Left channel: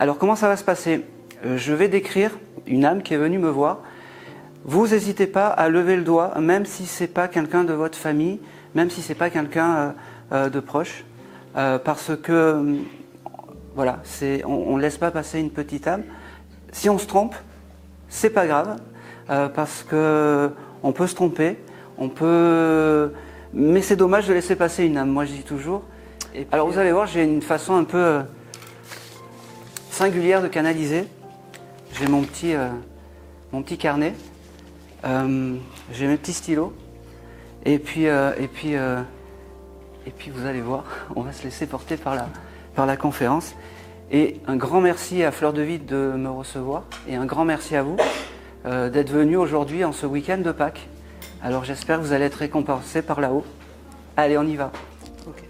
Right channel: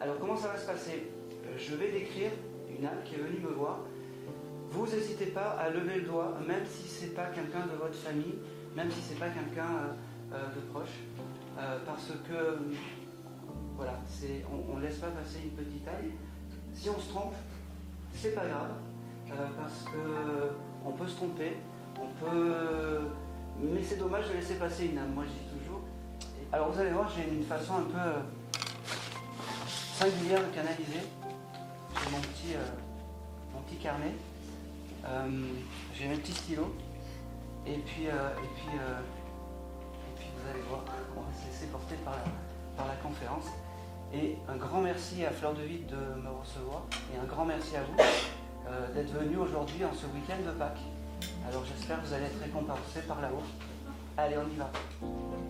Alors comment ça va se passer? Je vais décrire une âme qui est venue me voir. Vous n'hésitez pas à lever le doigt, même si ce n'est pas quelqu'un de votre famille, même si ce n'est pas quelqu'un de proche, parce que voilà, on ne laisse pas passer une petite âme. Si on se trompe, c'est pas grave, parce qu'on peut se tromper, mais c'est dommage de laisser passer une âme, moi je dis toujours. Alors vous allez voir, j'ai une façon un peu singulière de canaliser. J'ai mon petit carnet, j'ai mes petits stylos, et puis vous allez voir, on va se laisser porter par la conférence. Et un grand merci à Fleur de Vie de me recevoir, et un grand merci à vous d'être venus aujourd'hui en ce week-end de Pâques. Alors j'espère que vous allez être récompensés par là-haut. Allez, on y va. Okay.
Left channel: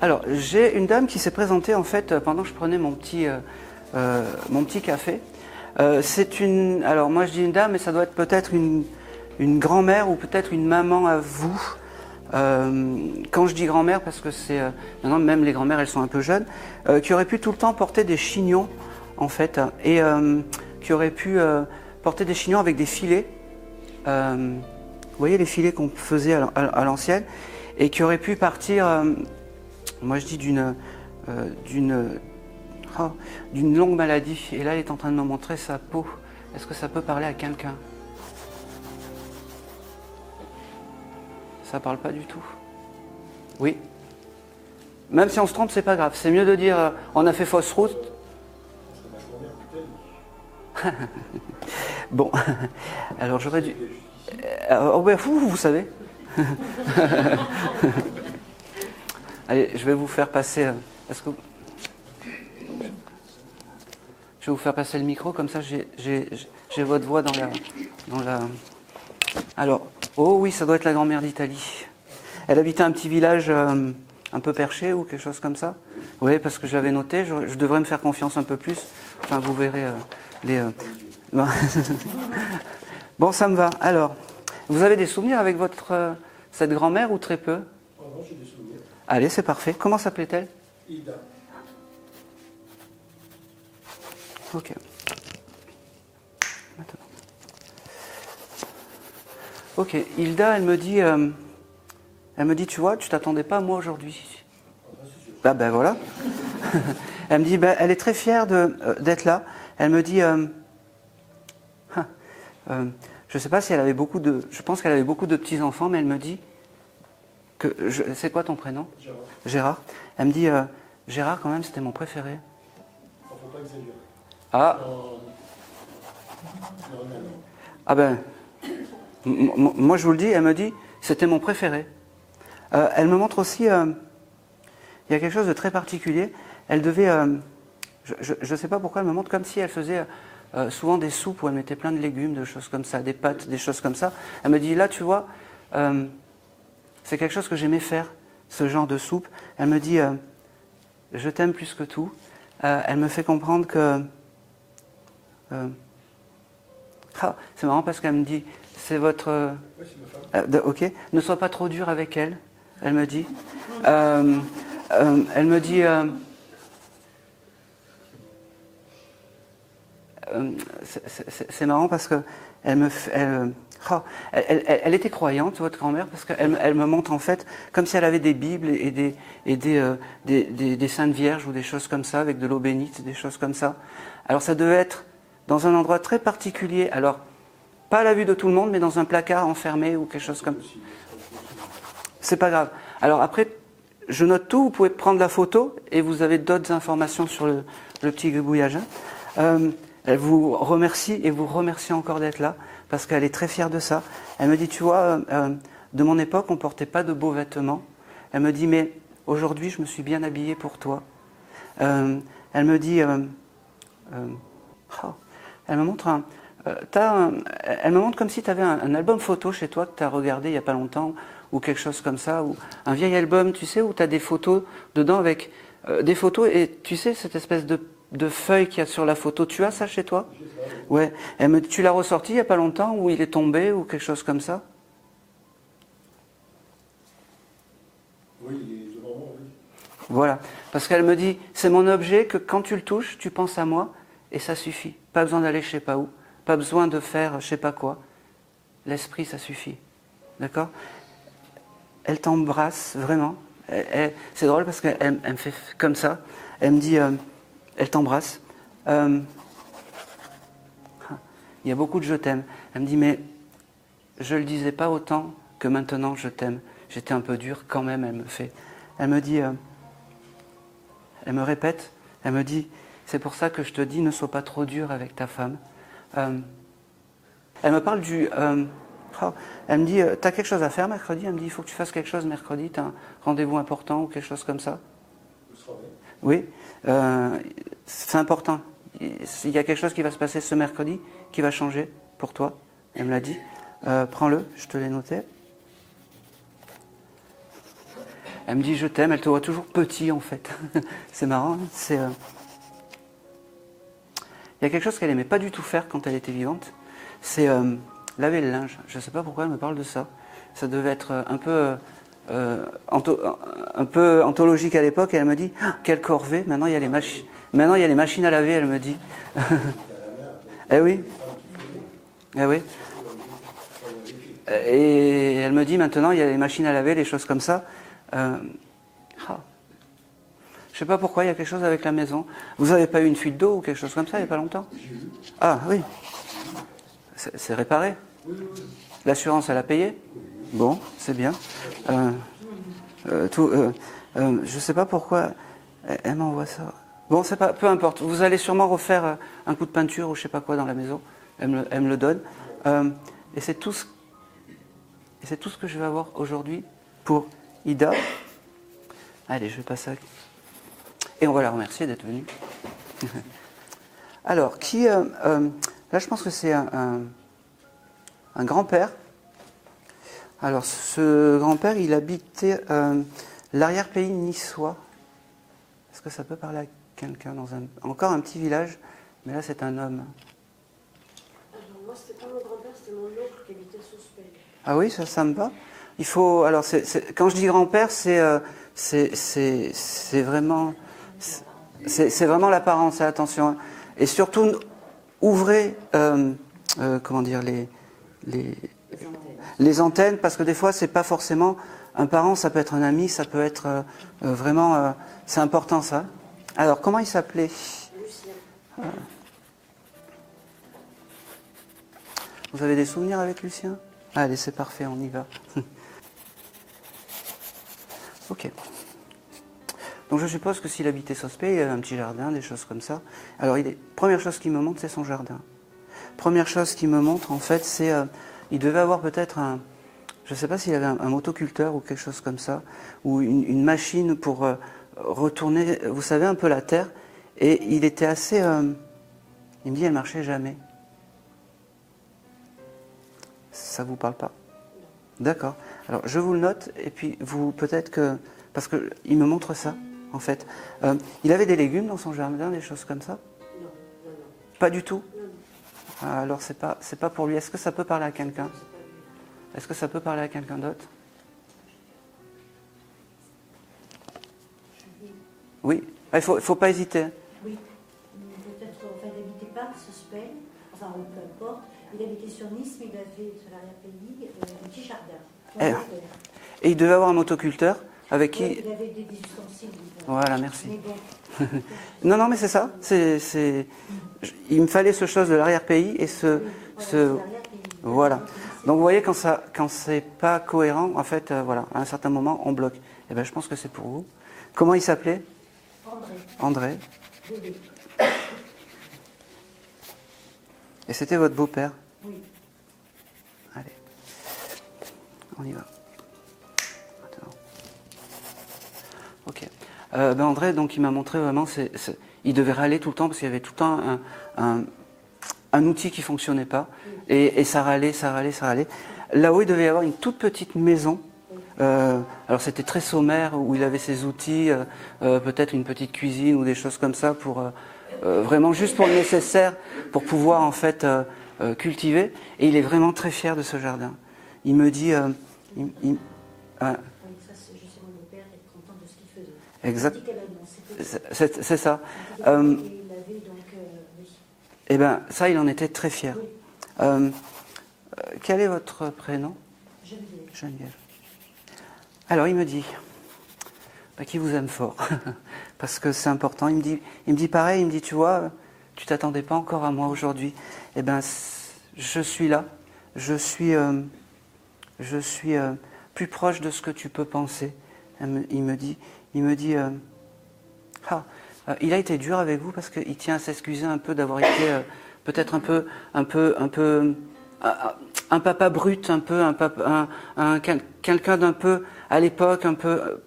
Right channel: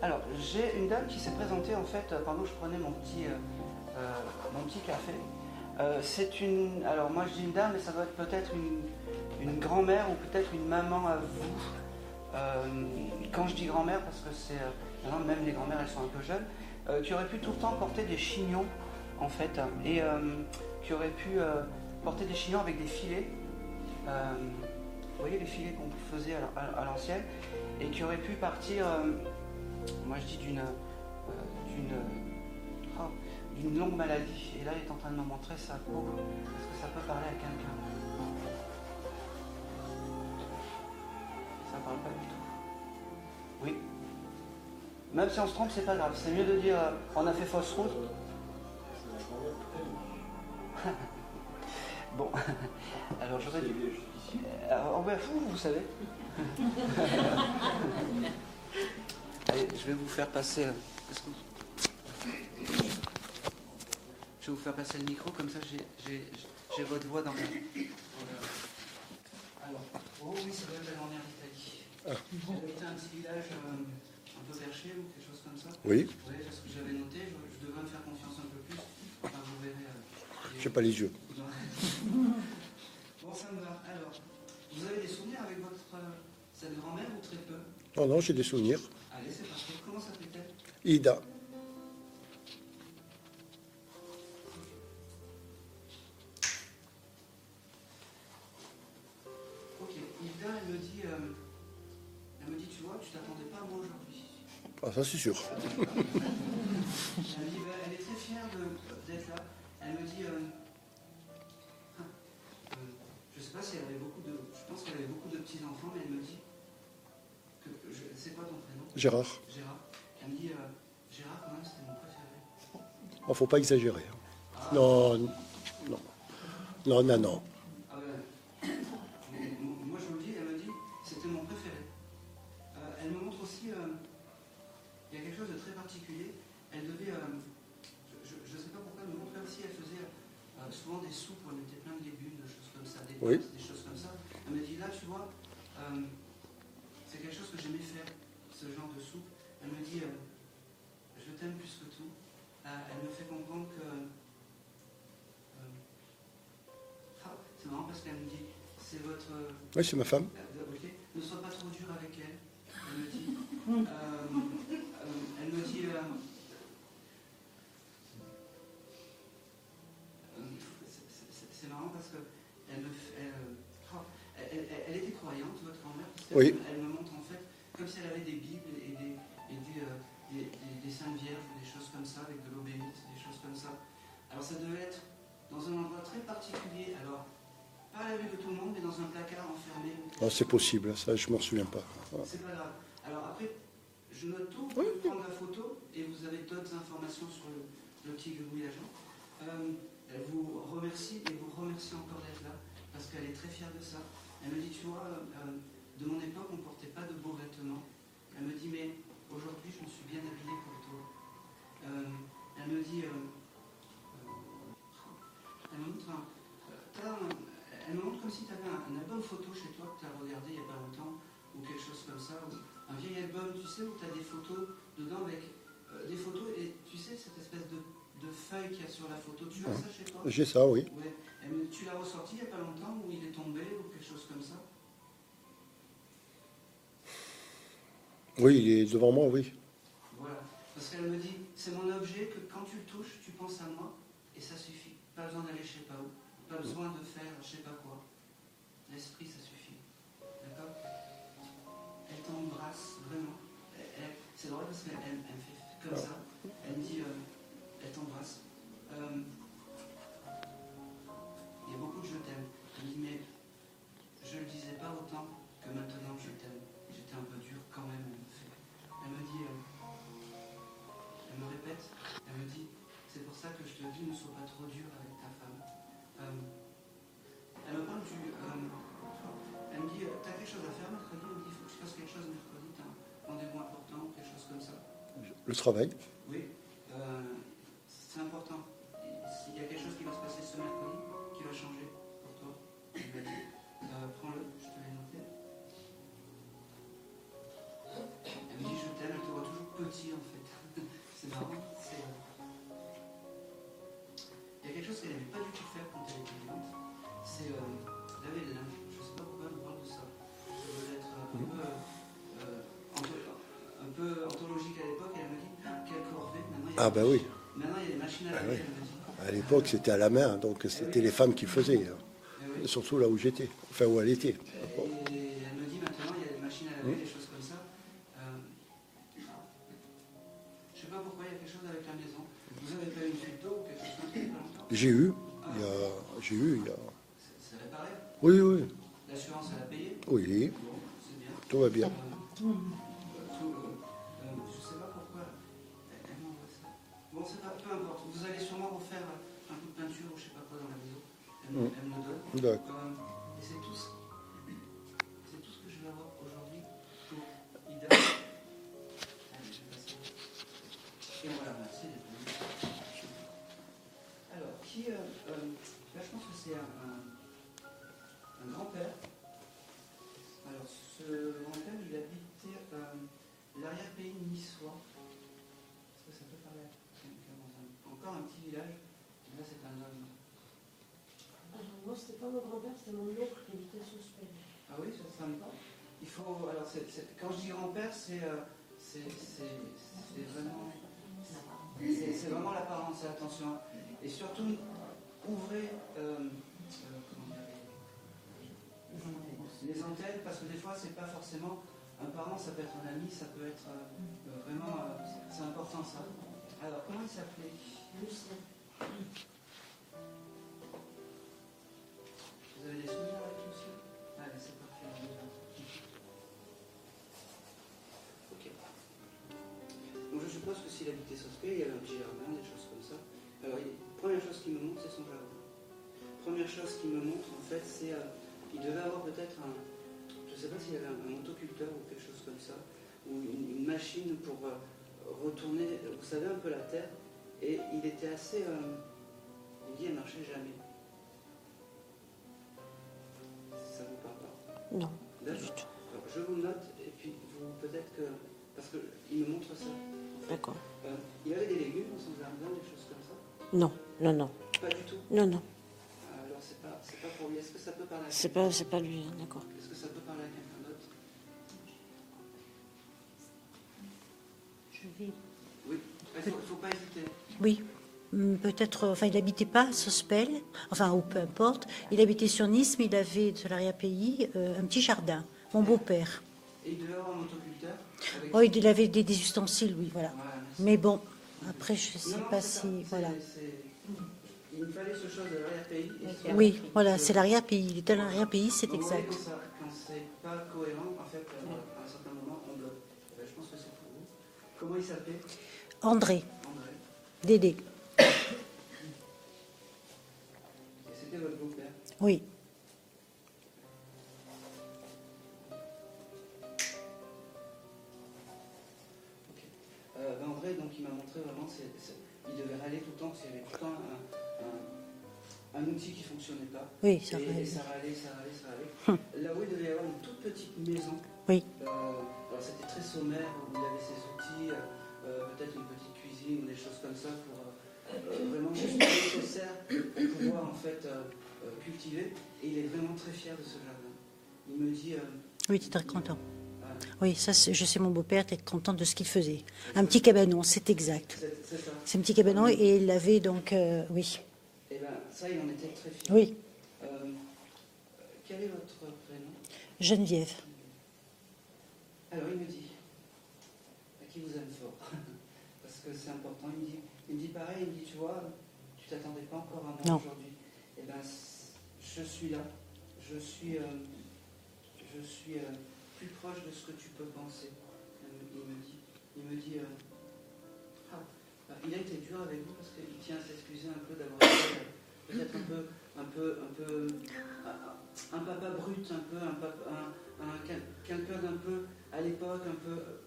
Alors j'ai une dame qui s'est présentée en fait pendant que je prenais mon petit café. Alors moi je dis une dame, mais ça doit être peut-être une grand-mère ou peut-être une maman à vous. Quand je dis grand-mère, parce que maintenant même les grand-mères elles sont un peu jeunes, qui aurait pu tout le temps porter des chignons en fait, et qui aurait pu porter des chignons avec des filets, vous voyez les filets qu'on faisait à l'ancienne, et qui aurait pu partir, moi je dis d'une longue maladie, et là elle est en train de me montrer sa peau. Est-ce que ça peut parler à quelqu'un? Ça parle pas du tout. Oui. Même si on se trompe, c'est pas grave. C'est mieux de dire on a fait fausse route. Bon, alors j'aurais dû. Vous savez. Allez, je vais vous faire passer. Je vais vous faire passer le micro, comme ça j'ai votre voix dans la. Alors, oh oui, ça doit être la grand-mère d'Italie. Elle habitait un petit village un peu perché ou quelque chose comme ça. Oui. Oui, parce que j'avais noté, je devrais me faire confiance un peu plus. Enfin, vous verrez les. Pas les yeux. Bon, ça me va. Alors, vous avez des souvenirs avec cette grand-mère ou très peu? Oh non, j'ai des souvenirs. Allez, c'est parfait. Comment s'appelait-elle? Ida. Ok. Ok, Hilda, elle me dit, tu vois, tu t'attendais pas à moi aujourd'hui. Ah, ça c'est sûr. Ah ben voilà. Elle me dit, elle est très fière d'être là. Elle me dit, je sais pas si elle avait je pense qu'elle avait beaucoup de petits-enfants, mais elle me dit, c'est quoi ton prénom? Gérard. Gérard. Elle me dit, Gérard quand même, c'était mon préféré. Il faut pas exagérer. Ah. Non. Ah ben, moi je vous le dis, elle me dit, c'était mon préféré. Elle me montre aussi, il y a quelque chose de très particulier. Elle devait, je ne sais pas pourquoi elle me montre comme si elle faisait souvent des soupes où elle mettait plein de légumes, de choses comme ça, des pâtes, oui. Des choses comme ça. Elle me dit, là tu vois, c'est quelque chose que j'aimais faire, ce genre de soupe. Elle me dit, je t'aime plus que tout. Elle me fait comprendre que... c'est marrant parce qu'elle me dit, c'est votre... Oui, c'est ma femme. Ok, ne sois pas trop dur avec elle, elle me dit. Elle me dit... c'est marrant parce que elle était croyante, votre grand-mère, parce qu'elle me montre en fait comme si elle avait des Bibles et des Saintes Vierges ou des choses comme ça, avec de l'eau bénite, des choses comme ça. Alors ça devait être dans un endroit très particulier, alors pas à la vue de tout le monde, mais dans un placard enfermé ou quelque chose comme ça. C'est possible, ça je m'en souviens pas. Ouais. C'est pas grave. Alors après, je note tout, vous pouvez prendre la photo et vous avez d'autres informations sur le petit gribouillage. Elle vous remercie et vous remercie encore d'être là, parce qu'elle est très fière de ça. Elle me dit, tu vois, de mon époque, on ne portait pas de beaux vêtements. Elle me dit, mais aujourd'hui, je me suis bien habillée pour toi. Elle me dit, elle me montre elle me montre comme si tu avais un album photo chez toi que tu as regardé il n'y a pas longtemps, ou quelque chose comme ça, ou un vieil album, tu sais, où tu as des photos dedans avec des photos, et tu sais, cette espèce de feuille qu'il y a sur la photo, tu as ça chez toi? J'ai ça, oui. Ouais. Tu l'as ressorti il n'y a pas longtemps, ou il est tombé, ou quelque chose comme ça? Oui, il est devant moi, oui. Voilà. Parce qu'elle me dit, c'est mon objet que quand tu le touches, tu penses à moi et ça suffit. Pas besoin d'aller je sais pas où, pas besoin de faire je sais pas quoi. L'esprit, ça suffit. D'accord? Elle t'embrasse vraiment. C'est drôle parce qu'elle me fait comme ça. Elle me dit, elle t'embrasse. Il y a beaucoup de je t'aime. Elle me dit, mais je ne le disais pas autant que maintenant je t'aime. J'étais un peu dure quand même, elle me fait. Elle me dit, elle me répète, elle me dit, c'est pour ça que je te dis, ne sois pas trop dur avec ta femme. Elle me parle du... elle me dit, t'as quelque chose à faire mercredi? Elle me dit, il faut que tu fasses quelque chose mercredi, t'as un rendez-vous important ou quelque chose comme ça? Le travail. Oui, c'est important. Il y a quelque chose qui va se passer ce mercredi qui va changer pour toi. Elle me l'a dit. Prends-le, je te l'ai noté. Elle me dit je t'aime, elle te voit toujours petit en fait. C'est marrant. Il y a quelque chose qu'elle n'aimait pas du tout faire quand elle était vivante. C'est laver le linge. Je ne sais pas pourquoi elle me parle de ça. Ça devait être un peu anthologique à l'époque. Et elle me dit quelle corvée. Maintenant il y a Oui. Maintenant il y a les machines à laver. Elle me dit. À l'époque, c'était à la main, donc c'était oui. les femmes qui faisaient. Ah oui. Surtout là où j'étais, enfin où elle était. Et elle me dit maintenant il y a les machines à laver, les choses comme ça. Je ne sais pas pourquoi, il y a quelque chose avec la maison. Vous n'avez pas eu une fuite d'eau ou quelque chose comme ça il n'y a pas longtemps? J'ai eu. Ah oui. J'ai eu. C'est réparé? Oui, oui. L'assurance, elle a payé? Oui. Bon, c'est bien. Tout va bien. Je ne sais pas pourquoi elle m'envoie ça. Bon, c'est pas, peu importe. Vous allez sûrement refaire un coup de peinture ou je ne sais pas quoi dans la maison. Elle me le donne. Et c'est tout ce que je vais avoir aujourd'hui pour Ida. Allez, je vais passer à... Et on va la remercier d'être venue. Alors, là, je pense que c'est un grand-père. Alors, ce grand-père, il habitait l'arrière-pays niçois. Est-ce que ça peut parler à quelqu'un dans encore un petit village, mais là, c'est un homme. Alors, moi, c'était pas mon grand-père, c'était mon oncle qui habitait sous Spell. Ah oui, ça me va. Il faut... Alors, quand je dis grand-père, c'est vraiment... C'est vraiment l'apparence, attention. Hein. Et surtout, ouvrez comment dire, les antennes, parce que des fois, c'est pas forcément un parent, ça peut être un ami, ça peut être vraiment... c'est important, ça. Alors, comment il s'appelait? Lucien. Vous avez des souvenirs avec Lucien? Allez, c'est parfait, on y va. Ok. Donc je suppose que s'il habitait Sospey, il avait un petit jardin, des choses comme ça. Alors, première chose qu'il me montre, c'est son jardin. Première chose qu'il me montre, en fait, c'est... il devait avoir peut-être un... Je ne sais pas s'il avait un motoculteur ou quelque chose comme ça, ou une machine pour retourner, vous savez, un peu la terre. Et il était assez... il me dit, elle ne marchait jamais. Ça ne vous parle pas? Non. D'accord. Alors, je vous le note, et puis vous, peut-être que... Parce qu'il me montre ça, en fait. Il avait des légumes dans son jardin, des choses comme ça? Non, non, non. Pas du tout? Non, non. Alors, c'est pas pour lui. Est-ce que ça peut parler à quelqu'un? C'est pas lui, d'accord. Est-ce que ça peut parler à quelqu'un d'autre? Oui. Il faut pas hésiter. Oui, peut-être, enfin il n'habitait pas à Sospel, enfin ou peu importe, il habitait sur Nice, mais il avait de l'arrière-pays un petit jardin, mon beau-père. Et il devait avoir un motoculteur avec qui... Oui, il avait des ustensiles, oui, voilà. Voilà, merci. Mais bon, après, je sais Non, mais pas c'est ça. si- Il me fallait ce chose de l'arrière-pays et ce... Oui, voilà, c'est l'arrière-pays. Il était à Voilà. l'arrière-pays, c'est Donc vous voyez, bizarre. quand c'est pas cohérent, en fait, voilà, à un certain moment, on bloque. Et ben, je pense que c'est pour vous. Comment il s'appelait? André, André. Dédé, Et c'était votre beau-père? oui. Allez, on y va. Maintenant. Ok. André, donc il m'a montré vraiment, il devait râler tout le temps parce qu'il y avait tout le temps un outil qui ne fonctionnait pas. Oui, et ça râlait. Là-haut, il devait y avoir une toute petite maison. Oui. Alors c'était très sommaire, où il avait ses outils, peut-être une petite cuisine ou des choses comme ça, pour vraiment juste pour le nécessaire, pour pouvoir en fait cultiver. Et il est vraiment très fier de ce jardin. Il me dit... Oui, il est très content. Ouais, Oui, ça, je sais mon beau-père être content de ce qu'il faisait. Exact. Un petit cabanon, c'est exact. c'est ça. C'est un petit cabanon Euh, et il avait donc, oui. Eh bien, ça, il en était très fier. Oui, Quel est votre prénom? Geneviève. Geneviève. Alors, il me dit qu'il vous aime fort, parce que c'est important. Il me dit pareil, il me dit, tu vois, tu t'attendais pas encore à moi Non. aujourd'hui. Eh bien, je suis là. Je suis plus proche de ce que tu peux penser. Il me dit, il a été dur avec vous parce qu'il tient à s'excuser un peu d'avoir été peut-être un papa brut, quelqu'un d'un peu à l'époque, un peu.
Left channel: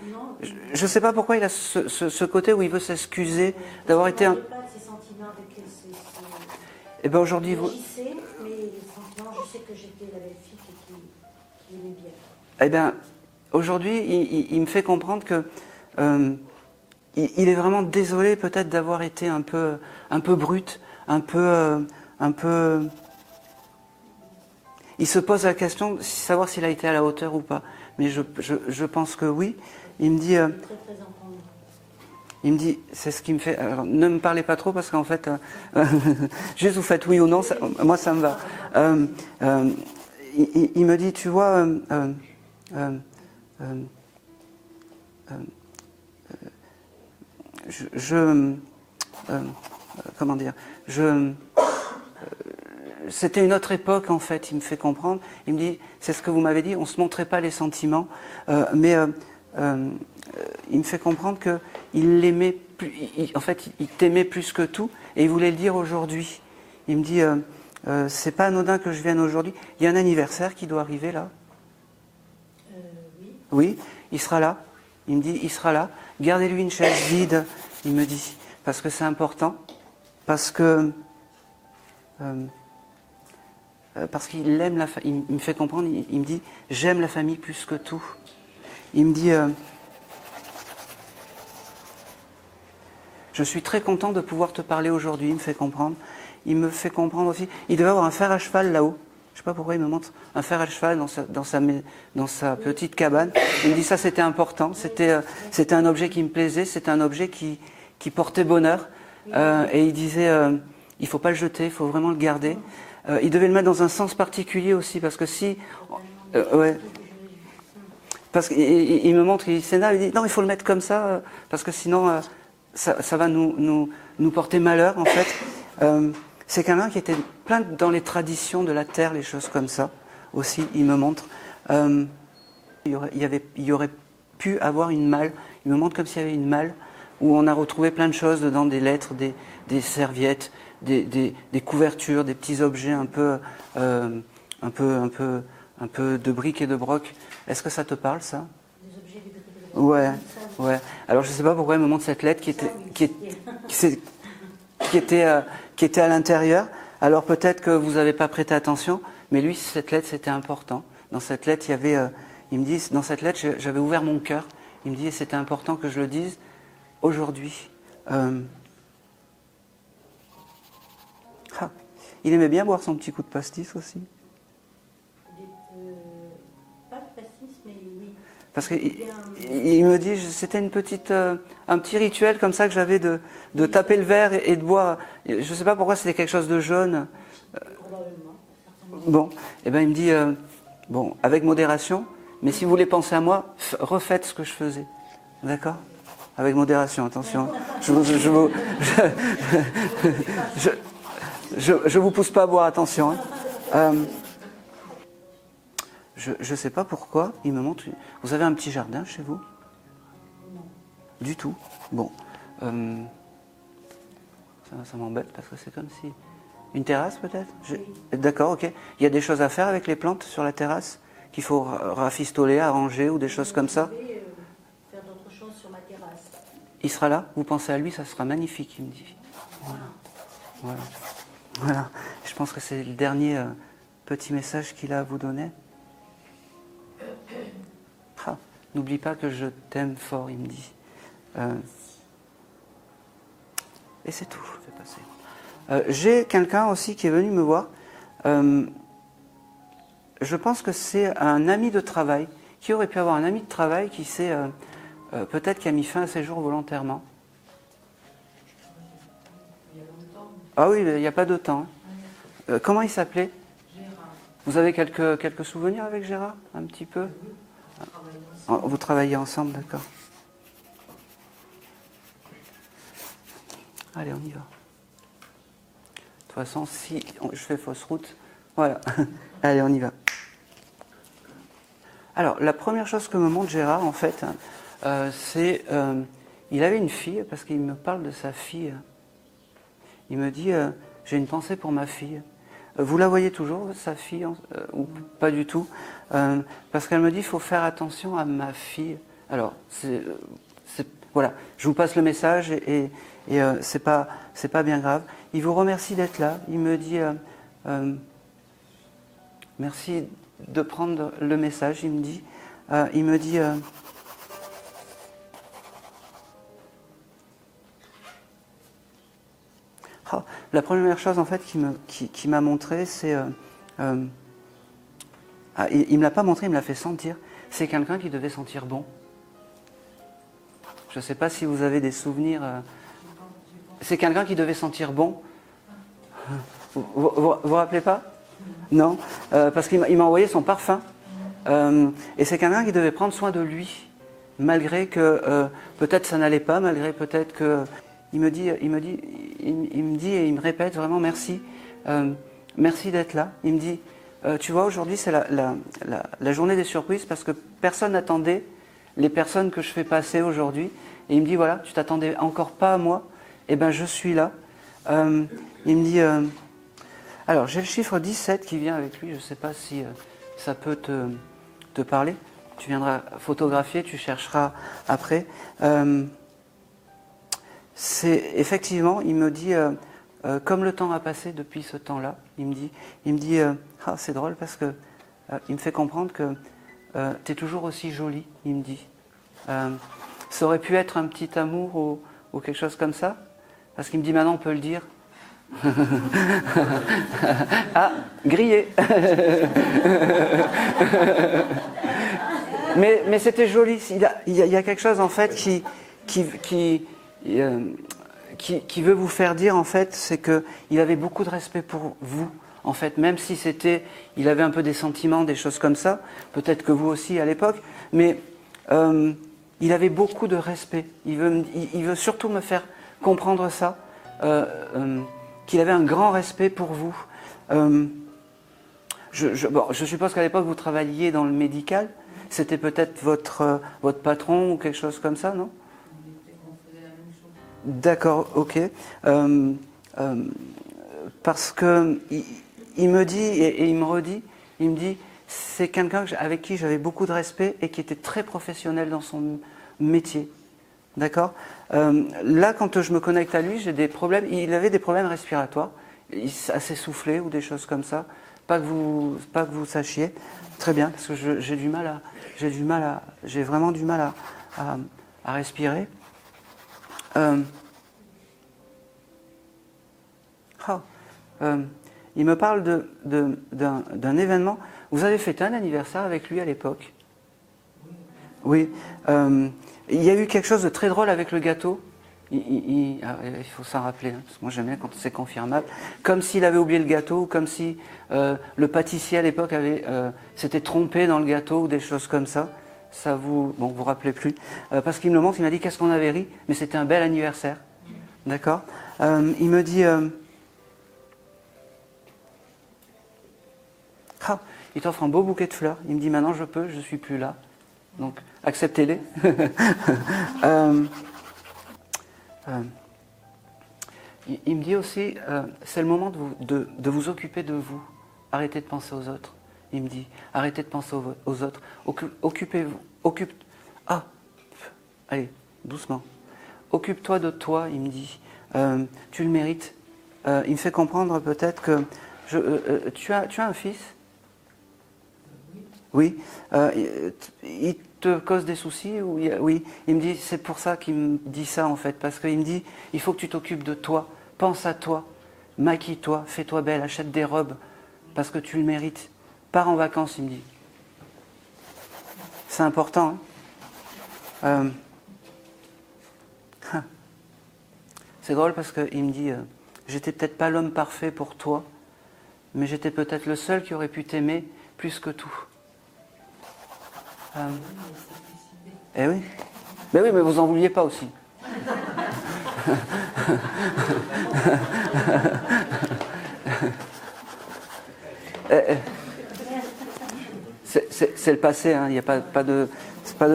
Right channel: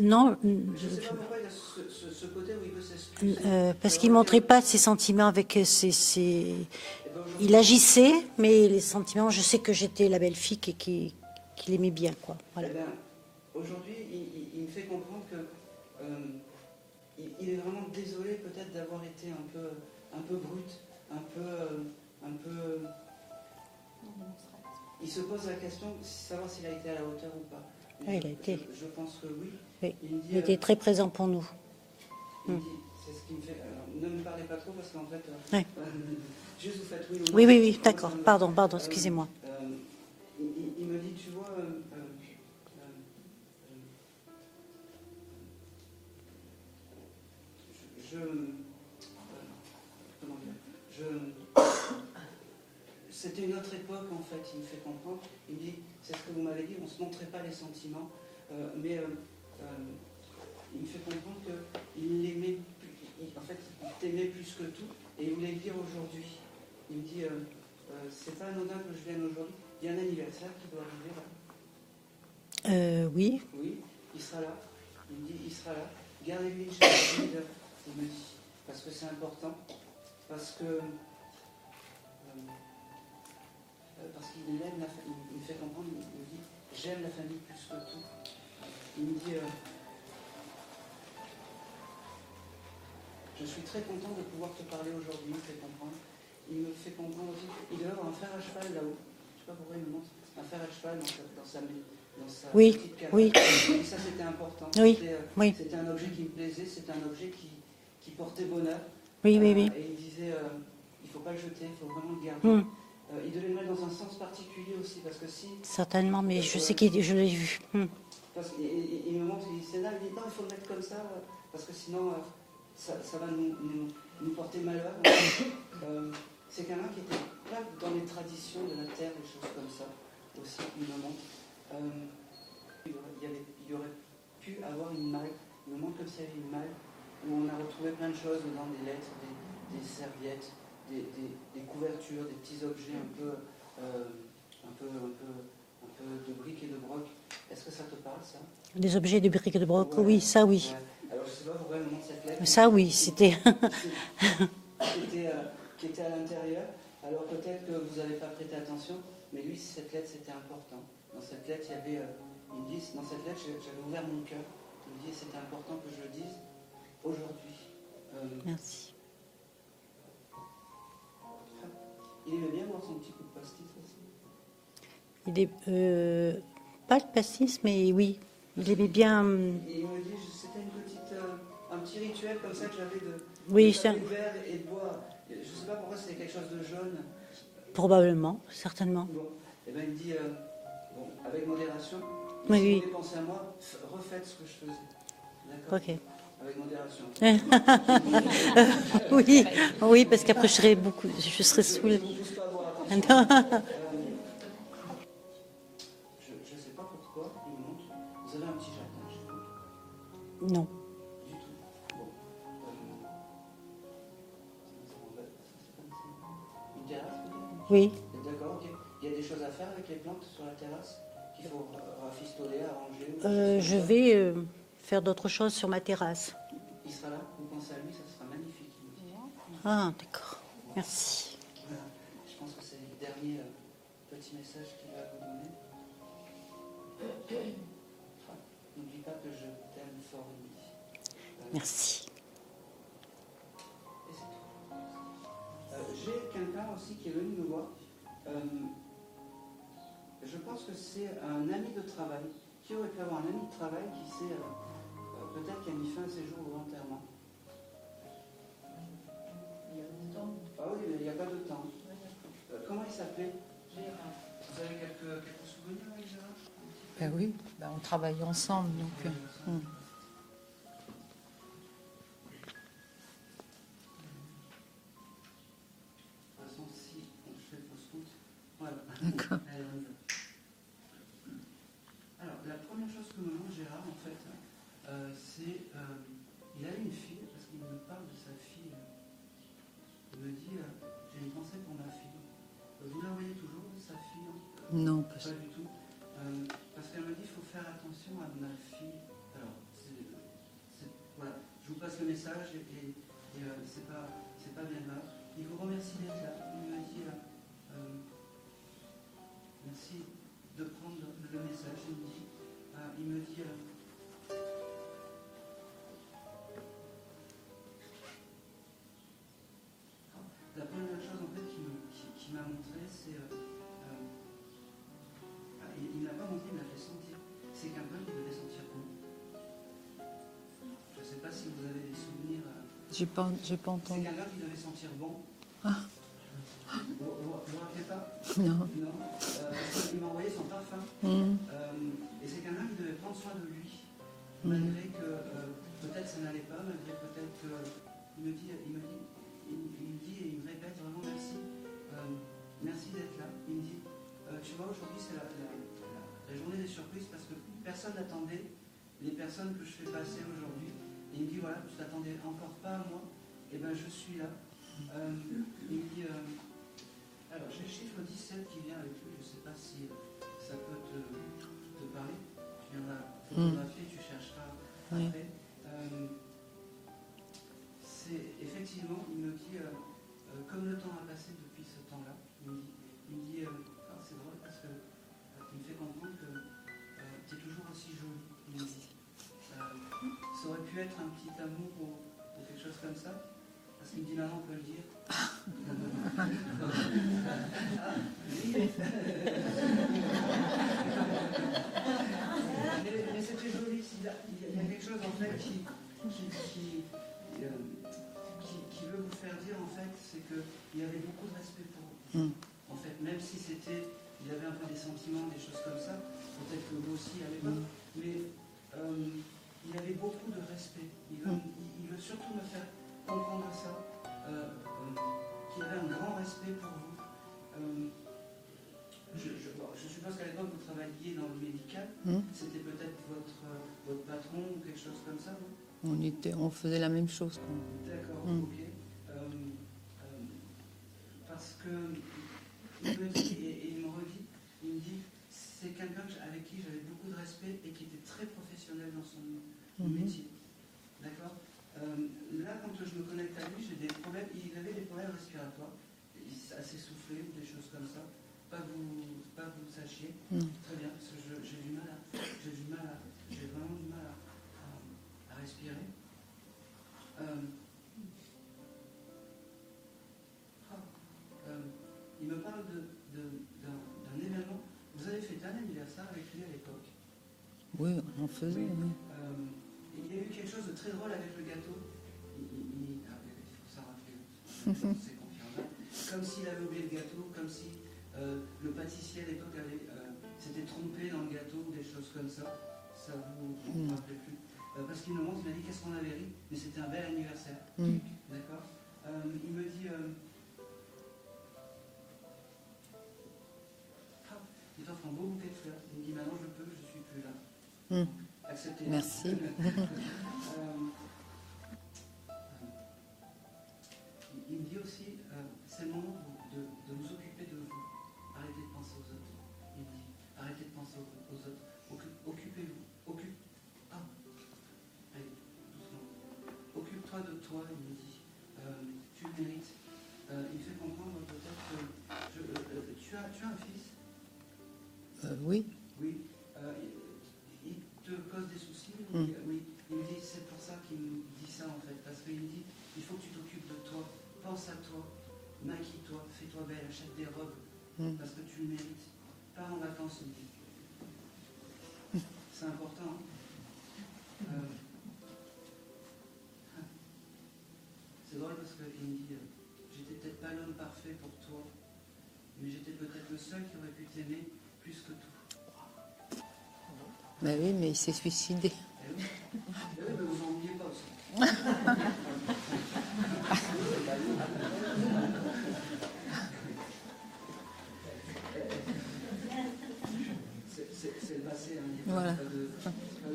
Non, Je ne sais pas pourquoi il a ce côté où il veut s'excuser parce qu'il ne été montrait pas ses sentiments avec Eh ben aujourd'hui, Il agissait, mais les sentiments, je sais que j'étais la belle-fille qu'il aimait bien, quoi. Eh bien, aujourd'hui, il me fait comprendre que il est vraiment désolé peut-être d'avoir été un peu brut, un peu. Il se pose la question de savoir s'il a été à la hauteur ou pas. Mais je pense que oui. Oui. Il me dit. Il était très présent pour nous. Il me dit, c'est ce qui me fait. Alors, ne me parlez pas trop parce qu'en fait, Oui. juste vous faites oui ou non. Oui, moi, ça me va. Pardon, excusez-moi. Il me dit, tu vois, comment dire, c'était une autre époque en fait. Il me fait comprendre. Il me dit, c'est ce que vous m'avez dit. On se montrait pas les sentiments, mais il me fait comprendre que il l'aimait. En fait, il t'aimait plus que tout, et il voulait le dire aujourd'hui. Il me dit, c'est pas anodin que je vienne aujourd'hui. Il y a un anniversaire qui doit arriver là. Oui. Oui, il sera là. Il me dit, il sera là. Gardez-lui une chaise vide, il me dit, parce que c'est important, parce qu'il aime la famille. Il me fait comprendre. Il me dit, j'aime la famille plus que tout. Il me dit, je suis très content de pouvoir te parler aujourd'hui. Il me fait comprendre. Il me fait comprendre aussi. Il devait avoir un fer à cheval là-haut. Je ne sais pas pourquoi il me montre un fer à cheval dans sa Oui, petite cabane. oui. Il me dit ça, c'était important. Oui, C'était un objet qui me plaisait. C'était un objet qui portait bonheur. Oui. Et il disait, il ne faut pas le jeter, il faut vraiment le garder. Il devait le mettre dans un sens particulier aussi, parce que si... Certainement, mais je sais que je l'ai vu. Parce qu'il me montre, il s'énerve, il dit, non, il faut le mettre comme ça, parce que sinon, ça va nous porter malheur, en fait. C'est quelqu'un qui était plein dans les traditions de la terre, les choses comme ça, aussi, il me montre. Il y aurait pu avoir une malle, il me montre comme s'il y avait une malle, où on a retrouvé plein de choses dedans, des lettres, des serviettes, des couvertures, des petits objets un peu de briques et de broc. Est-ce que ça te parle, ça? Des objets de briques et de broc, Ouais, oui, ça oui. Ouais. Alors je ne sais pas pourquoi il me montre cette lettre qui était à l'intérieur. Alors peut-être que vous n'avez pas prêté attention, mais lui, cette lettre, c'était important. Dans cette lettre, il y avait, il me dit, dans cette lettre, j'avais ouvert mon cœur. Il me dit, c'était important que je le dise aujourd'hui. Merci. Il aimait bien boire son petit coup de pastis aussi. Il est, pas de pastis, mais oui. Parce il aimait bien. Il me dit, c'était un petit rituel comme ça que j'avais de Oui, taper ça. le verre et de boire. Je ne sais pas pourquoi c'était quelque chose de jaune. Probablement, certainement. Bon, et ben il me dit, bon, avec modération, mais Oui, si oui. vous voulez penser à moi, refaites ce que je faisais. D'accord? Ok. Avec modération, attention. Oui, parce qu'après je serais beaucoup. Je vous pousse pas à boire, attention. Hein. Je ne sais pas pourquoi, il me montre. Vous avez un petit jardin chez vous? Non. Du tout. Bon. Ça m'embête parce que c'est comme si... Une terrasse peut-être? Oui. D'accord, ok. Il y a des choses à faire avec les plantes sur la terrasse qu'il faut rafistoler, arranger ou des choses comme ça? Je vais faire d'autres choses sur ma terrasse. Il sera là? Vous pensez à lui? Ça sera magnifique, il me dit. Ah, d'accord. Voilà. Merci. Voilà. Je pense que c'est le dernier petit message qu'il a à vous donner. N'oublie pas que je t'aime fort, il me dit. Merci. Et c'est tout, je vais passer. J'ai quelqu'un aussi qui est venu me voir. je pense que c'est un ami de travail, qui aurait pu avoir un ami de travail qui s'est, peut-être qui a mis fin à ses jours volontairement. Ah oui, il n'y a pas de temps. Comment il s'appelait? Vous avez quelques souvenirs avec Gérard, un petit peu? Oui, on travaille ensemble. Vous travaillez ensemble, d'accord. Allez, on y va. De toute façon, si je fais fausse route, voilà. Allez, on y va. Alors, la première chose que me montre Gérard, en fait, c'est... il avait une fille, parce qu'il me parle de sa fille. Il me dit, j'ai une pensée pour ma fille. Vous la voyez toujours, sa fille Non. Pas du tout. Parce qu'elle me dit, il faut faire attention à ma fille. Alors, voilà, je vous passe le message et c'est pas bien grave. Il vous remercie d'être là. Il me dit, merci de prendre le message. Il me dit, la première chose en fait qui m'a montré, c'est, il me l'a pas montré, il me l'a fait sentir. C'est quelqu'un qui devait sentir bon. Je ne sais pas si vous avez des souvenirs. J'ai pensé. C'est quelqu'un qui devait sentir bon. Vous rappelez pas? Non. Parce qu'il m'a envoyé son parfum. Et c'est quelqu'un qui devait prendre soin de lui, malgré que peut-être ça n'allait pas, malgré peut-être que il me dit et il me répète vraiment merci, merci d'être là. Il me dit, tu vois, aujourd'hui c'est la journée des surprises parce que personne n'attendait les personnes que je fais passer aujourd'hui. Et il me dit, voilà, tu t'attendais encore pas à moi, et ben je suis là. Il me dit, alors j'ai le chiffre 17 qui vient avec lui, je ne sais pas si ça peut te parler. Tu viendras photographier, tu chercheras après. C'est effectivement, il me dit, comme le temps a passé depuis ce temps-là, il me dit, c'est drôle parce que il me fait comprendre que tu es toujours aussi jolie, il me dit. Ça aurait pu être un petit amour ou quelque chose comme ça, parce qu'il me dit maintenant on peut le dire. Ah, grillé. mais c'était joli. Il y a quelque chose en fait qui veut vous faire dire en fait, c'est qu'il avait beaucoup de respect pour vous. En fait, même si il avait un peu des sentiments, des choses comme ça, peut-être que vous aussi à l'époque, mais il avait beaucoup de respect. Il veut surtout me faire comprendre ça, qu'il avait un grand respect pour vous. Je suppose qu'à l'époque vous travailliez dans le médical. C'était peut-être votre patron ou quelque chose comme ça, non? On faisait la même chose. D'accord, ok. Parce que il me dit et il me redit, il me dit, c'est quelqu'un avec qui j'avais beaucoup de respect et qui était très professionnel dans son métier. D'accord? Là, quand je me connecte à lui, j'ai des problèmes. Il avait des problèmes respiratoires, assez soufflé ou des choses comme ça. Pas que vous sachiez. Très bien, parce que j'ai vraiment du mal à respirer. Il me parle d'un événement. Vous avez fêté un anniversaire avec lui à l'époque? Oui. Oui. Il y a eu quelque chose de très drôle avec le gâteau. Il faut s'en rappeler, hein, parce que moi j'aime bien quand c'est confirmable. Comme s'il avait oublié le gâteau, ou comme si le pâtissier à l'époque s'était trompé dans le gâteau, ou des choses comme ça. Ça vous rappelez plus. Parce qu'il me le montre, il m'a dit qu'est-ce qu'on avait ri, mais c'était un bel anniversaire. D'accord. Il me dit... il t'offre un beau bouquet de fleurs. Il me dit maintenant je suis plus là. Donc acceptez-les. Il me dit aussi, c'est le moment de vous occuper de vous. Arrêtez de penser aux autres. Il me dit, arrêtez de penser aux autres. Occupez-vous. Allez, doucement. Occupe-toi de toi, il me dit. Tu le mérites. Il me fait comprendre peut-être que... tu as un fils? Oui. Oui. Il te cause des soucis ou oui. Il me dit, c'est pour ça qu'il me dit ça en fait, parce qu'il me dit, il faut que tu t'occupes de toi, pense à toi, maquille-toi, fais-toi belle, achète des robes, parce que tu le mérites. pars en vacances, il me dit. C'est important. Hein. C'est drôle parce qu'il me dit, j'étais peut-être pas l'homme parfait pour toi, mais j'étais peut-être le seul qui aurait pu t'aimer plus que tout. Ben oui, mais il s'est suicidé. Eh oui. Mais oui, mais vous en vouliez pas aussi. C'est le passé, hein. Il n'y a pas de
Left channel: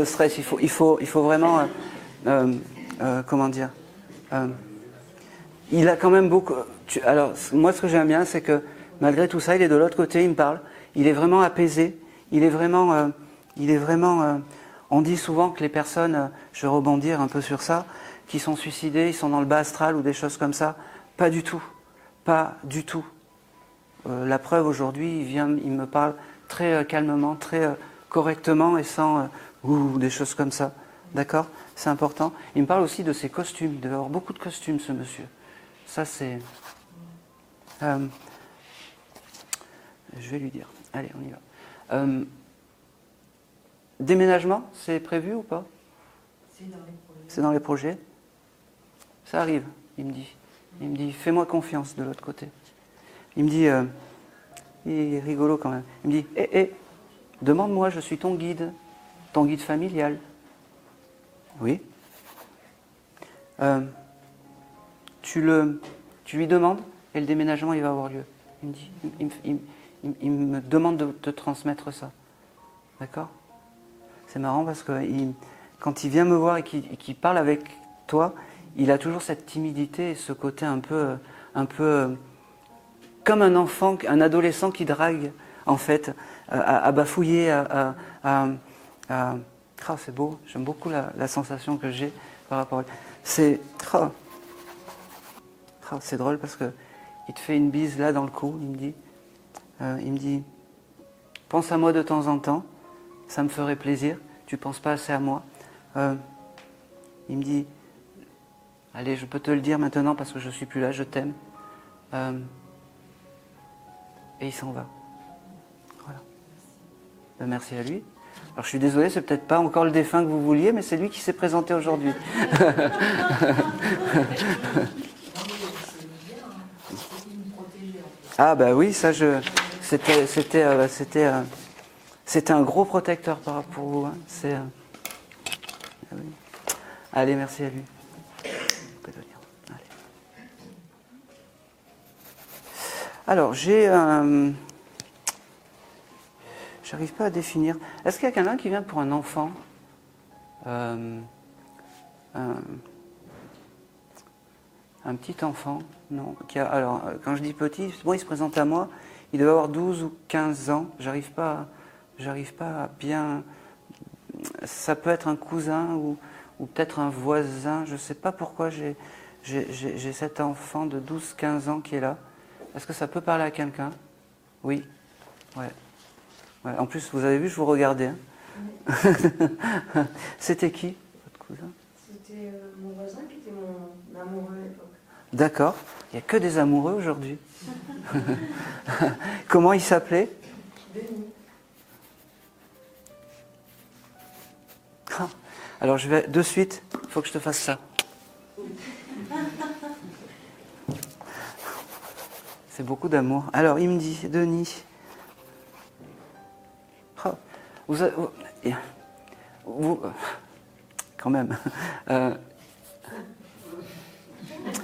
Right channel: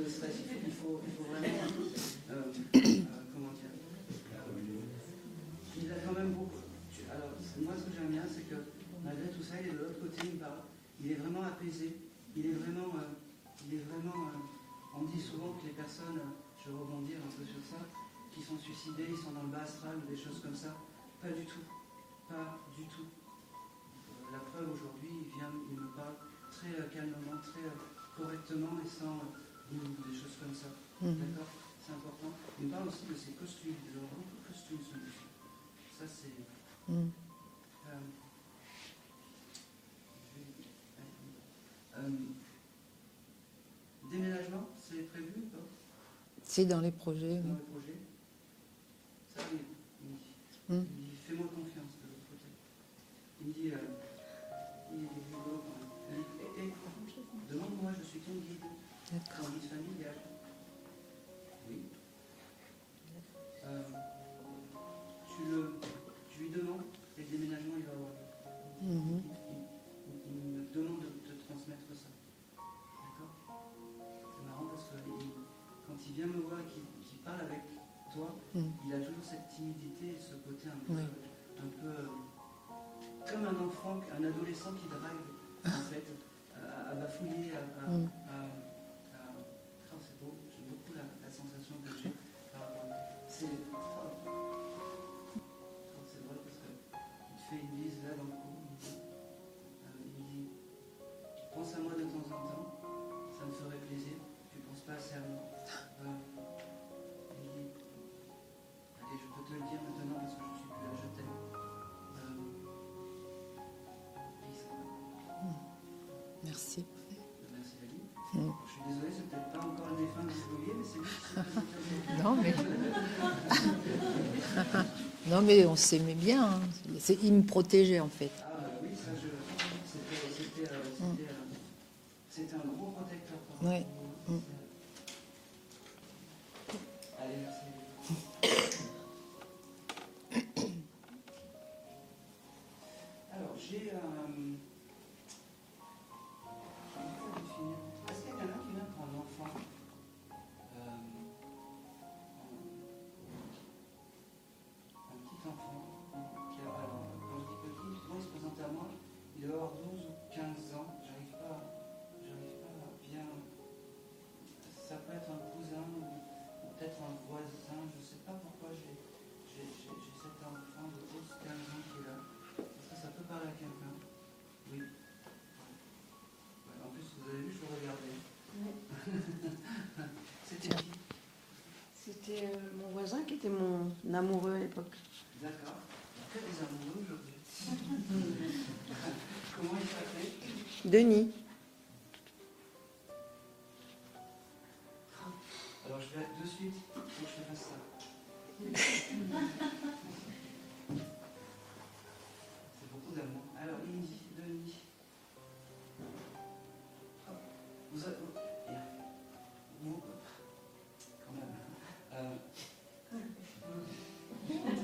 stress. Il faut vraiment, comment dire, il a quand même beaucoup. Alors moi, ce que j'aime bien, c'est que malgré tout ça, il est de l'autre côté, il me parle. Il est vraiment apaisé. Il est vraiment. On dit souvent que les personnes, je vais rebondir un peu sur ça, qui sont suicidées, ils sont dans le bas astral ou des choses comme ça. Pas du tout. Pas du tout. La preuve aujourd'hui, il me parle très calmement, très correctement et sans des choses comme ça. D'accord ? C'est important. Il me parle aussi de ses costumes. Il devait avoir beaucoup de costumes, ce monsieur. Ça, c'est... je vais lui dire. Allez, on y va. Déménagement, c'est prévu ou pas? C'est dans les projets. C'est dans les projets. Ça arrive, il me dit. Il me dit, fais-moi confiance de l'autre côté. Il me dit, il est rigolo quand même. Il me dit, demande-moi, je suis ton guide familial. Oui. Tu lui demandes et le déménagement, il va avoir lieu. Il me dit, il me demande de te transmettre ça. D'accord? C'est marrant parce que quand il vient me voir et qu'il parle avec toi, il a toujours cette timidité et ce côté un peu comme un enfant, un adolescent qui drague, en fait, à bafouiller, c'est beau, j'aime beaucoup la sensation que j'ai par rapport à... C'est drôle parce que il te fait une bise là dans le cou, il me dit, pense à moi de temps en temps, ça me ferait plaisir, tu penses pas assez à moi. Il me dit, allez, je peux te le dire maintenant parce que je suis plus là, je t'aime. Et il s'en va. Voilà. Merci. Merci à lui. Alors je suis désolé, c'est peut-être pas encore le défunt que vous vouliez, mais c'est lui qui s'est présenté aujourd'hui. Non mais on s'aimait bien. Hein. Il me protégeait en fait. Ah bah oui, ça c'était un gros protecteur par rapport à vous. Hein. Oui. Allez, merci à lui. Allez. Alors j'ai j'arrive pas à définir. Est-ce qu'il y a quelqu'un qui vient pour un enfant? Un petit enfant? Non. Alors, quand je dis petit, bon, il se présente à moi, il doit avoir 12 ou 15 ans. J'arrive pas à bien... Ça peut être un cousin ou peut-être un voisin. Je ne sais pas pourquoi j'ai cet enfant de 12-15 ans qui est là. Est-ce que ça peut parler à quelqu'un? Oui. Ouais. En plus, vous avez vu, je vous regardais. Hein. C'était qui, votre cousin? C'était mon voisin qui était mon amoureux à l'époque. D'accord. Il n'y a que des amoureux aujourd'hui. Comment il s'appelait? Denis. Alors je vais de suite, il faut que je te fasse ça. C'est beaucoup d'amour. Alors il me dit, Denis, vous quand même,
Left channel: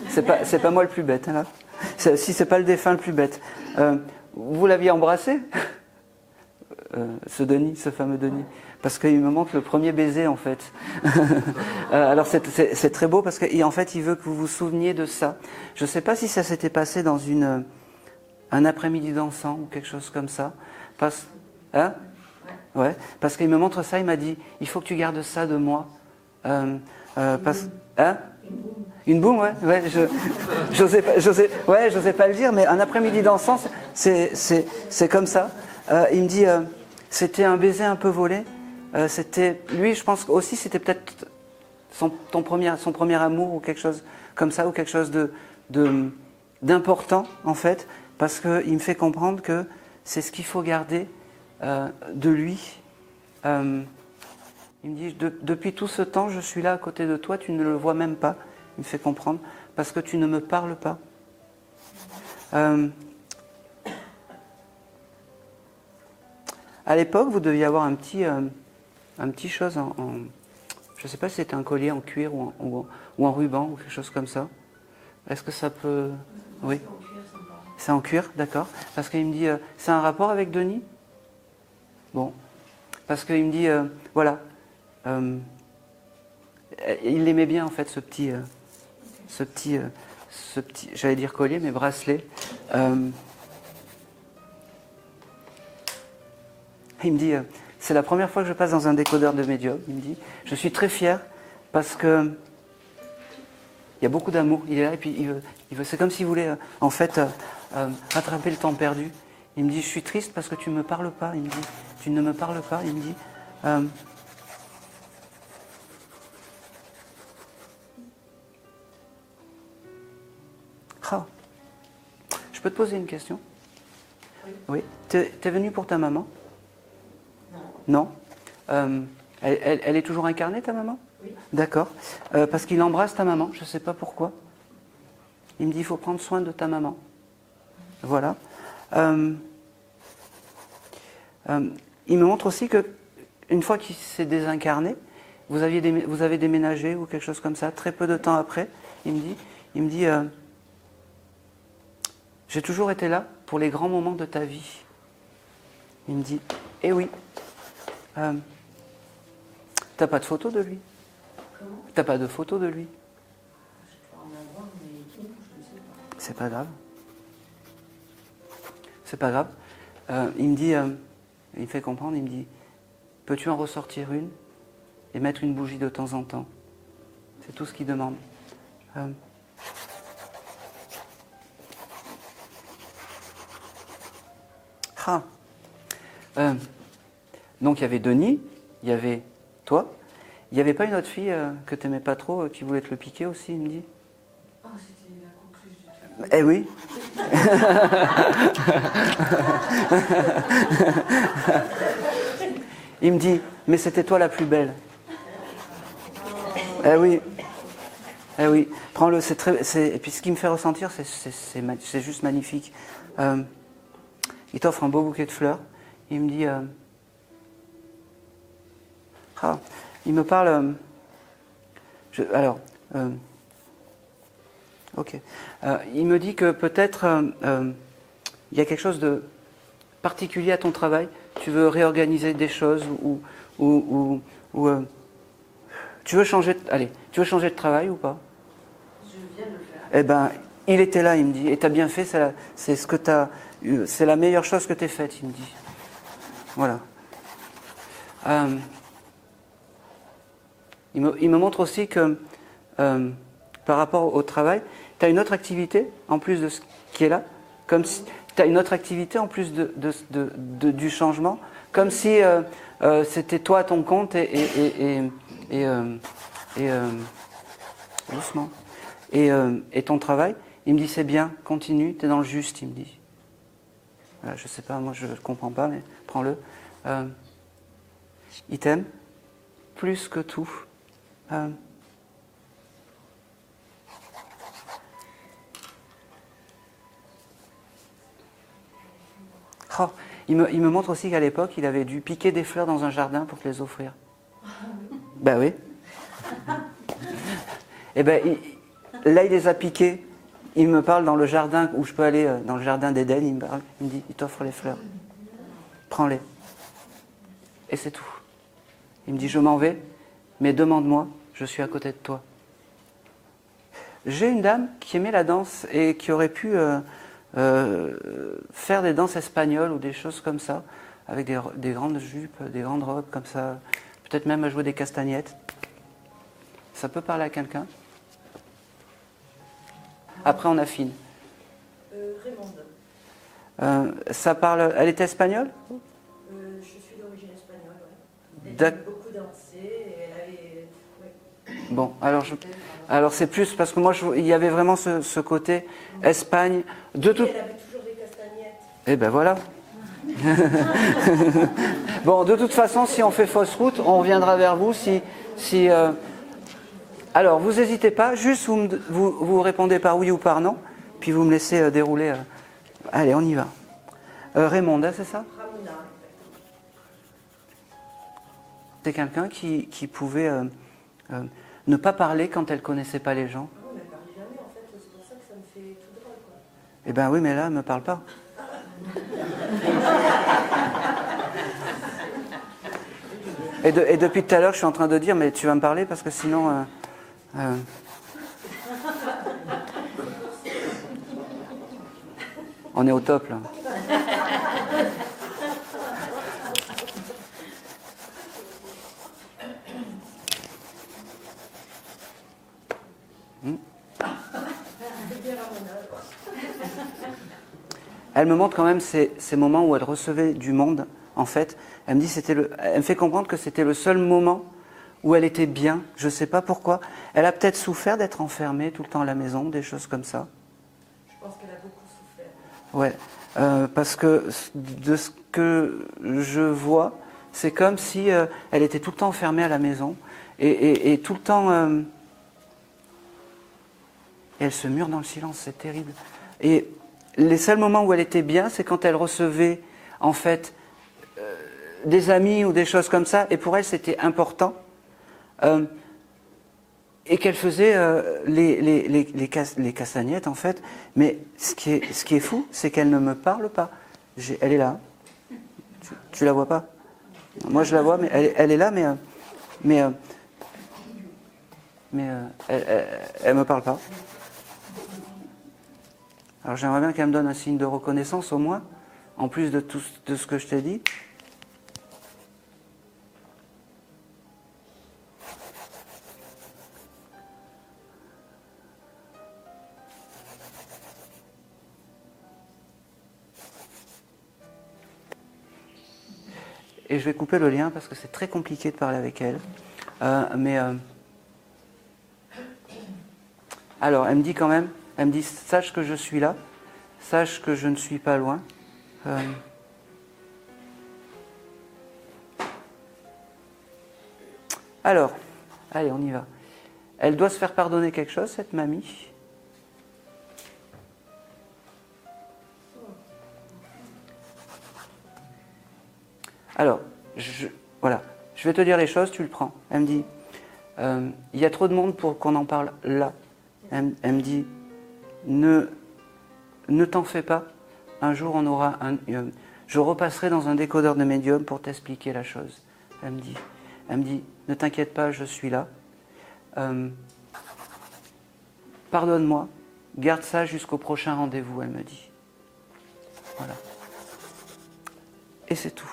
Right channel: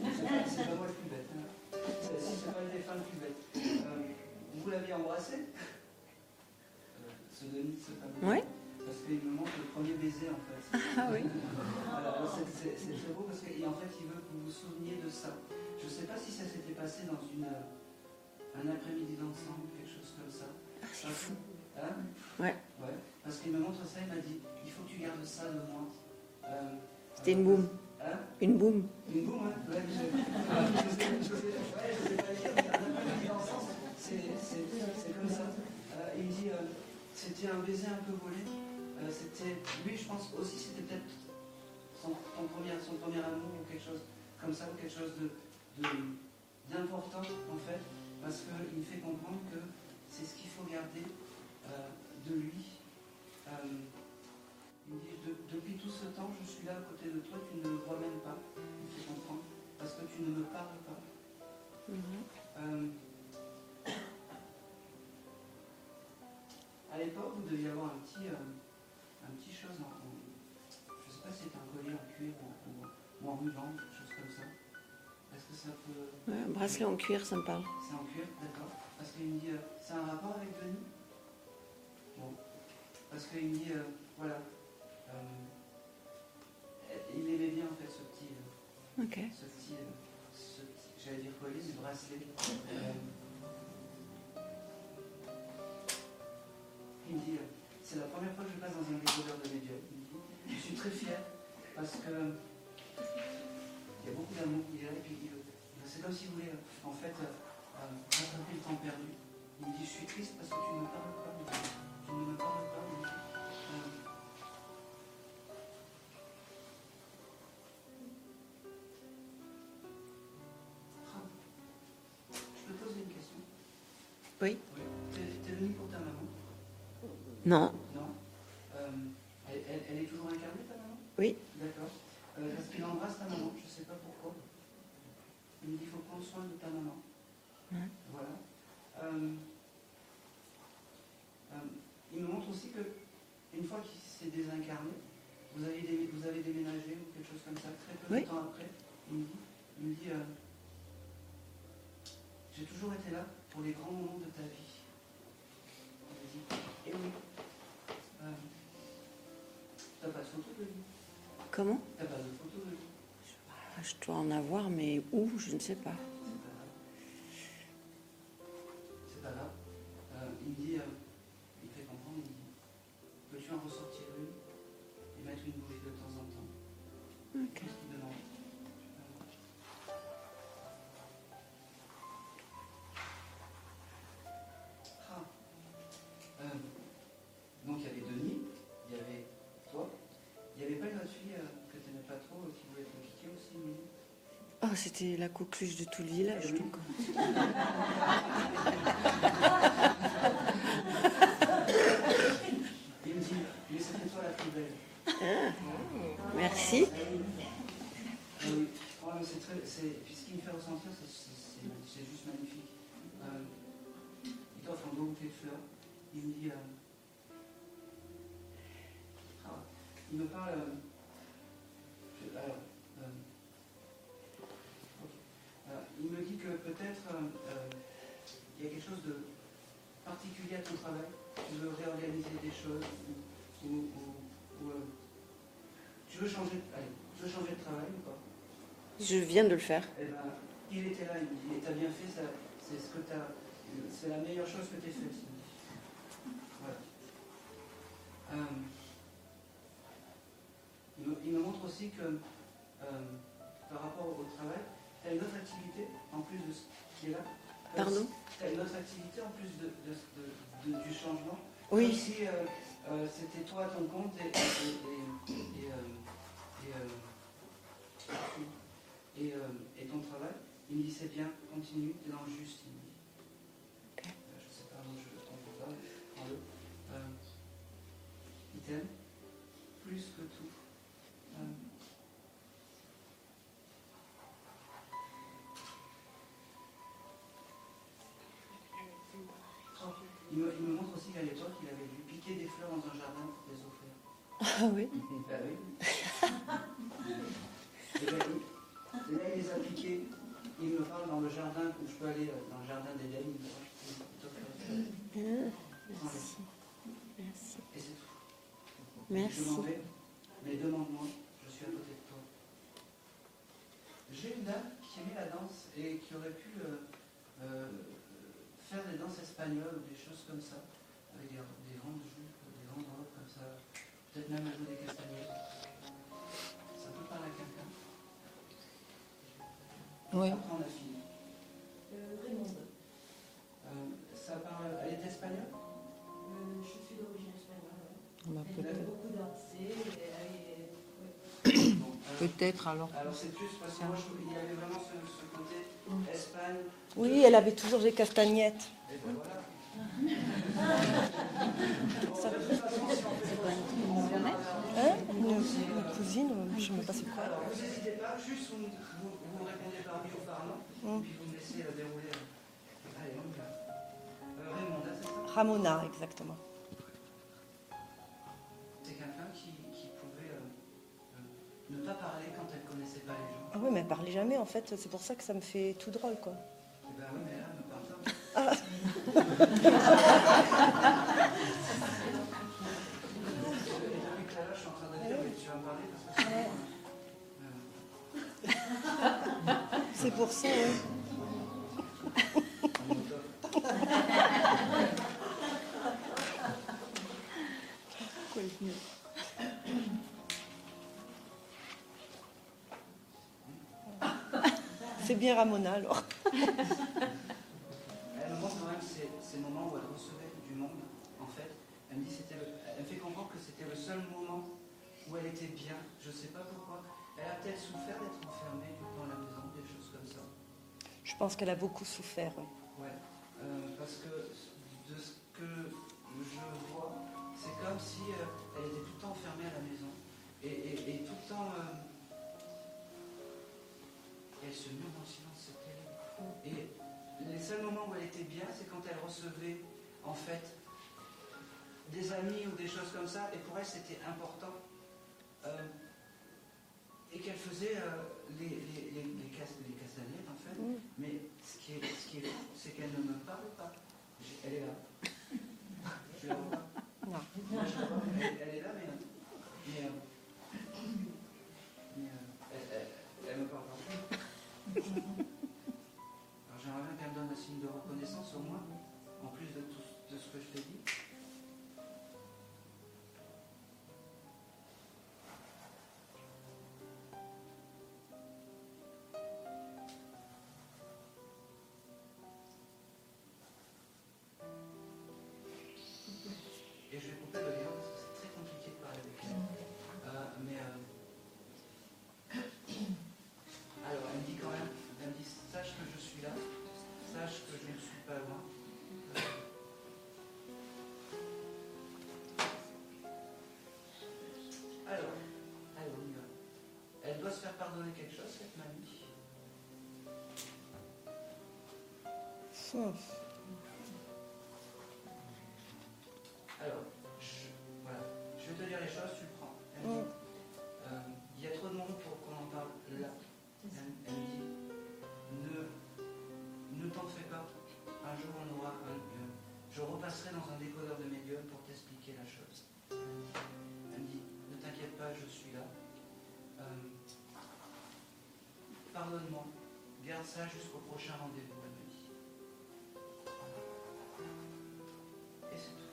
c'est pas moi le plus bête, hein, là. Si c'est pas le défunt le plus bête. Vous l'aviez embrassé, ce Denis, ce fameux Denis? Oui. Parce qu'il me montre le premier baiser en fait. Alors c'est très beau parce qu'en fait il veut que vous vous souveniez de ça. Je ne sais pas si ça s'était passé dans un après-midi dansant ou quelque chose comme ça. Hein? Ouais. Parce qu'il me montre ça, il m'a dit, il faut que tu gardes ça de moi. Une boum. Une boum, ouais. J'osais pas le dire, mais un après-midi dansant, c'est comme ça. Il me dit, c'était un baiser un peu volé. C'était lui, je pense aussi, c'était peut-être son premier amour ou quelque chose comme ça, ou quelque chose d'important en fait, parce qu'il me fait comprendre que c'est ce qu'il faut garder de lui. Il me dit, depuis tout ce temps, je suis là à côté de toi, tu ne le vois même pas. Il me fait comprendre, parce que tu ne me parles pas. À l'époque, vous deviez avoir un petit chose je ne sais pas si c'était un collier en cuir ou en ruban ou quelque chose comme ça. Est-ce que ça peut... Bracelet en cuir, ça me parle. C'est en cuir, d'accord. Parce qu'il me dit, c'est un rapport avec Denis? Bon. Parce qu'il me dit, voilà. Il l'aimait bien, en fait, ce petit, j'allais dire collier, mais bracelet. Il me dit, c'est la première fois que je passe dans un décodeur de médium. Il me dit, je suis très fier parce que il y a beaucoup d'amour. Il est là et puis il veut, c'est comme s'il voulait, en fait, rattraper le temps perdu. Il me dit, je suis triste parce que tu ne me parles pas. Il me dit, tu ne me parles pas. Il me dit, je peux te poser une question? Oui. Oui. T'es venu pour ta maman? Non. Non. Elle est toujours incarnée, ta maman? Oui. D'accord. Parce qu'il embrasse ta maman, je ne sais pas pourquoi. Il me dit, il faut prendre soin de ta maman. Voilà. Il me montre aussi que une fois qu'il s'est désincarné, vous avez déménagé ou quelque chose comme ça, très peu de temps après, il me dit j'ai toujours été là pour les grands moments de ta vie. Il me dit, eh oui, t'as pas de photo de lui? Comment? T'as pas de photo de lui? Je dois en avoir, mais où? Je ne sais pas. C'est pas grave. C'est pas grave. Il me dit, il me fait comprendre, il me dit, peux-tu en ressortir une et mettre une bougie de temps en temps? C'est tout ce qu'il demande. Donc il y avait Denis, il y avait toi. Il n'y avait pas une autre fille que tu n'aimais pas trop qui voulait te le piquer aussi, il me dit? Oh, c'était la coqueluche de Toulier. Eh oui. Il me dit, mais c'était toi la plus belle. Merci. Eh oui. Eh oui. Prends-le, c'est très. Et puis ce qui me fait ressentir, c'est juste magnifique. Il t'offre un beau bouquet de fleurs. Il me dit. Il me parle. Ok. Il me dit que peut-être il y a quelque chose de particulier à ton travail. Tu veux réorganiser des choses ou tu veux changer. Tu veux changer de travail ou pas? Je viens de le faire. Eh ben, il était là, il me dit. Et t'as bien fait. C'est la meilleure chose que t'aies faite, il me dit. Voilà. Il me montre aussi que par rapport au travail, tu as une autre activité en plus de ce qui est là, comme si tu as une autre activité en plus du changement, comme si c'était toi à ton compte et doucement. Et ton travail, il me dit c'est bien, continue, tu es dans le juste, il me dit. Voilà, je sais pas, moi je ne comprends pas, mais prends-le. Il t'aime plus que tout. Il me montre aussi qu'à l'époque, il avait dû piquer des fleurs dans un jardin pour te les offrir. Ah oui. Ben oui. Et ben, là, il les a piqués. Il me parle dans le jardin où je peux aller, dans le jardin d'Éden. Il me dit, il t'offre les fleurs. Prends-les. Et c'est tout. Il me dit, je m'en vais, mais demande-moi, je suis à côté de toi. J'ai une dame qui aimait la danse et qui aurait pu faire des danses espagnoles ou des choses comme ça, avec des grandes jupes, des grandes robes comme ça, peut-être même à jouer des castagnettes. Ça peut parler à quelqu'un. Ouais. Après, on affine. Raymonde. Ça parle. Elle était espagnole? Je suis d'origine espagnole. Ouais. Elle D'ac- aime beaucoup danser. Et elle est... Bon, alors, Peut-être, alors c'est plus parce que moi, il y avait vraiment ce côté Espagne. Oui, elle avait toujours des castagnettes. Et ben voilà. Bon, de toute façon, si on fait fausse route, on reviendra vers vous. Alors, vous n'hésitez pas, juste vous répondez par oui ou par non, puis vous me laissez dérouler. Allez, on y va. Raymond, c'est ça? Ramona, exactement. C'est quelqu'un qui pouvait ne pas parler quand elle ne connaissait pas les gens. Ah oui, mais elle parlait jamais en fait, c'est pour ça que ça me fait tout drôle quoi. Eh bien oui, mais là, elle ne me parle pas. Et depuis tout à l'heure, je suis en train de dire, mais tu vas me parler parce que sinon... C'est pour ça. On est au top, là. C'est bien Ramona alors. Elle me montre quand même ces moments où elle recevait du monde, en fait. Elle me dit, elle me fait comprendre que c'était le seul moment où elle était bien. Je ne sais pas pourquoi. Elle a peut-être souffert d'être enfermée tout le temps à la maison, des choses comme ça. Je pense qu'elle a beaucoup souffert. Ouais, parce que de ce que je vois, c'est comme si elle était tout le temps enfermée à la maison et tout le temps... et elle se mure dans le silence, c'est terrible. Et les seuls moments où elle était bien, c'est quand elle recevait, en fait, des amis ou des choses comme ça, et pour elle, c'était important. Et qu'elle faisait les castagnettes, en fait. Mais ce qui est fou, c'est qu'elle ne me parle pas. Elle est là. Tu la vois pas? Moi, je la vois, mais elle est là, mais elle me parle pas. Alors j'aimerais bien qu'elle me donne un signe de reconnaissance au moins, en plus de tout de ce que je t'ai dit. Et je vais couper le lien parce que c'est très compliqué de parler avec elle. Alors, elle me dit quand même, elle me dit, sache que je suis là, sache que je ne suis pas loin. Alors, allez, on y va. Elle doit se faire pardonner quelque chose, cette mamie. Alors, voilà, je vais te dire les choses, tu le prends. Elle me dit, il y a trop de monde pour qu'on en parle là. Elle me dit, ne t'en fais pas. Un jour, je repasserai dans un décodeur de médium pour t'expliquer la chose. Elle me dit, ne t'inquiète pas, je suis là. Pardonne-moi, garde ça jusqu'au prochain rendez-vous, elle me dit. Voilà. Et c'est tout.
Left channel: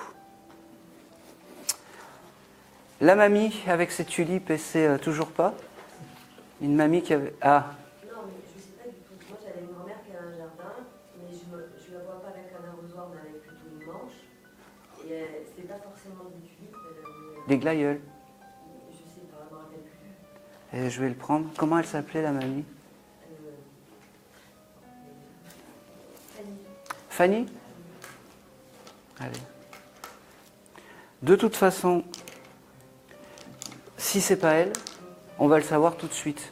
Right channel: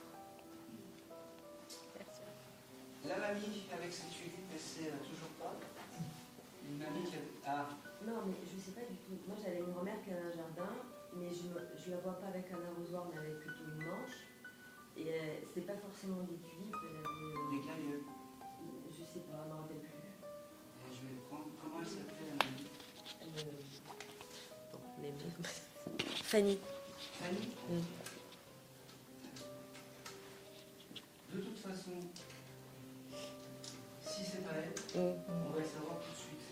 La mamie avec ses tulipes et ses toujours pas. Une mamie qui avait... Ah. Non, mais je ne sais pas du tout. Moi, j'avais une grand-mère qui a un jardin, mais je ne la vois pas avec un arrosoir, mais avec plutôt une manche. Et c'était pas forcément des tulipes, elle avait... Des glaïeuls. Je sais pas, je me rappelle plus. Et je vais le prendre. Comment elle s'appelait, la mamie? Fanny. Fanny? Oui. Allez. De toute façon, si c'est pas elle, on va le savoir tout de suite.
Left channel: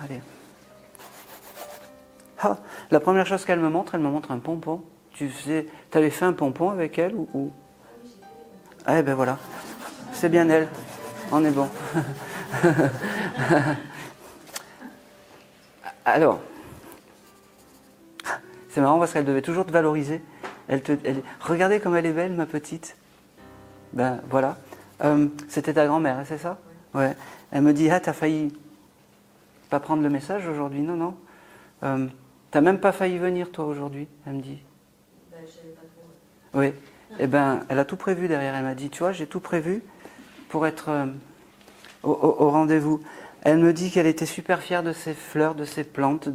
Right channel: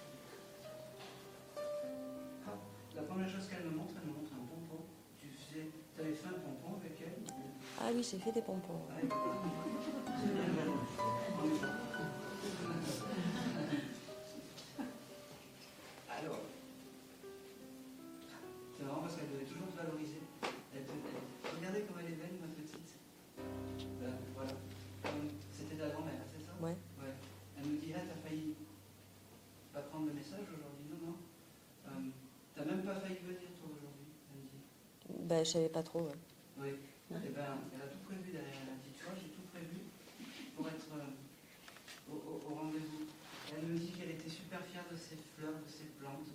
Allez. Ah, la première chose qu'elle me montre un pompon. Tu avais fait un pompon avec elle ou... Ah oui, j'ai fait des pompons. Ah, ben voilà. C'est bien elle. On est bon. Alors, c'est marrant parce qu'elle devait toujours te valoriser. Regardez comme elle est belle, ma petite. Ben voilà. C'était ta grand-mère, hein, c'est ça? Ouais. Elle me dit, ah, t'as failli pas prendre le message aujourd'hui? Non, non. T'as même pas failli venir, toi, aujourd'hui, elle me dit. Ben, je savais pas trop. Oui. Ouais. Eh ben, elle a tout prévu derrière. Elle m'a dit, tu vois, j'ai tout prévu pour être au rendez-vous. Elle me dit qu'elle était super fière de ses fleurs, de ses plantes,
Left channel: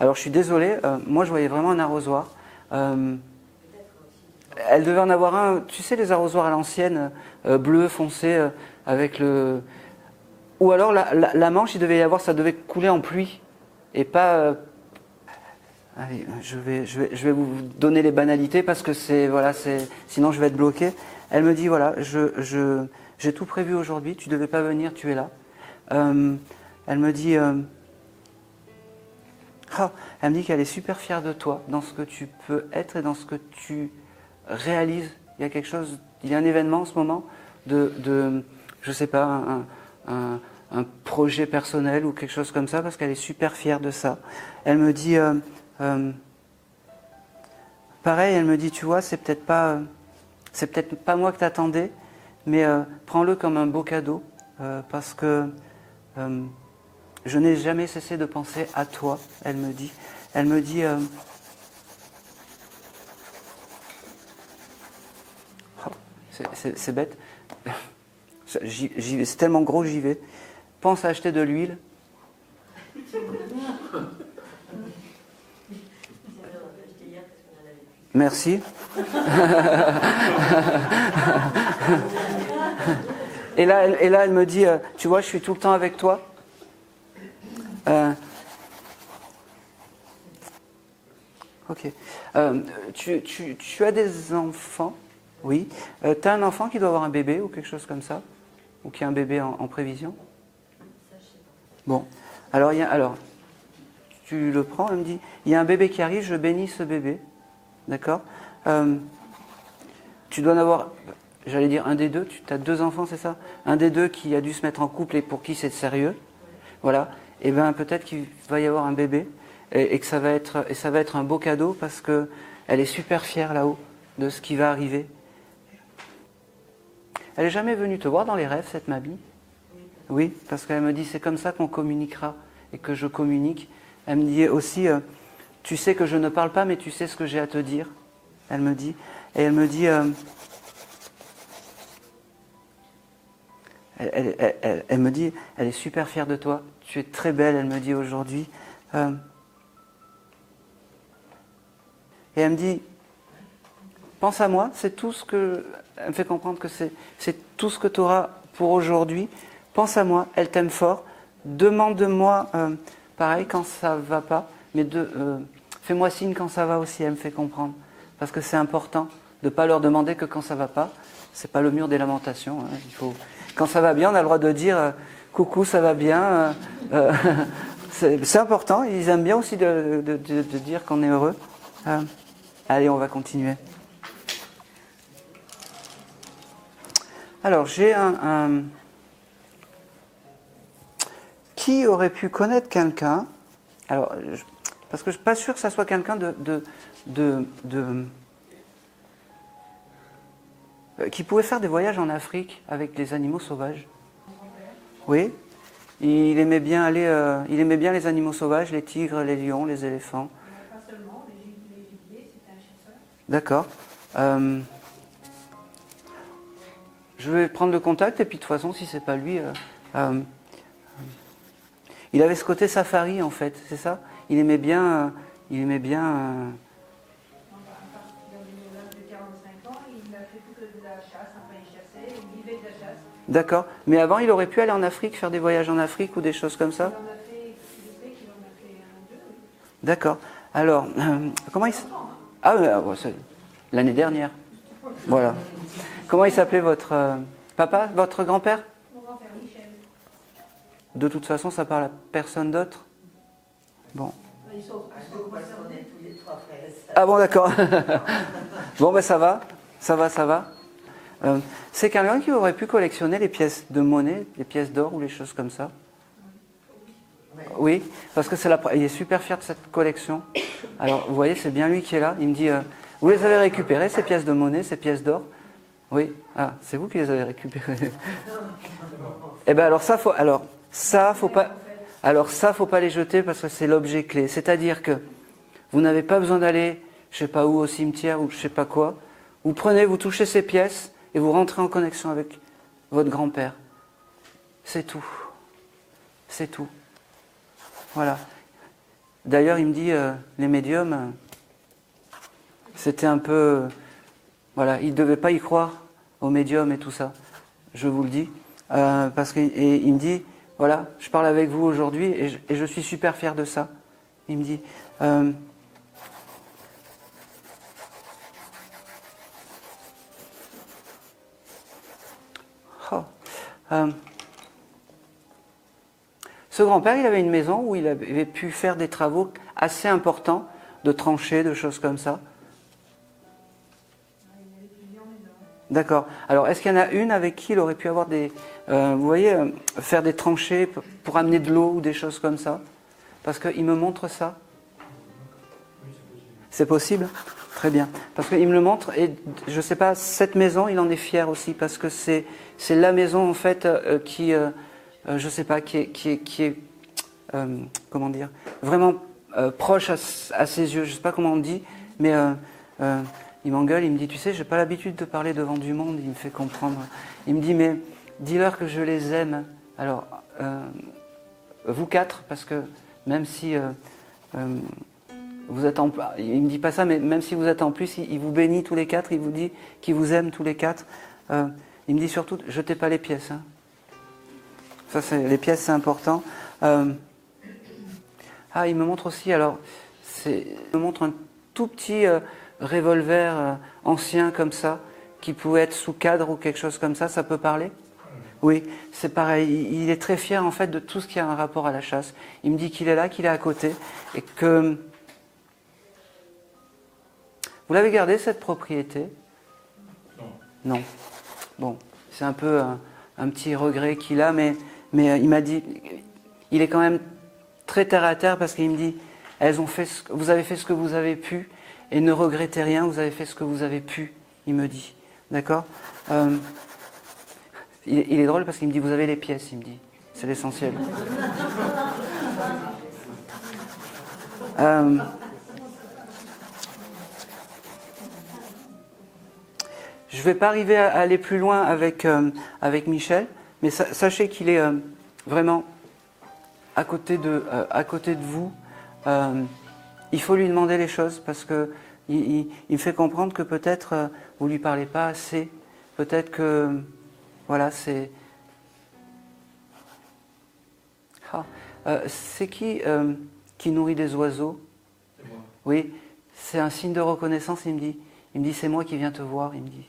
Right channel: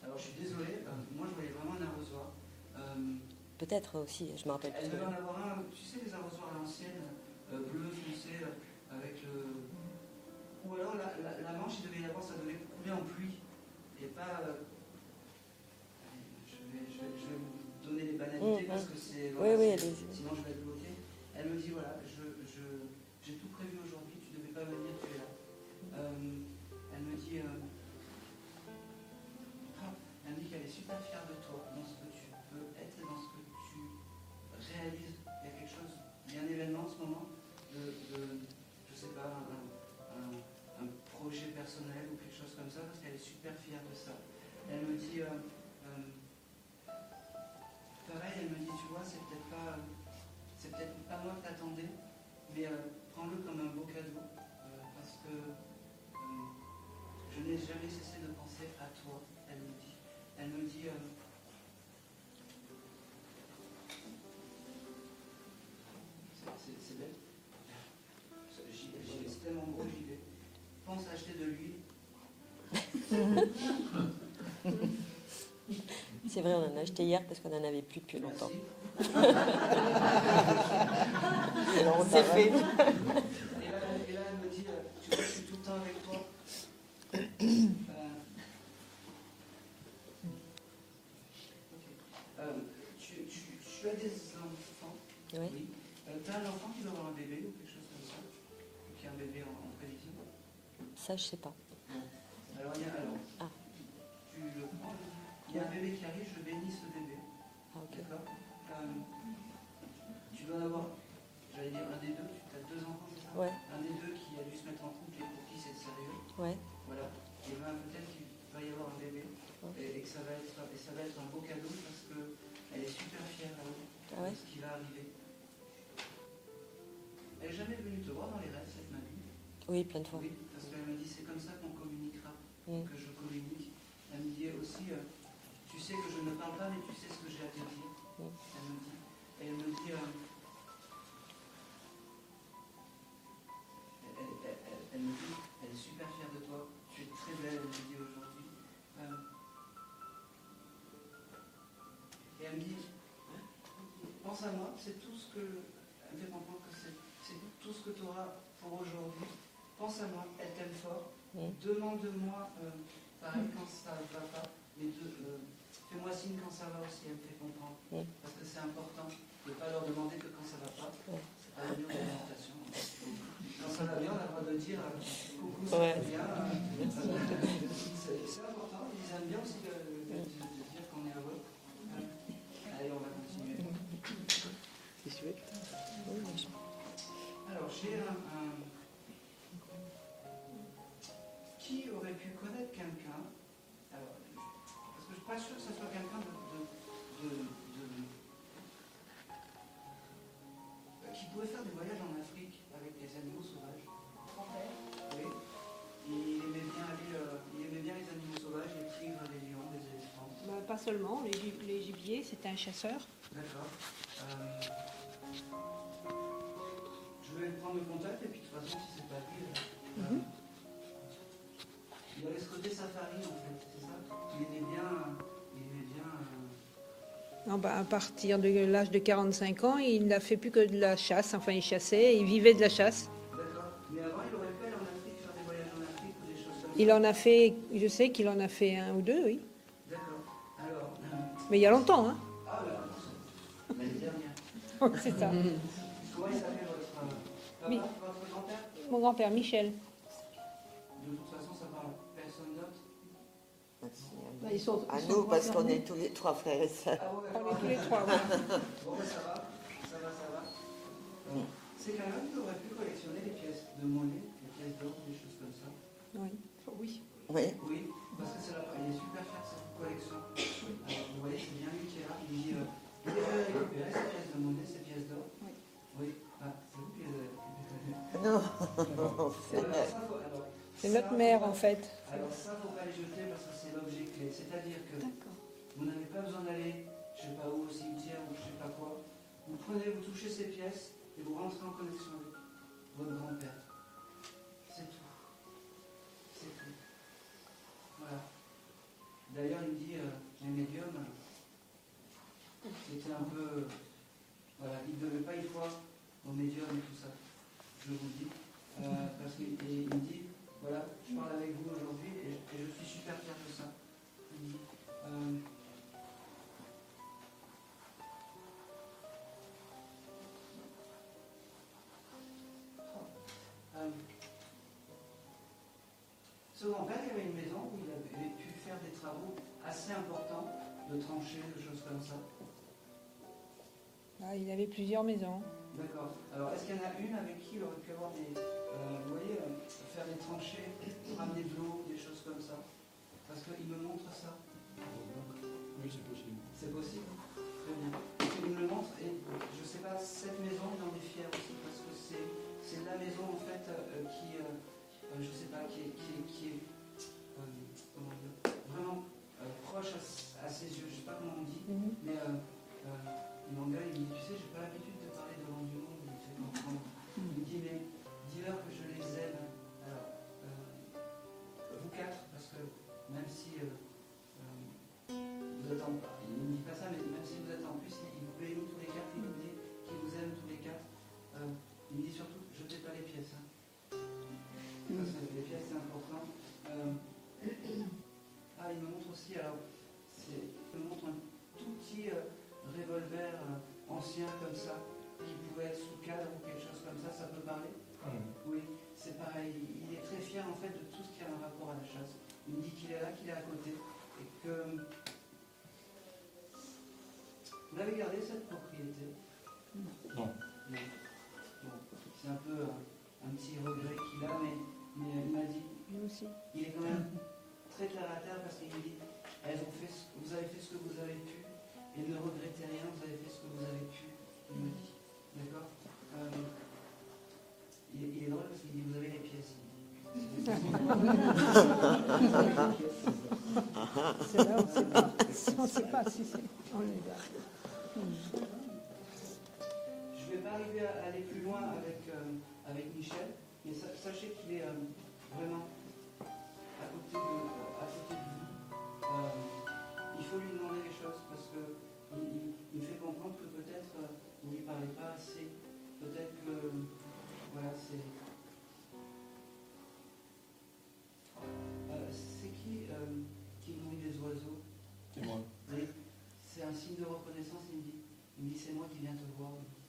Alors, je suis désolée, moi, je voyais vraiment un arrosoir. Peut-être aussi. Elle devait en avoir un, tu sais, les arrosoirs à l'ancienne, bleu foncé, avec le... Ou alors, la manche, il devait y avoir, ça devait couler en pluie. Et pas... Allez, je vais vous donner les banalités parce que sinon je vais être bloqué. Elle me dit voilà, j'ai tout prévu aujourd'hui, tu ne devais pas venir, tu es là. Elle me dit qu'elle est super fière de toi, dans ce que tu peux être et dans ce que tu réalises. Il y a un événement en ce moment de je sais pas, un projet personnel ou quelque chose comme ça, parce qu'elle est super fière de ça. Elle me dit pareil, elle me dit, tu vois, c'est peut-être pas moi que t'attendais, mais prends-le comme un beau cadeau, parce que je n'ai jamais cessé de penser à toi, elle me dit. Elle me dit, c'est bête, c'est tellement gros que j'y vais. Pense à acheter de l'huile. C'est vrai, on en a acheté hier parce qu'on n'en avait plus. Merci. Et là, elle me dit, tu vois, je suis tout le temps avec toi. Ok. Tu as des enfants? Oui. Tu as un enfant qui doit avoir un bébé ou quelque chose comme ça? Ou qui a un bébé en prévision? Ça, je sais pas. Bon. Alors, tu le prends, elle me dit, il y a un bébé qui arrive, je bénis ce bébé. D'accord? Tu dois en avoir, j'allais dire un des deux, tu as 2 enfants, c'est ça? Ouais. Un des deux qui a dû se mettre en couple et pour qui c'est sérieux. Ouais. Voilà. Et bien peut-être qu'il va y avoir un bébé et que ça va être un beau cadeau parce qu'elle est super fière là-haut de ce qui va arriver. Elle n'est jamais venue te voir dans les rêves, cette mamie? Oui, plein de fois. Oui, parce qu'elle me dit c'est comme ça qu'on communiquera et que je communique. Elle me dit aussi tu sais que je ne parle pas mais tu sais ce que j'ai à te dire. Elle me dit. Et elle me dit elle me dit elle est super fière de toi. Tu es très belle, elle me dit aujourd'hui. Et elle me dit pense à moi, c'est tout ce que... Elle me fait comprendre que c'est tout ce que tu auras pour aujourd'hui. Pense à moi, elle t'aime fort. Demande-moi, pareil, quand ça va pas. Mais fais-moi signe quand ça va aussi, elle me fait comprendre. Parce que c'est important de ne pas leur demander que quand ça va pas. C'est pas le mur des lamentations. Hein. Quand ça va bien, on a le droit de dire coucou, ça va bien. C'est important. Ils aiment bien aussi de dire qu'on est heureux. Allez, on va continuer. Alors, j'ai un... Qui aurait pu connaître quelqu'un? Alors, parce que je ne suis pas sûr que ça soit quelqu'un qui pouvait faire des voyages en Afrique avec des animaux sauvages. Oui. Il aimait bien les animaux sauvages, les tigres, les lions, les éléphants. Non, pas seulement, les gibiers, c'était un chasseur. D'accord. Je vais prendre le contact et puis de toute façon, si c'est pas lui, il avait ce côté safari en fait, c'est ça? Il aimait bien. Non, à partir de l'âge de 45 ans, il n'a fait plus que de la chasse. Enfin, il chassait, il vivait de la chasse. D'accord. Mais avant, il aurait pu aller en Afrique, faire des voyages en Afrique ou des choses comme ça? Il en a fait, je sais qu'il en a fait 1 ou 2, oui. D'accord. Alors, Mais il y a longtemps, hein. Ah, c'est l'année dernière. Voilà. Comment il s'appelait votre papa, votre grand-père? Mon grand-père, Michel. De toute façon, ça parle à personne d'autre? Bon. À nous, parce qu'on est tous les 3 frères et sœurs. Ah bon, d'accord. Bon, ben ça va. C'est quelqu'un qui aurait pu collectionner les pièces de monnaie, les pièces d'or ou les choses comme ça? Oui. Oui, parce que il est super fier de cette collection. Alors, vous voyez, c'est bien lui qui est là. Il me dit, vous les avez récupérées, ces pièces de monnaie, ces pièces d'or? Oui. Ah, c'est vous qui les avez récupérées. Eh bien, alors ça, faut pas les jeter parce que c'est l'objet clé. C'est-à-dire que vous n'avez pas besoin d'aller, je sais pas où, au cimetière ou je sais pas quoi. Vous prenez, vous touchez ces pièces et vous rentrez en connexion avec votre grand-père. C'est tout. C'est tout. Voilà. D'ailleurs, il me dit, les médiums, c'était un peu... Voilà, il ne devait pas y croire aux médiums et tout ça. Je vous le dis. Parce qu'il me dit, voilà, je parle avec vous aujourd'hui et je suis super fier de ça. Il me dit, Oh. Ce grand-père, il avait une maison où il avait pu faire des travaux assez importants, de tranchées, de choses comme ça. Ah, il avait plusieurs maisons. D'accord. Alors, est-ce qu'il y en a une avec qui il aurait pu avoir des... vous voyez, faire des tranchées pour amener de l'eau ou des choses comme ça? Parce qu'il me montre ça. C'est possible? Très bien. Parce qu'il me le montre et je ne sais pas, cette maison, il en est fier aussi parce que c'est la maison en fait qui, je ne sais pas, qui est comment dire, vraiment proche à ses yeux. Je ne sais pas comment on dit, mais il m'engueule, il me dit, tu sais, je n'ai pas l'habitude de parler devant du monde, il me fait comprendre. Il me dit, mais dis-leur que je les aime. Alors, vous quatre, parce que même si... vous êtes en, il ne me dit pas ça, mais même si vous êtes en plus, il vous bénit tous les quatre, il vous dit qu'il vous aime tous les quatre. Il me dit surtout, jetez pas les pièces. Hein. Ça, les pièces, c'est important. Il me montre aussi, alors, il me montre un tout petit revolver ancien comme ça, qui pouvait être sous cadre ou quelque chose comme ça peut parler? Oui, c'est pareil. Il est très fier en fait de tout ce qui a un rapport à la chasse. Il me dit qu'il est là, qu'il est à côté, et que... Vous l'avez gardé, cette propriété? Non. Bon, c'est un peu un petit regret qu'il a, mais il m'a dit, il est quand même très terre à terre parce qu'il me dit, vous avez fait ce que vous avez pu et ne regrettez rien, vous avez fait ce que vous avez pu, il me dit. D'accord? Il est drôle parce qu'il me dit, vous avez les pièces, il me dit. C'est l'essentiel. Je ne vais pas arriver à aller plus loin avec Michel, mais sachez qu'il est vraiment à côté de vous. Il faut lui demander les choses parce qu'il me fait comprendre que peut-être vous ne lui parlez pas assez. Peut-être que, voilà, c'est... c'est qui nourrit des oiseaux? C'est moi. Oui, c'est un signe de reconnaissance, il me dit c'est moi qui viens te voir, il me dit.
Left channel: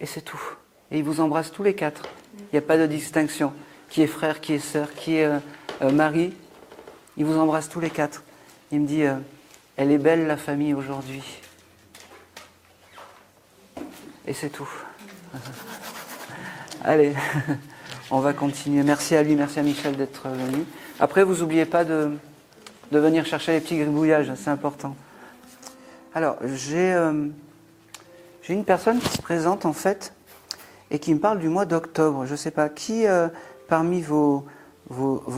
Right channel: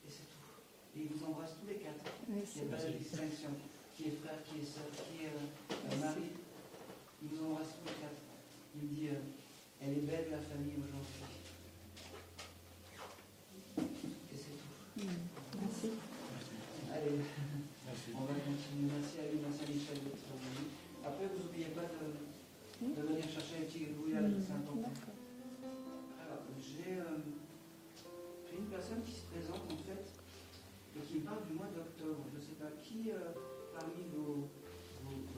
Et c'est tout. Et il vous embrasse tous les quatre. Il n'y a pas de distinction. Qui est frère, qui est sœur, qui est mari. Il vous embrasse tous les quatre. Il me dit, elle est belle la famille aujourd'hui. Et c'est tout. Allez, on va continuer. Merci à lui, merci à Michel d'être venu. Après, vous n'oubliez pas de venir chercher les petits gribouillages, c'est important. Alors, j'ai une personne qui se présente en fait et qui me parle du mois d'octobre. Je ne sais pas, qui parmi vos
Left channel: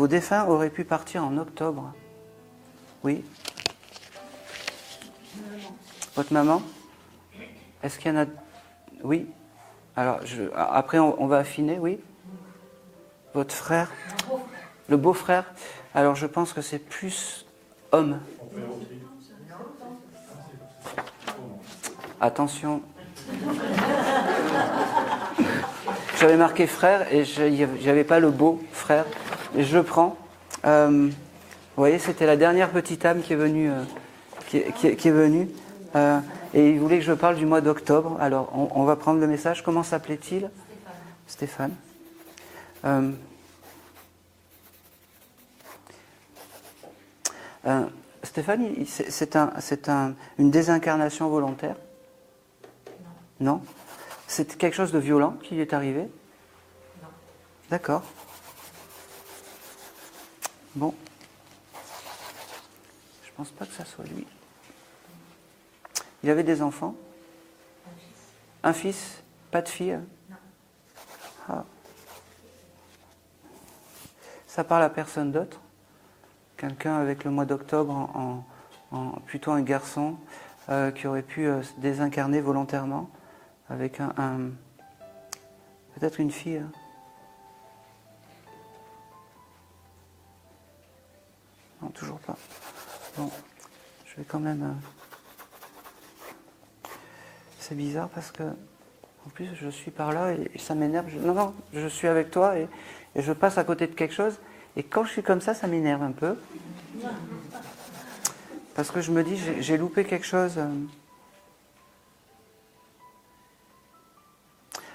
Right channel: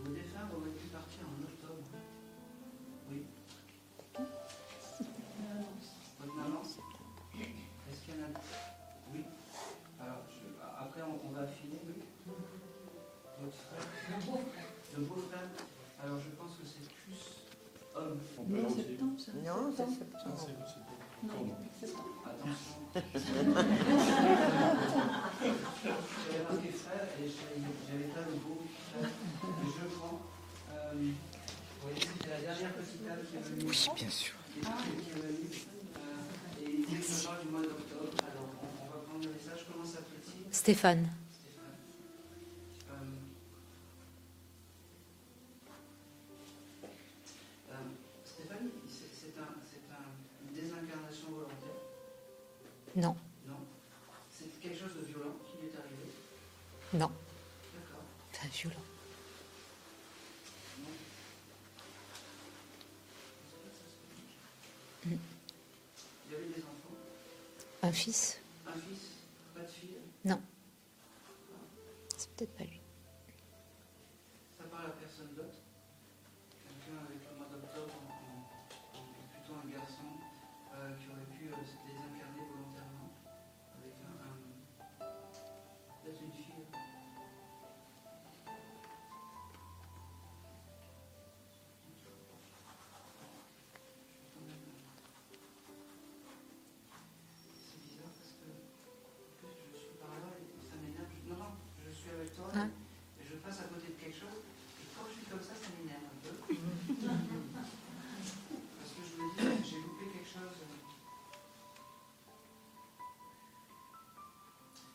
défunts aurait pu partir en octobre? Oui? Votre maman? Est-ce qu'il y en a... Oui? Alors, après, on va affiner, oui? Votre frère? Le beau-frère? Alors, je pense que c'est plus homme. Attention. J'avais marqué frère et j'avais pas le beau frère. Et je le prends. Vous voyez, c'était la dernière petite âme qui est venue. Qui est venue. Et il voulait que je parle du mois d'octobre. Alors, on va prendre le message. Comment s'appelait-il? Stéphane. Stéphane. Stéphane, c'est une désincarnation volontaire? Non. Non? C'est quelque chose de violent qui lui est arrivé? Non. D'accord. Bon. Je pense pas que ça soit lui. Il avait des enfants? Un fils? Un fils? Pas de fille? Non. Ah. C'est peut-être pas lui. Ça parle à personne d'autre? Quelqu'un avec le mois d'octobre, plutôt un garçon qui aurait pu se désincarner volontairement avec peut-être une fille. Non, toujours pas. Bon, je vais quand même... C'est bizarre parce que, en plus, je suis par là et ça m'énerve. Non, je suis avec toi et je passe à côté de quelque chose. Et quand je suis comme ça m'énerve un peu. parce que je me dis, j'ai loupé quelque chose.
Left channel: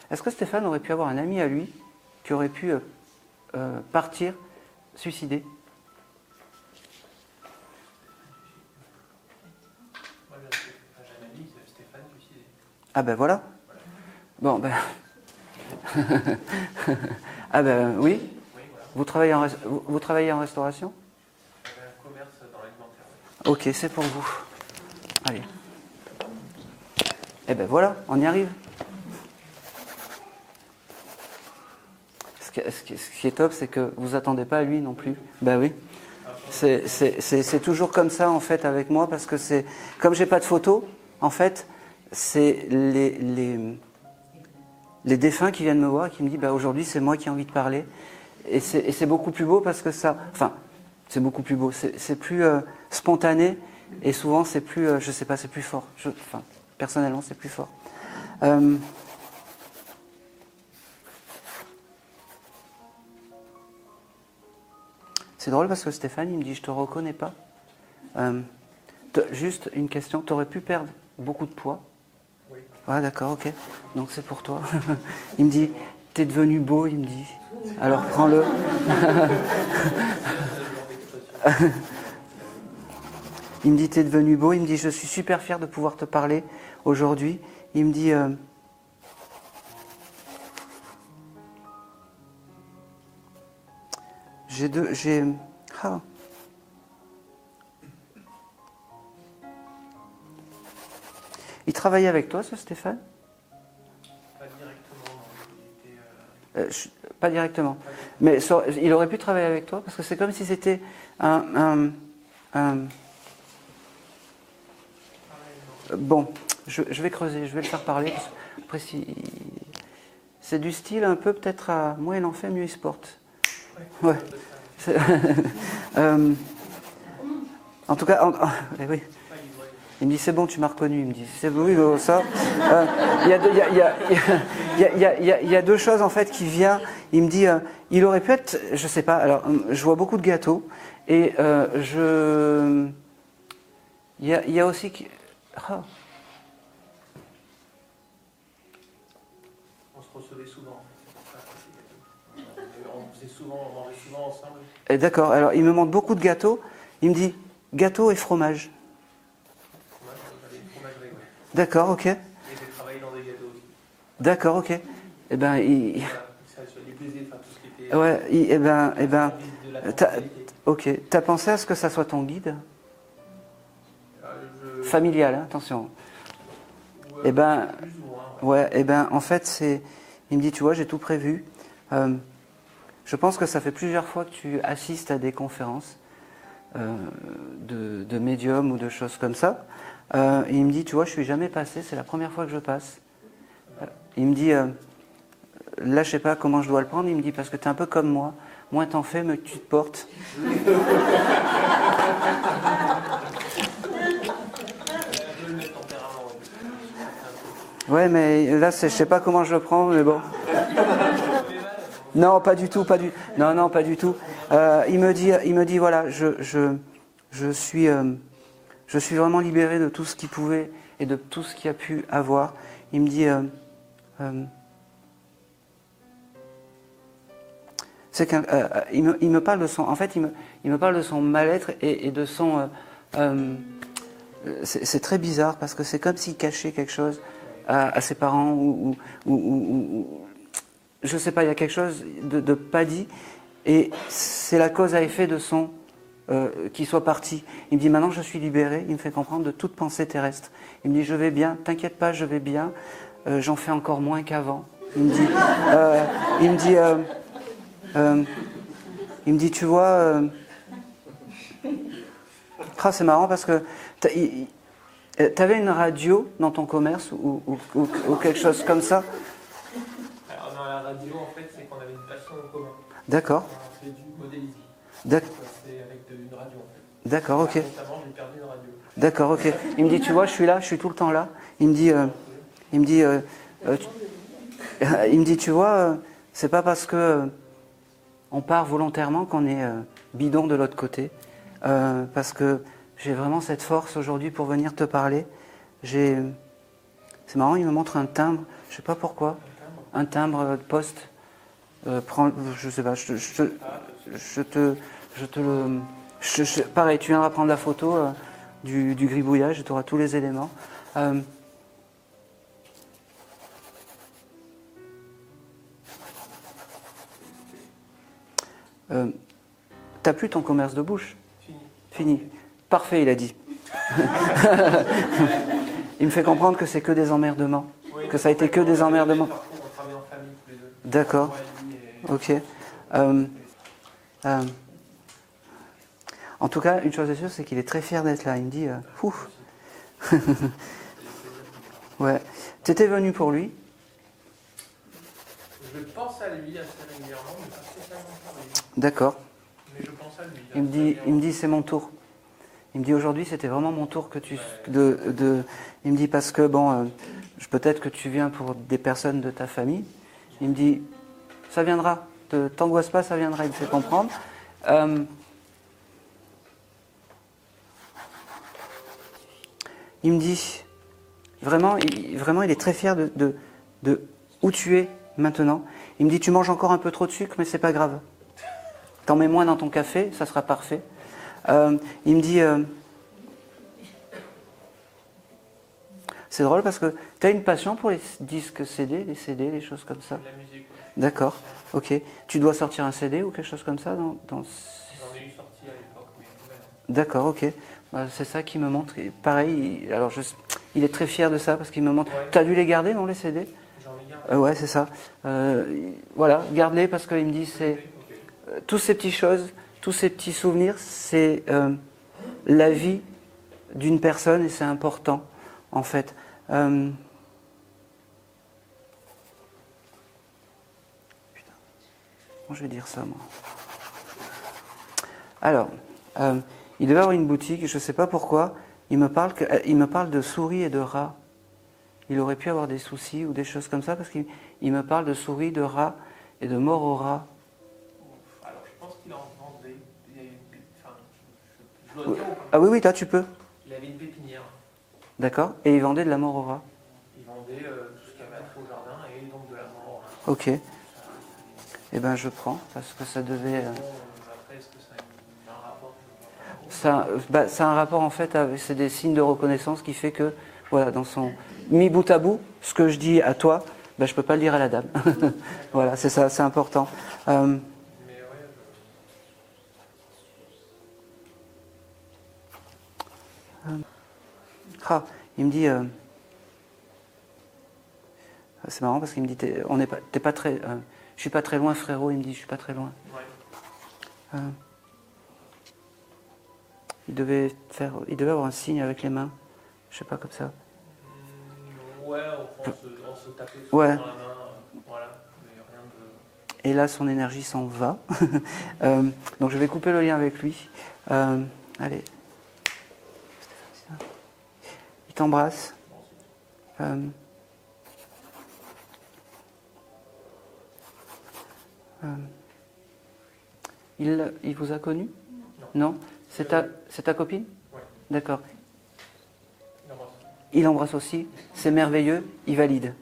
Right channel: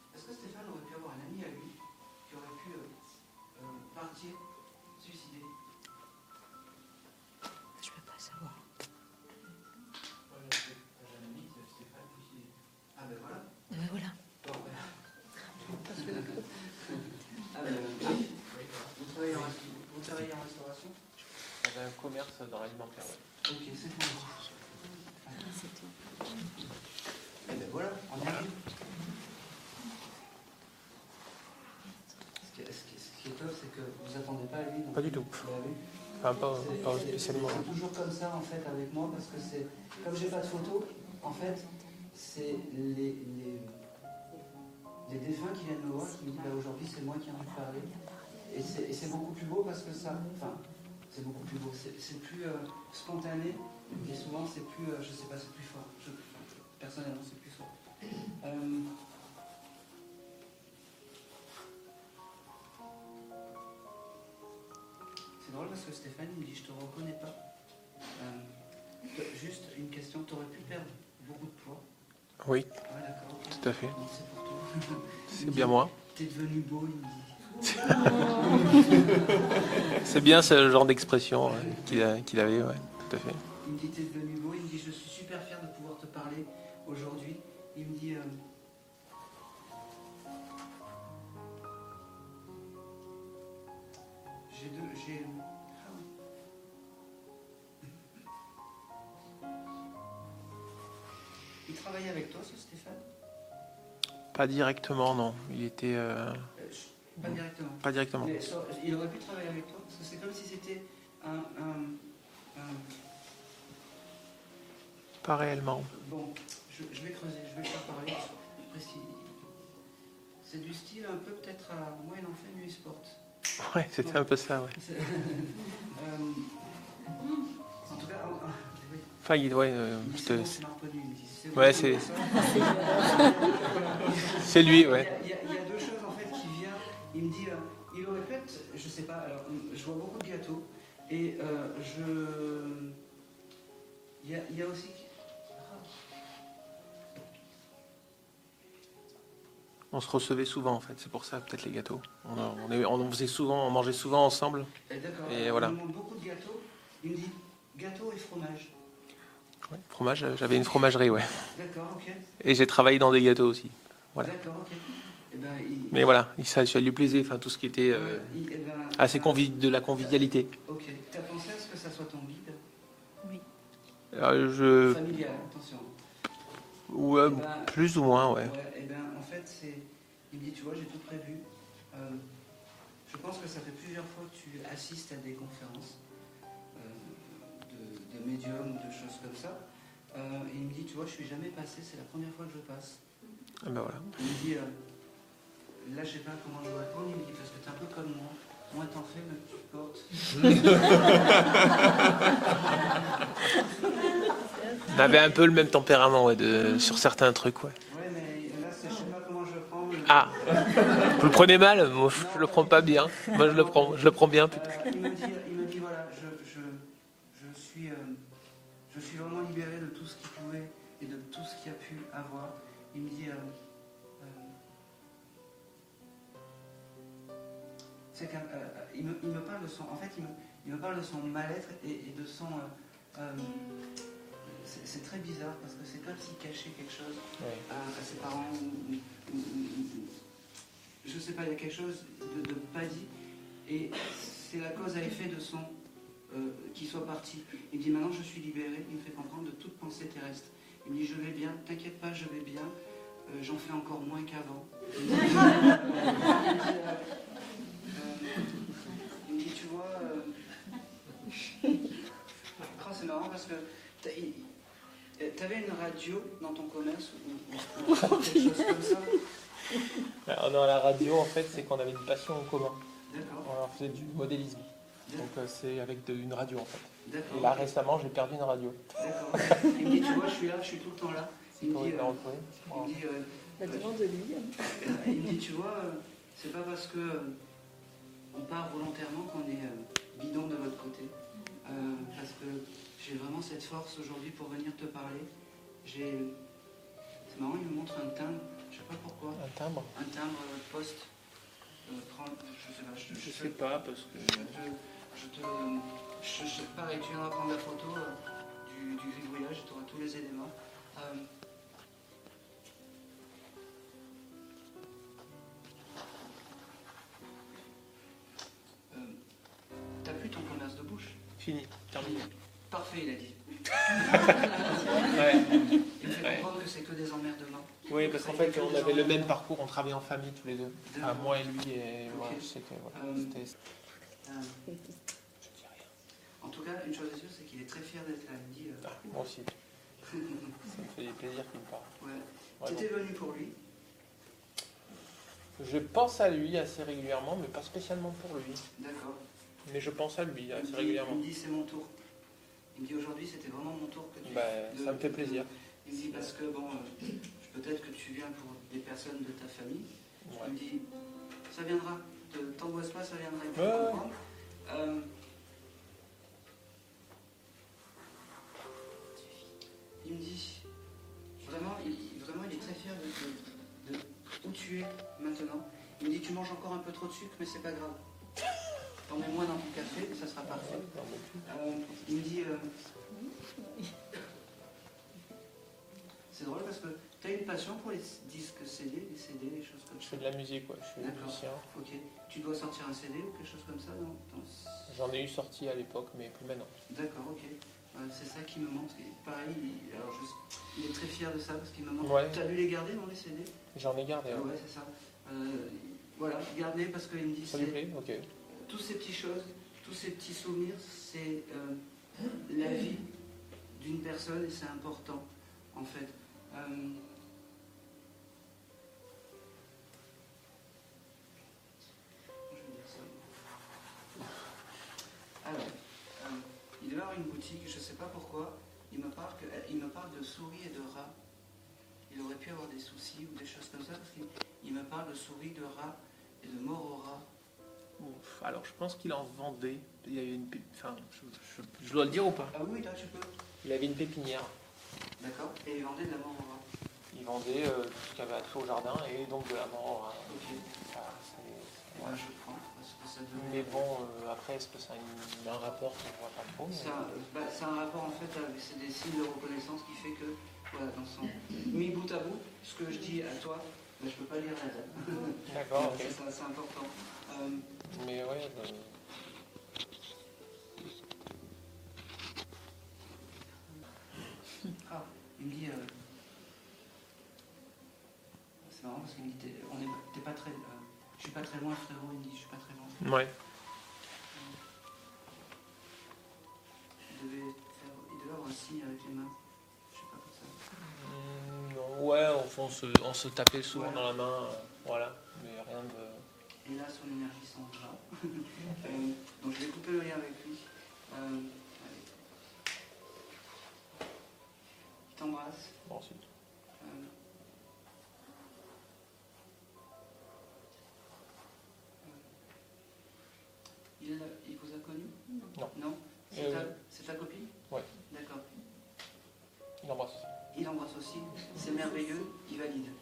Est-ce que Stéphane aurait pu avoir un ami à lui qui aurait pu partir, suicider? Ah ben voilà. Bon ben. Ah ben oui. Vous travaillez en restauration? Un commerce dans l'alimentaire. Ok, c'est pour vous. Allez. Eh ben voilà, on y arrive. Ce qui est top, c'est que vous attendez pas à lui non Pas plus. du tout. Ben oui. Enfin, C'est toujours comme ça en fait avec moi parce que c'est comme j'ai pas de photos, en fait, c'est les défunts qui viennent me voir et qui me disent bah, aujourd'hui c'est moi qui ai envie de parler et c'est beaucoup plus beau parce que ça, enfin c'est beaucoup plus beau, c'est plus spontané et souvent c'est plus, je sais pas, c'est plus fort. Enfin personnellement c'est plus fort. C'est drôle parce que Stéphane, il me dit, je te reconnais pas. Juste une question, tu aurais pu perdre beaucoup de poids? Oui, Ah d'accord, ok. tout à fait. Donc c'est pour toi. Il me dit, C'est à moi. t'es devenu beau, il me dit. Alors prends-le. C'est bien ce genre d'expression qu'il avait, ouais, tout à fait. Il me dit, t'es devenu beau. Il me dit, je suis super fier de pouvoir te parler aujourd'hui. Il me dit, ah. Il travaillait avec toi, ce Stéphane? Pas directement, non. Il était... Pas directement. Pas directement. Mais il aurait pu travailler avec toi parce que c'est comme si c'était un Pas réellement. Bon, je vais creuser, je vais le faire parler. Après, c'est du style un peu peut-être à moins il en fait, mieux il se porte. Ouais, c'était Ouais. un peu ça, ouais. En tout cas, oui. Enfin, ouais, Il me dit c'est bon, tu m'as reconnu. Il me dit c'est bon, Ouais, Hugo, c'est- ça. C'est lui, ouais. Il y a deux choses en fait qui viennent. Il me dit il aurait pu être, je sais pas. Alors, je vois beaucoup de gâteaux et il y a aussi ah. On se recevait souvent, en fait. C'est pour ça, peut-être, les gâteaux. On faisait souvent, on mangeait souvent ensemble. D'accord. Alors, il Voilà. me montre beaucoup de gâteaux. Il me dit gâteau et fromage. Fromage, j'avais une fromagerie, ouais. D'accord, ok. Et j'ai travaillé dans des gâteaux aussi. Voilà. D'accord, ok. Eh ben, Mais voilà, ça lui plaisait, enfin, tout ce qui était ouais, de la convivialité. ok. T'as pensé à ce que ça soit ton guide familial, hein, attention. Ouais, Eh ben, plus ou moins, ouais. Ouais, eh ben, en fait, il me dit, tu vois, j'ai tout prévu. Je pense que ça fait plusieurs fois que tu assistes à des conférences de médiums ou de choses comme ça. Et il me dit, tu vois, je suis jamais passé, c'est la première fois que je passe. Ah ben voilà. Il me dit, là, je sais pas comment je dois le prendre. Il me dit, parce que tu es un peu comme moi. Moins t'en fais, mieux tu te portes. On avait un peu le même tempérament, ouais, sur certains trucs. Ouais. Ouais, mais là, je sais pas comment je le prends. Mais bon. Ah, vous le prenez mal? Moi, je Non, le pas prends du tout, pas bien. du Moi, non, je non, le pas prends- du Je tout. le prends bien. Il me dit, voilà, je suis vraiment libéré de tout ce qu'il pouvait et de tout ce qu'il a pu avoir. Il me dit, c'est qu'un, il me parle de son, en fait, il me parle de son mal-être et de son, c'est très bizarre parce que c'est comme s'il cachait quelque chose à ses parents ou je sais pas, il y a quelque chose de pas dit et c'est la cause à effet de son qu'il soit parti. Il me dit maintenant je suis libéré, il me fait comprendre de toute pensée terrestre. Il me dit je vais bien, t'inquiète pas, je vais bien, j'en fais encore moins qu'avant. Il me dit tu vois, c'est marrant parce que t'avais une radio dans ton commerce ou quelque chose comme ça? On a la radio, en fait, c'est qu'on avait une passion en commun. D'accord. On faisait du modélisme. D'ac- C'est avec une radio, en fait. D'accord, Là, ok. récemment, j'ai perdu une radio. D'accord, ok. Il me dit, tu vois, je suis là, je suis tout le temps là. Il me dit, tu vois, c'est pas parce que on part volontairement qu'on est bidon de l'autre côté. Parce que j'ai vraiment cette force aujourd'hui pour venir te parler. C'est marrant, il me montre un timbre, je ne sais pas pourquoi, un timbre de poste. Je sais pas, pareil, tu viendras prendre la photo du gribouillage et tu auras tous les éléments. T'as plus ton commerce de bouche? Fini. Parfait, il a dit. Il me fait comprendre que c'est que des emmerdements. Oui, que ça a été que des emmerdements. On travaille en famille tous les deux. D'accord. Moi et lui, et Ok. En tout cas, une chose est sûre, c'est qu'il est très fier d'être là. Il me dit, ouf. Ouais. T'étais venu pour lui? Je pense à lui assez régulièrement, mais pas spécialement pour lui. D'accord. Mais je pense à lui. Il me dit, c'est mon tour. Il me dit, aujourd'hui, c'était vraiment mon tour que tu... Il me dit, parce que, bon, peut-être que tu viens pour des personnes de ta famille. Il me dit, ça viendra. Ne t'angoisse pas, ça viendra. Il me fait comprendre. Il me dit, vraiment, il est très fier de où tu es maintenant. Il me dit, tu manges encore un peu trop de sucre, mais c'est pas grave. T'en mets moins dans ton café, ça sera parfait. Il me dit, c'est drôle parce que tu as une passion pour les disques CD, les CD, les choses comme ça. La musique, ouais. D'accord, ok. Tu dois sortir un CD ou quelque chose comme ça dans... J'en ai eu sorti à l'époque, mais maintenant. D'accord, ok. C'est ça qui me montre. Et pareil, il est très fier de ça parce qu'il me montre. Ouais. Tu as dû les garder, non, les CD? J'en ai gardé. Ouais, c'est ça. Voilà, garde-les parce qu'il me dit, c'est Ok. toutes ces petites choses, tous ces petits souvenirs, c'est la vie d'une personne et c'est important, en fait. Putain. Comment je vais dire ça, moi? Alors, il devait avoir une boutique, je ne sais pas pourquoi, il me parle de souris et de rats. Il aurait pu avoir des soucis ou des choses comme ça, parce qu'il me parle de souris, de rats et de mort aux rats. Alors, je pense qu'il en vendait. Il y avait une enfin, je dois le dire ou pas? Ah oui, là tu peux. Il avait une pépinière. D'accord. Et il vendait de la mort aux rats. Il vendait tout ce qu'il y avait à faire au jardin et donc de la mort aux rats. Ok. Eh ben je prends, parce que ça devait... Après, est-ce que ça a un rapport que je vois pas trop? Ça a un rapport en fait, c'est des signes de reconnaissance qui fait que, voilà, dans son... Mis bout à bout, ce que je dis à toi, je ne peux pas le dire à la dame. Voilà, c'est ça, c'est important. Mais ouais, il me dit... c'est marrant parce qu'il me dit, t'es pas très... je suis pas très loin, frérot. Il me dit, je suis pas très loin. ouais. Il devait avoir un signe avec les mains. Je sais pas, comme ça. Ouais, enfin, on se tapait souvent Ouais. dans la main. Voilà, mais rien de... Et là, son énergie s'en va. Donc je vais couper le lien avec lui. Allez. Il t'embrasse. Bon, c'est bien. Il vous a connu? Non. Non. C'est ta copine? Ouais. D'accord. Il embrasse. Il embrasse aussi. C'est merveilleux. Il valide.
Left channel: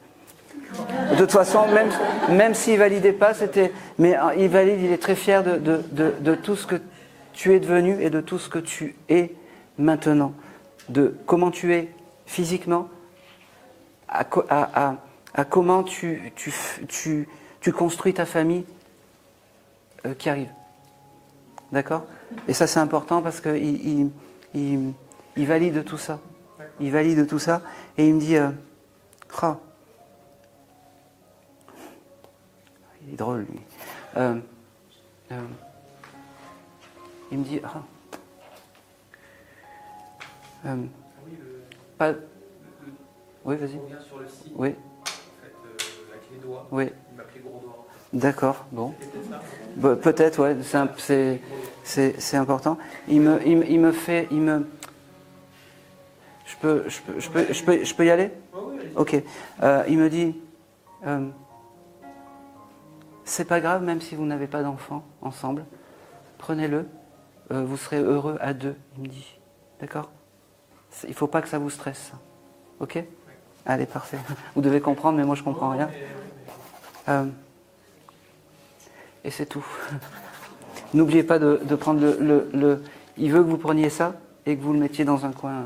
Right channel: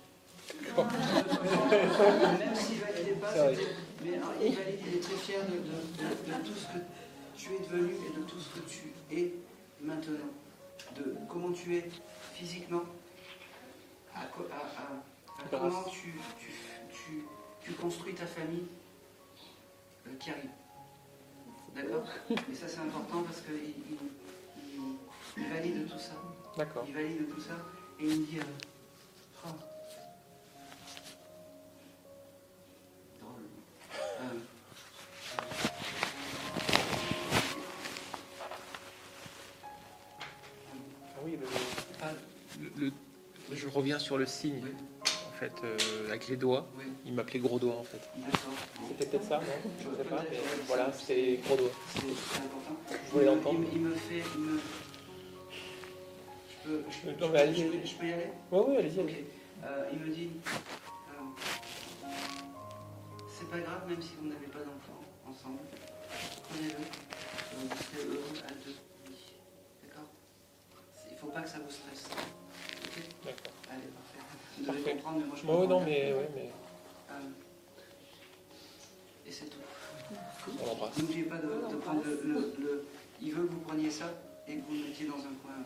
De toute façon, même s'il validait pas, mais il valide. Il est très fier de tout ce que tu es devenu et de tout ce que tu es maintenant, de comment tu es physiquement, à comment tu construis ta famille qui arrive. D'accord? Et ça, c'est important parce qu'il valide tout ça. D'accord. Il valide tout ça et il me dit il est drôle, lui. Il me dit Oui, pas... je Oui, vas-y. reviens sur le signe. Oui, En fait, avec les doigts. oui. Il m'appelait gros doigt, en fait. D'accord, bon. C'était peut-être ça, non? Peut-être, ouais, Gros doigt. c'est important. Il me fait... Je peux y aller? Ouais, allez-y. Ok. Il me dit, c'est pas grave même si vous n'avez pas d'enfant ensemble, prenez-le, vous serez heureux à deux. Il me dit, D'accord? Il ne faut pas que ça vous stresse. Ok? Allez, parfait. Vous devez comprendre, mais moi je comprends rien. Et c'est tout. N'oubliez pas de prendre le... Il veut que vous preniez ça et que vous le mettiez dans un coin.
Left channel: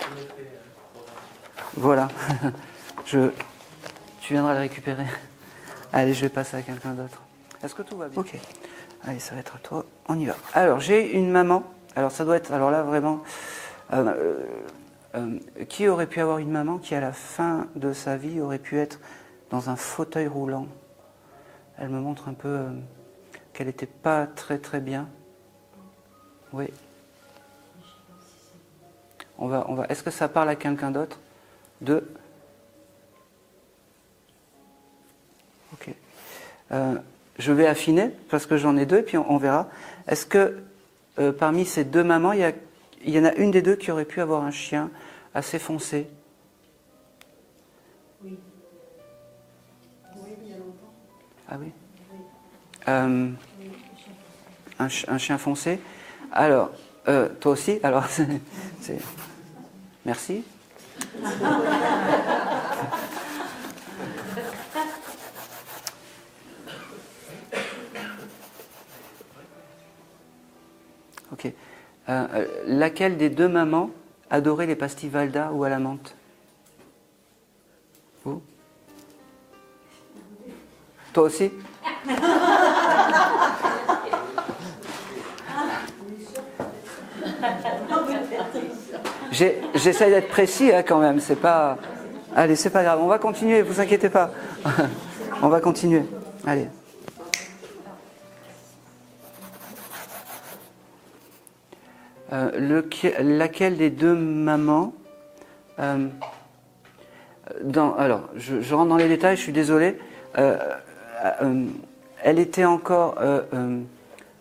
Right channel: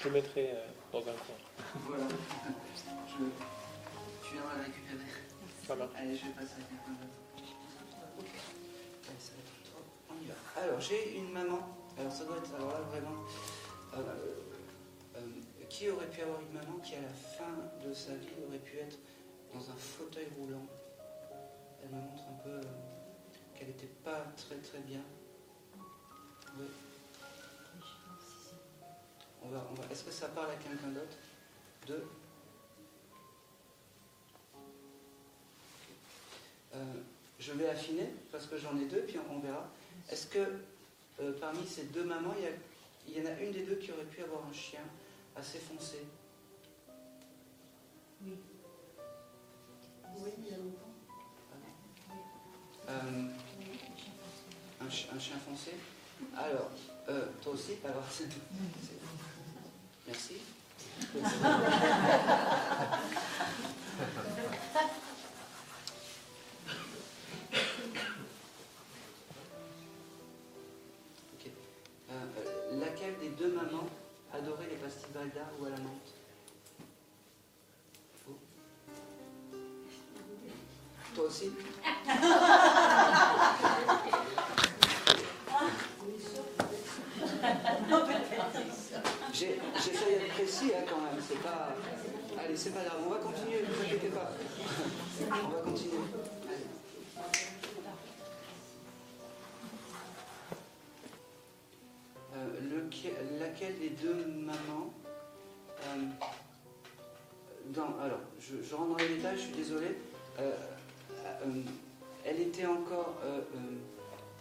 Je le mettrai dans un coin. Voilà. Tu viendras le récupérer. Allez, je vais passer à quelqu'un d'autre. Est-ce que tout va bien? Ok. Allez, ça va être à toi. On y va. Alors, j'ai une maman. Alors, ça doit être... Alors là, vraiment... qui aurait pu avoir une maman qui, à la fin de sa vie, aurait pu être dans un fauteuil roulant? Elle me montre un peu qu'elle n'était pas très très bien. Oui. On va. Est-ce que ça parle à quelqu'un d'autre? Ok. Je vais affiner parce que j'en ai deux et puis on verra. Est-ce que parmi ces deux mamans, il y en a une des deux qui aurait pu avoir un chien assez foncé? Oui. Oui, il y a longtemps. Ah oui. Un chien foncé. Alors, toi aussi. Alors, merci. Ok. Laquelle des deux mamans adorait les pastilles Valda ou à la menthe? Vous? Toi aussi? J'essaie d'être précis hein, quand même, c'est pas... Allez, c'est pas grave, on va continuer, vous inquiétez pas. On va continuer, allez. Laquelle des deux mamans alors, je rentre dans les détails, je suis désolé. Elle était encore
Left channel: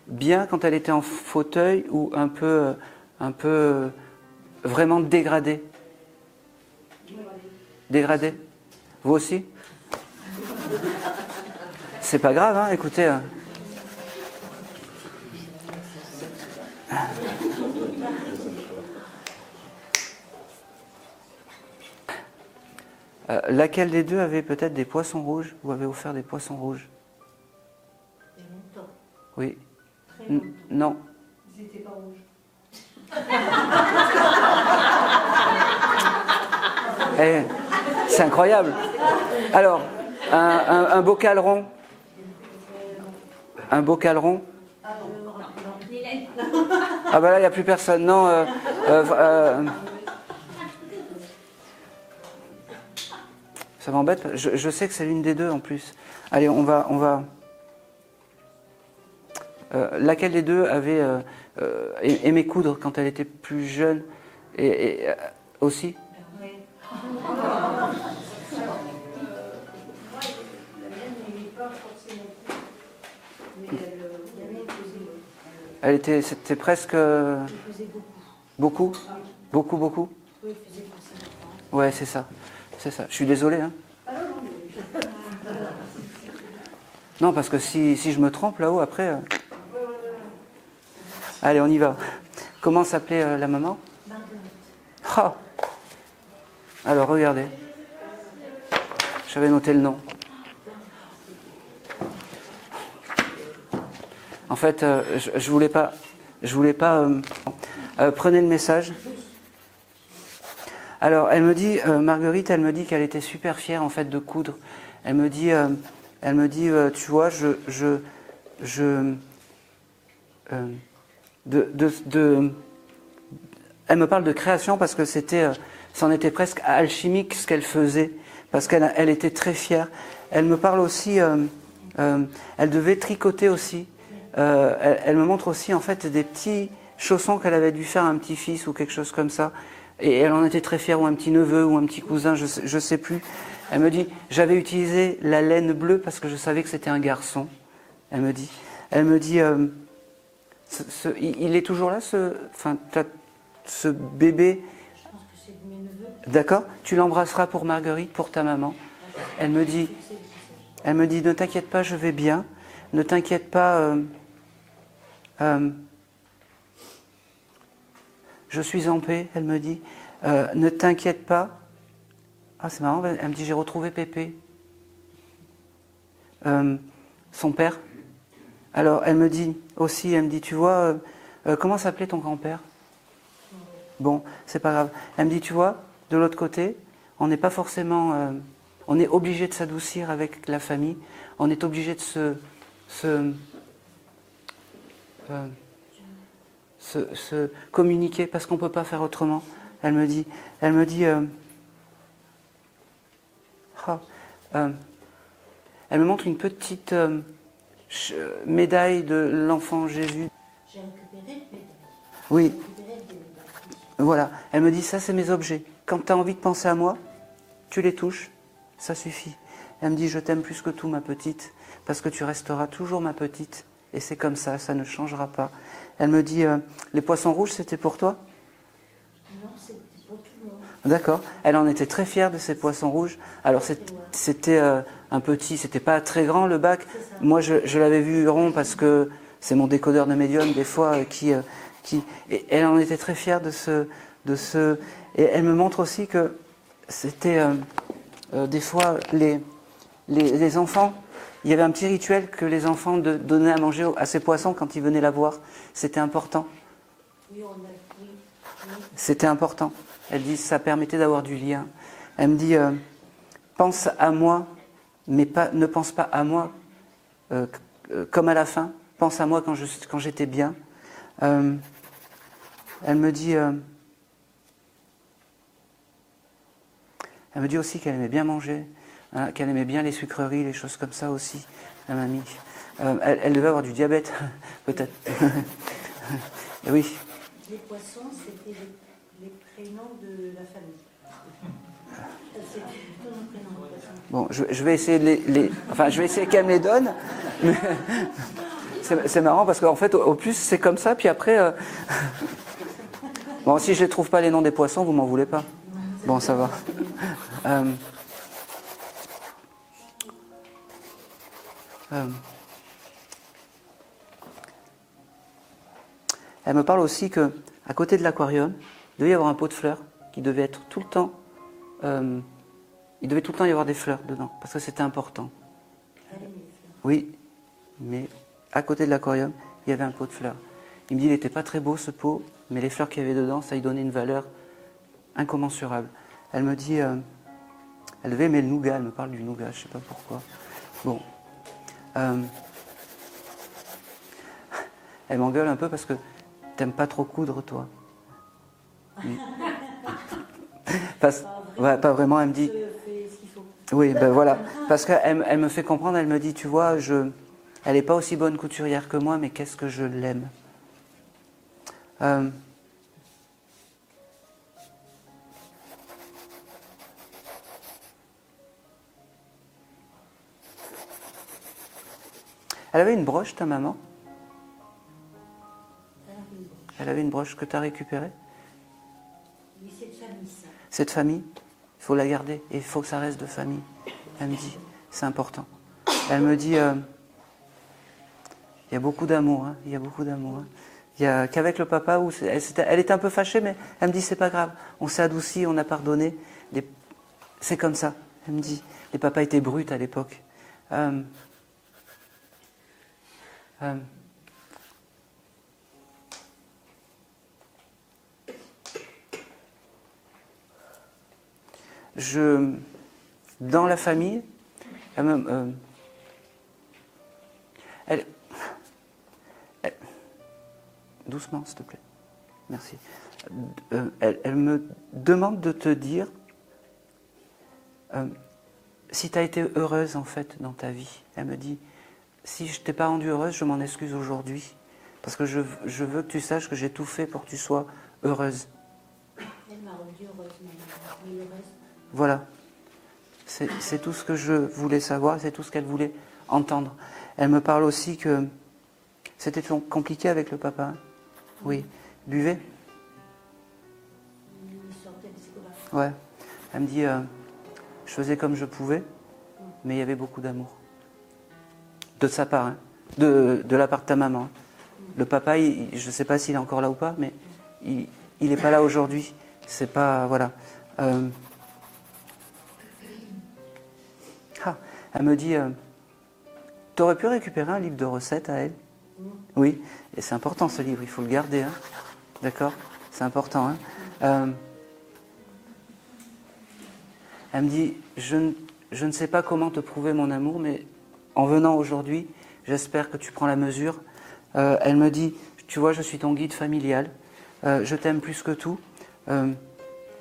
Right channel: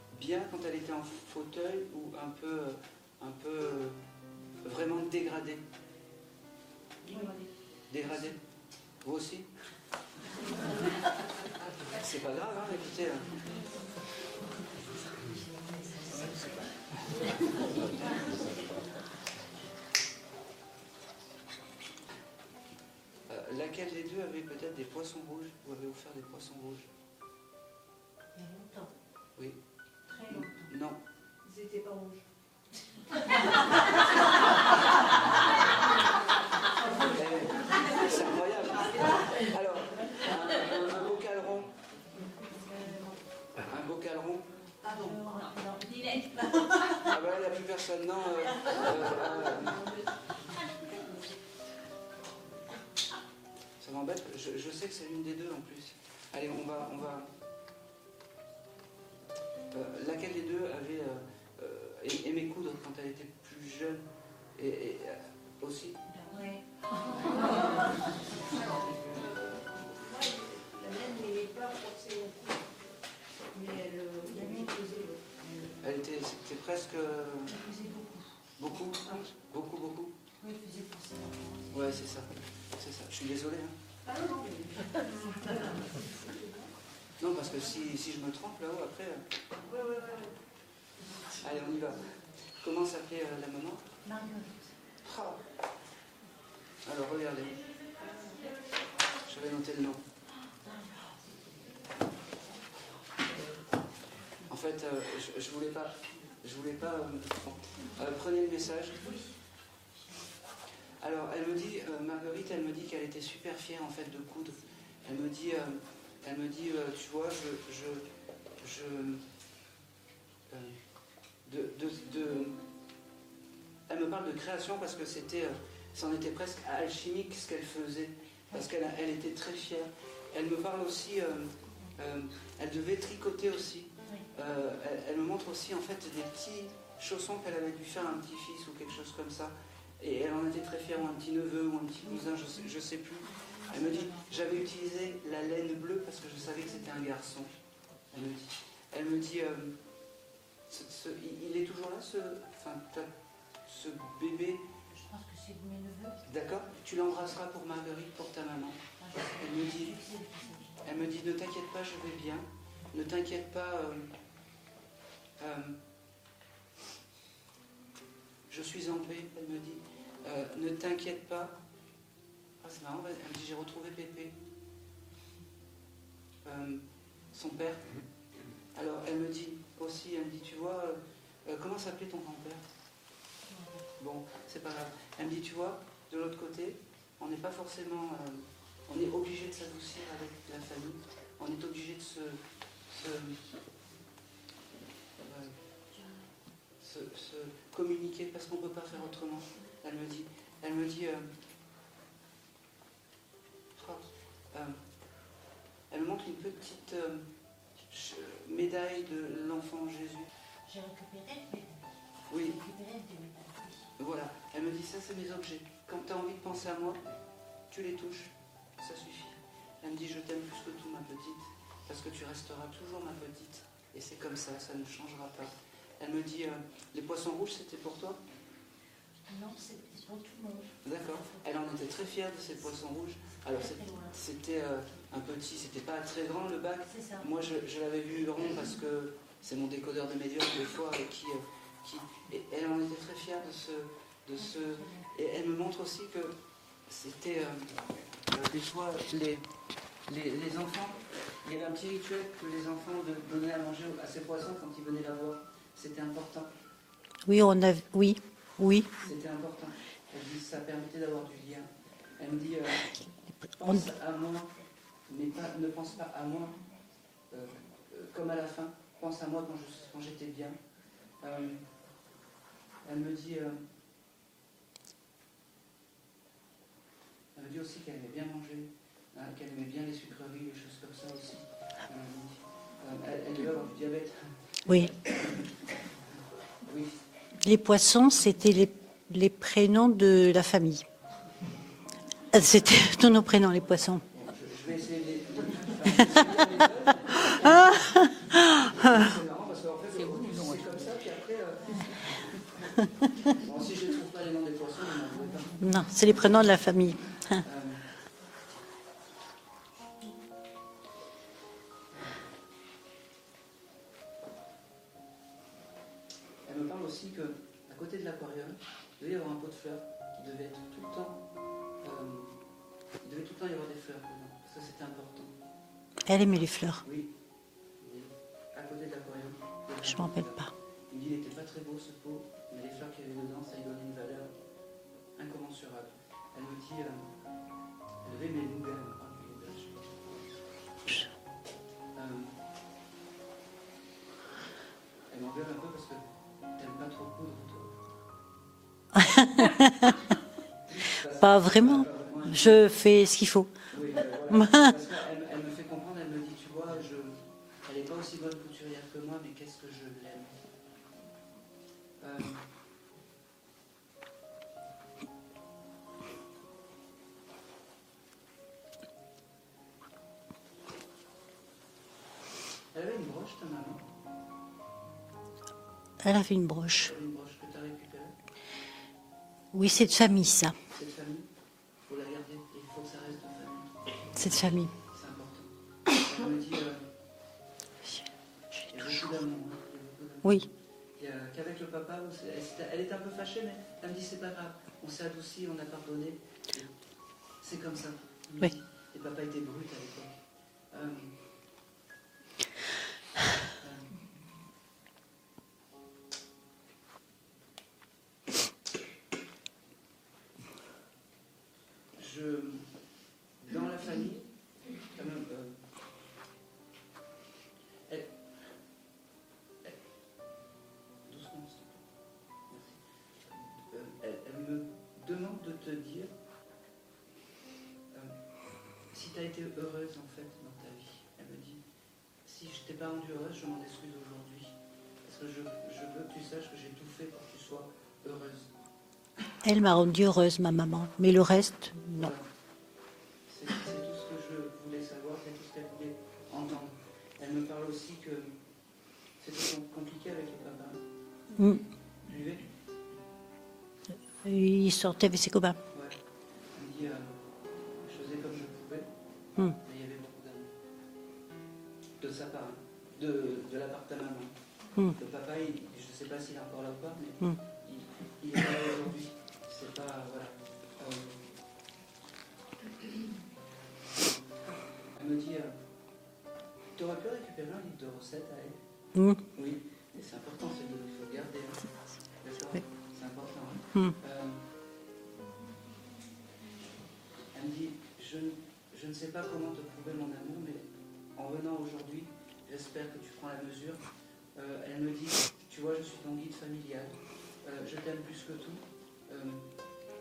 bien quand elle était en fauteuil ou un peu vraiment dégradée? Dégradée. Vous aussi? C'est pas grave, hein, écoutez. Laquelle des deux avait peut-être des poissons rouges? Vous avez offert des poissons rouges? Il y a longtemps. Oui. Très longtemps. Non. Ils n'étaient pas rouges. C'est incroyable. Alors, un bocal rond. Un bocal rond. Ah bah là, il n'y a plus personne. Non. Ça m'embête. Je sais que c'est l'une des deux en plus. Allez, on va. Laquelle des deux avait aimé coudre quand elle était plus jeune et aussi? C'était presque... Beaucoup? Beaucoup, beaucoup? Oui, il faisait pour ça. Ouais, c'est ça. C'est ça. Je suis désolé. Hein. Non, parce que si je me trompe là-haut, après... Allez, on y va. Comment s'appelait la maman? Oh. Alors, regardez. J'avais noté le nom. En fait, je voulais pas... prenez le message. Alors, elle me dit, Marguerite, elle me dit qu'elle était super fière en fait de coudre. Elle me dit, tu vois, elle me parle de création parce que c'en était presque alchimique ce qu'elle faisait, parce qu'elle était très fière. Elle me parle aussi, elle devait tricoter aussi. Elle me montre aussi en fait des petits chaussons qu'elle avait dû faire à un petit-fils ou quelque chose comme ça. Et elle en était très fière, ou un petit neveu, ou un petit cousin, je sais plus. Elle me dit, j'avais utilisé la laine bleue parce que je savais que c'était un garçon. Elle me dit, il est toujours là, ce bébé. Je pense que c'est de mes neveux. D'accord. Tu l'embrasseras pour Marguerite, pour ta maman. Elle me dit, ne t'inquiète pas, je vais bien. Ne t'inquiète pas. je suis en paix, elle me dit. Ne t'inquiète pas. Ah, c'est marrant, elle me dit, j'ai retrouvé Pépé. Son père. Alors, elle me dit aussi, elle me dit, tu vois, comment s'appelait ton grand-père? Bon, c'est pas grave. Elle me dit, tu vois, de l'autre côté, on n'est pas forcément... on est obligé de s'adoucir avec la famille. On est obligé de se communiquer parce qu'on ne peut pas faire autrement. Elle me dit elle me montre une petite médaille de l'enfant Jésus. J'ai récupéré le médaille. Oui, J'ai récupéré des médailles. voilà. Elle me dit, ça c'est mes objets. Quand tu as envie de penser à moi, tu les touches, ça suffit. Elle me dit, je t'aime plus que tout, ma petite, parce que tu resteras toujours ma petite. Et c'est comme ça ne changera pas. Elle me dit, les poissons rouges, c'était pour toi? Non, c'est pour tout le monde. D'accord. Elle en était très fière de ces poissons rouges. Alors c'était un petit, c'était pas très grand le bac. Moi je l'avais vu rond parce que c'est mon décodeur de médium des fois qui et elle en était très fière de ce et elle me montre aussi que c'était des fois les enfants. Il y avait un petit rituel que les enfants donnaient à manger à ces poissons quand ils venaient la voir. C'était important. Oui, oui. C'était important. Elle dit, ça permettait d'avoir du lien. Elle me dit, pense à moi, mais ne pense pas à moi comme à la fin. Pense à moi quand j'étais bien. Elle me dit aussi qu'elle aimait bien manger, hein, qu'elle aimait bien les sucreries, les choses comme ça aussi, la mamie. Elle devait avoir du diabète, peut-être. Oui. Oui. Les poissons, c'était les prénoms de la famille. C'était tous nos prénoms, les poissons. Bon, je vais essayer je vais essayer qu'elle me les donne. C'est marrant parce qu'en fait, au plus, c'est comme ça, puis après... Bon, si je ne trouve pas les noms des poissons, vous m'en voulez pas. Non, c'est Bon, les prénoms de la famille. Elle me parle aussi qu'à côté de l'aquarium, il devait y avoir un pot de fleurs qui devait être tout le temps... il devait tout le temps y avoir des fleurs dedans, parce que c'était important. Elle aimait les fleurs. Oui, mais à côté de l'aquarium, il y avait un pot de fleurs. Il me dit, il n'était pas très beau ce pot, mais les fleurs qu'il y avait dedans, ça lui donnait une valeur incommensurable. Elle me dit, elle devait aimer le nougat, elle me parle du nougat, je ne sais pas pourquoi. Bon. Elle m'engueule un peu parce que t'aimes pas trop coudre, toi. Pas vraiment. Ouais, pas vraiment. Elle me dit, je fais ce qu'il faut. oui, ben voilà. Parce qu'elle me fait comprendre, elle me dit, tu vois, elle n'est pas aussi bonne couturière que moi, mais qu'est-ce que je l'aime. Elle avait une broche, ta maman? Elle avait une broche. Elle avait une broche que tu as récupérée? Oui, c'est de famille, ça. C'est de famille? Il faut la garder et il faut que ça reste de famille. C'est de famille. C'est important. Elle me dit, il y a beaucoup d'amour, hein, il y a beaucoup d'amour. Oui. Hein. Il y a qu'avec le papa, où elle était un peu fâchée, mais elle me dit, c'est pas grave, on s'est adouci, on a pardonné. C'est comme ça, elle me dit. Les papas étaient bruts à l'époque. Dans la famille, doucement, s'il te plaît. Merci. Elle me demande de te dire si tu as été heureuse, en fait, dans ta vie. Elle me dit, si je ne t'ai pas rendue heureuse, je m'en excuse aujourd'hui. Parce que je veux que tu saches que j'ai tout fait pour que tu sois heureuse. Elle m'a rendue heureuse, ma maman. Mais le reste... Voilà. C'est tout ce que je voulais savoir, c'est tout ce qu'elle voulait entendre. Elle me parle aussi que c'était compliqué avec le papa. Hein. Oui. Buvait? Il sortait avec ses copains. Ouais. Elle me dit, je faisais comme je pouvais, mais il y avait beaucoup d'amour. De sa part, hein. De la part de ta maman. Le papa, je ne sais pas s'il est encore là ou pas, mais il il n'est pas là aujourd'hui. C'est pas... Voilà. Elle me dit, tu aurais pu récupérer un livre de recettes à elle? Oui, et c'est important ce livre, il faut le garder. Hein. D'accord? C'est important. Hein. Elle me dit, je ne sais pas comment te prouver mon amour, mais en venant aujourd'hui, j'espère que tu prends la mesure. Elle me dit, tu vois, je suis ton guide familial, je t'aime plus que tout. Et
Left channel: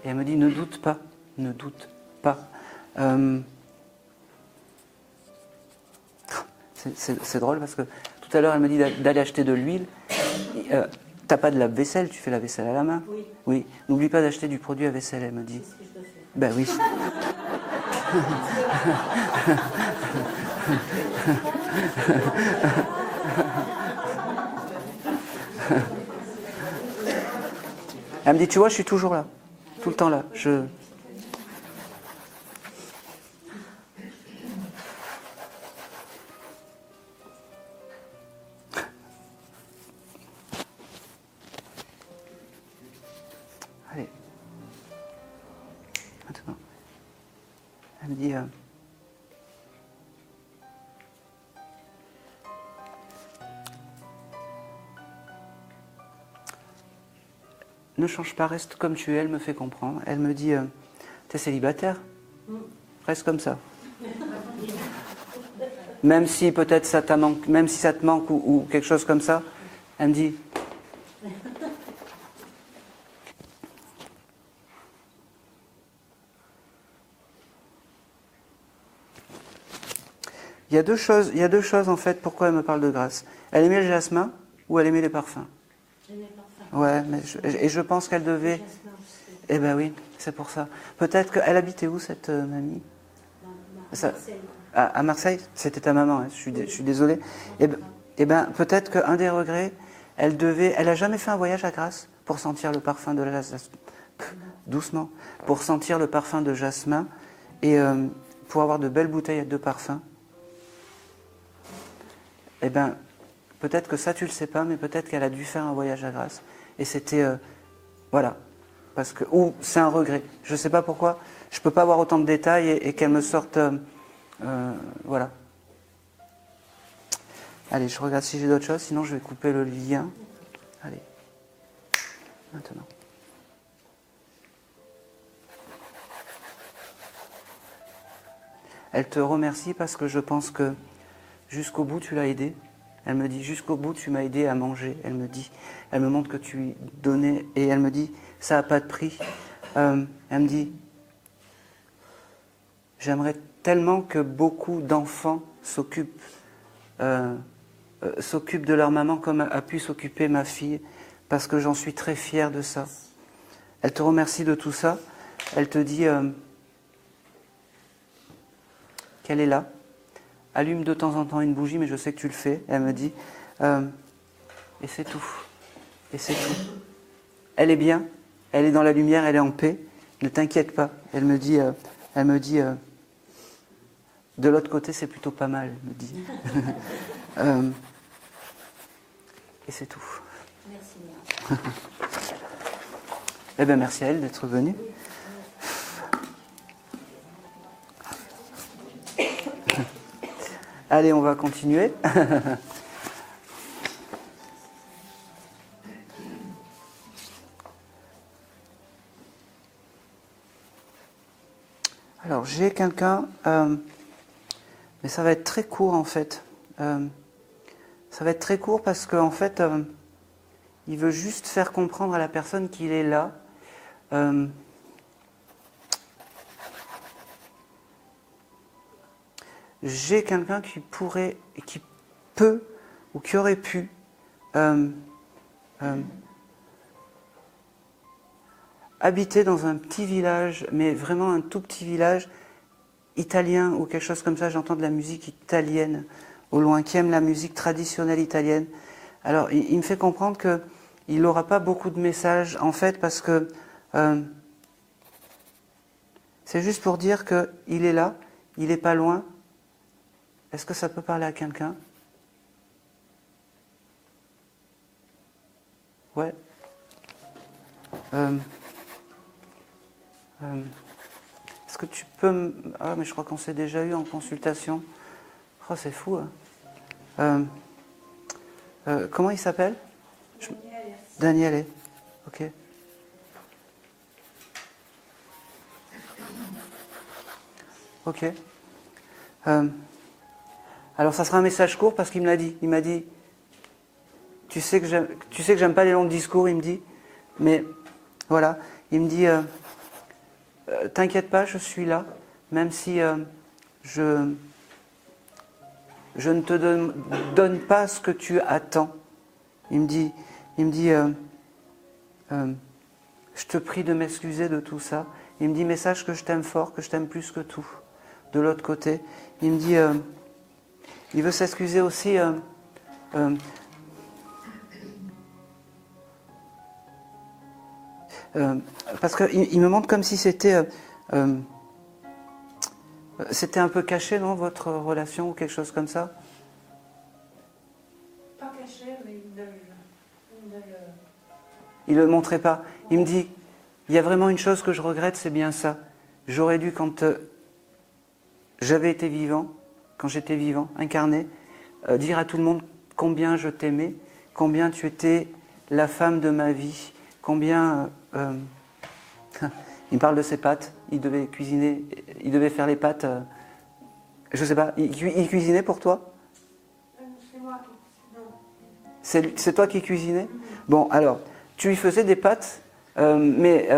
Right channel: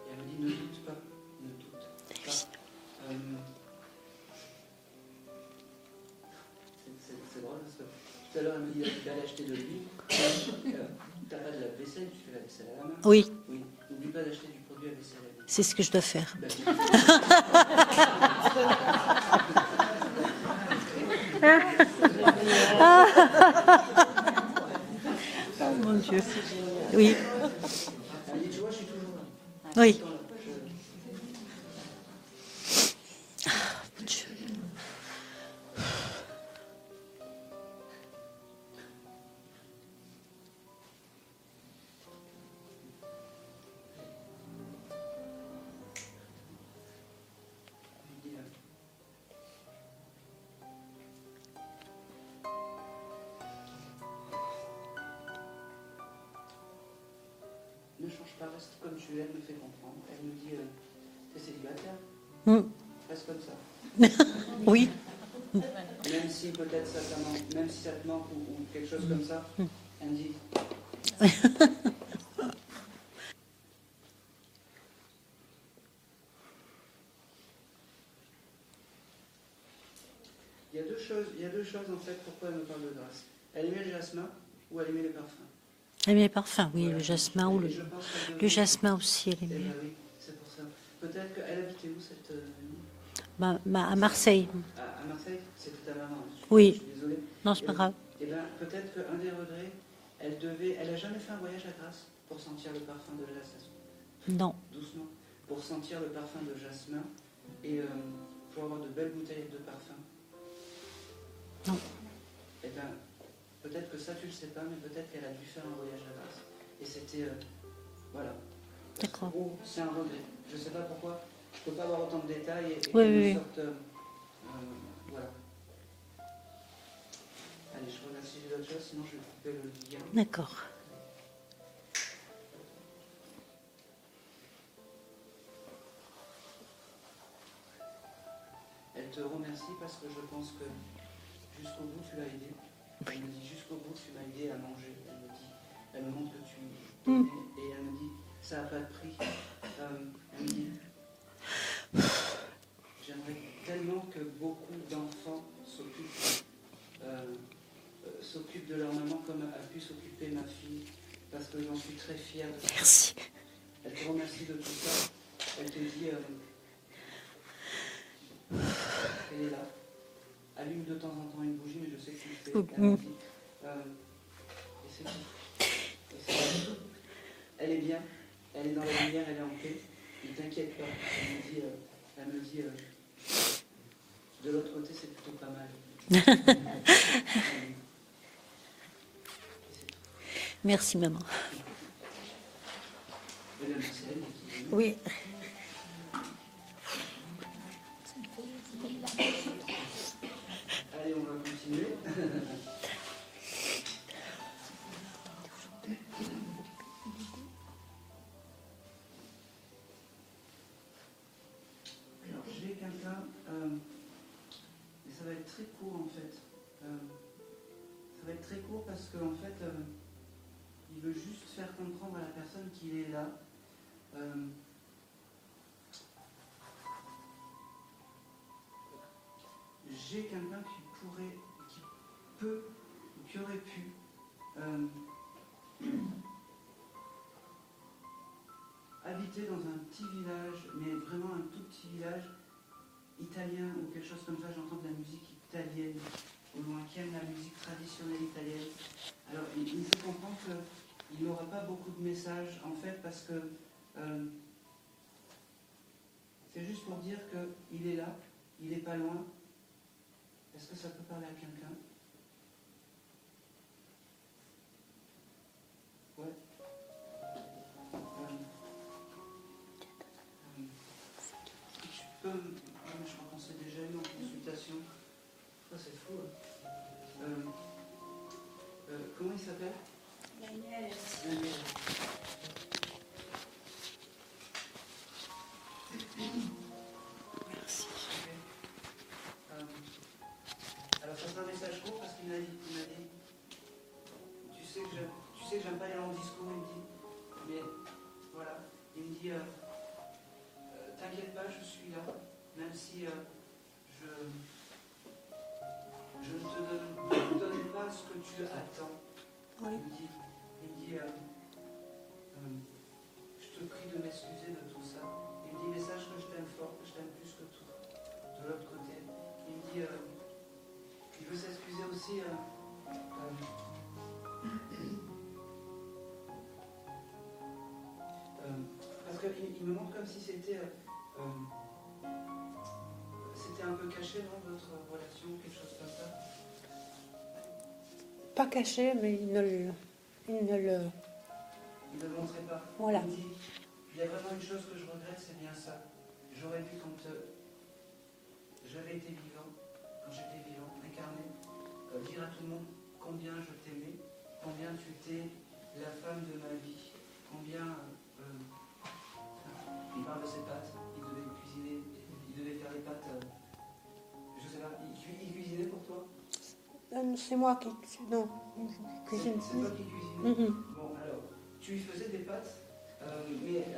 elle me dit, ne doute pas, ne doute pas. C'est drôle parce que tout à l'heure, elle me dit d'aller acheter de l'huile. T'as pas de lave-vaisselle, tu fais la vaisselle à la main. Oui. Oui. N'oublie pas d'acheter du produit à vaisselle, elle me dit. C'est ce que je dois faire. Ben oui. Mon Dieu. Oui. Elle me dit, tu vois, je suis toujours là. Tout le temps là. Allez. Maintenant. Elle me dit... ne change pas, reste comme tu es, elle me fait comprendre. Elle me dit, t'es célibataire? Reste comme ça. Oui. Même si peut-être ça te manque, même si ça te manque ou quelque chose comme ça, elle me dit. Il y a deux choses en fait pourquoi elle me parle de grâce. Elle aimait le jasmin ou elle aimait les parfums? Elle aimait les parfums, oui, Ouais, le jasmin. et je pense qu'elle devait... Le jasmin aussi. Eh bien oui, c'est pour ça. Peut-être qu'elle habitait où cette mamie? À Marseille. À Marseille? C'était ta maman, hein. Oui. Je suis désolé. Non, c'est pas grave. Eh bien, peut-être qu'un des regrets, elle a jamais fait un voyage à Grasse pour sentir le parfum de la... Non. Doucement. Pour sentir le parfum de jasmin et pour avoir de belles bouteilles de parfum. Non. Eh bien, peut-être que ça, tu le sais pas, mais peut-être qu'elle a dû faire un voyage à Grasse. Et c'était... voilà. Parce que... Ou c'est un regret. Je ne sais pas pourquoi. Je ne peux pas avoir autant de détails et qu'elle me sorte... voilà. Allez, je regarde si j'ai d'autres choses, sinon je vais couper le lien. D'accord. Allez. Maintenant. Elle te remercie parce que je pense que jusqu'au bout tu l'as aidée. Elle me dit jusqu'au bout tu m'as aidé à manger. Elle me montre que tu lui donnais et elle me dit ça n'a pas de prix. Elle me dit j'aimerais tellement que beaucoup d'enfants s'occupent de leur maman comme a pu s'occuper ma fille parce que j'en suis très fière de ça. Merci. Elle te remercie de tout ça. Elle te dit qu'elle est là. Allume de temps en temps une bougie, mais je sais que tu le fais. Elle me dit et c'est tout. Et c'est tout. Elle est bien. Elle est dans la lumière. Elle est en paix. Ne t'inquiète pas. Elle me dit de l'autre côté, c'est plutôt pas mal. Elle me dit. Et c'est tout. Merci, maman. Eh bien, merci à elle d'être venue. Oui. Allez, on va continuer. Alors, j'ai quelqu'un, mais ça va être très court en fait. Ça va être très court parce qu'en fait, il veut juste faire comprendre à la personne qu'il est là. J'ai quelqu'un qui pourrait, qui peut, ou qui aurait pu habiter dans un petit village, mais vraiment un tout petit village italien ou quelque chose comme ça. J'entends de la musique italienne au loin, qui aime la musique traditionnelle italienne. Alors, il me fait comprendre qu'il n'aura pas beaucoup de messages, en fait, parce que c'est juste pour dire qu'il est là, il n'est pas loin. Est-ce que ça peut parler à quelqu'un? Ouais. Est-ce que tu peux me... Ah, mais je crois qu'on s'est déjà eu en consultation. Oh, c'est fou. Hein. Comment il s'appelle? Daniel. Ok. Ok. Alors ça sera un message court parce qu'il me l'a dit. Il m'a dit, tu sais que j'aime pas les longs discours, il me dit, mais voilà, il me dit, t'inquiète pas, je suis là, même si je ne te donne pas ce que tu attends. Il me dit, je te prie de m'excuser de tout ça. Il me dit, mais sache que je t'aime fort, que je t'aime plus que tout. De l'autre côté, il me dit, il veut s'excuser aussi. Parce qu'il me montre comme si c'était un peu caché, non, votre relation ou quelque chose comme ça? Pas caché, mais Il ne le montrait pas. Voilà. Il me dit, il y a vraiment une chose que je regrette, c'est bien ça. J'aurais dû, quand j'avais été vivant, quand j'étais vivant, incarné, dire à tout le monde combien je t'aimais, combien tu étais la femme de ma vie, combien... il me parle de ses pâtes, il devait cuisiner, il devait faire les pâtes, je sais pas, il cuisinait pour toi? c'est moi qui... Non. C'est toi qui cuisinais? Mhm. Bon, alors, tu lui faisais des pâtes, mais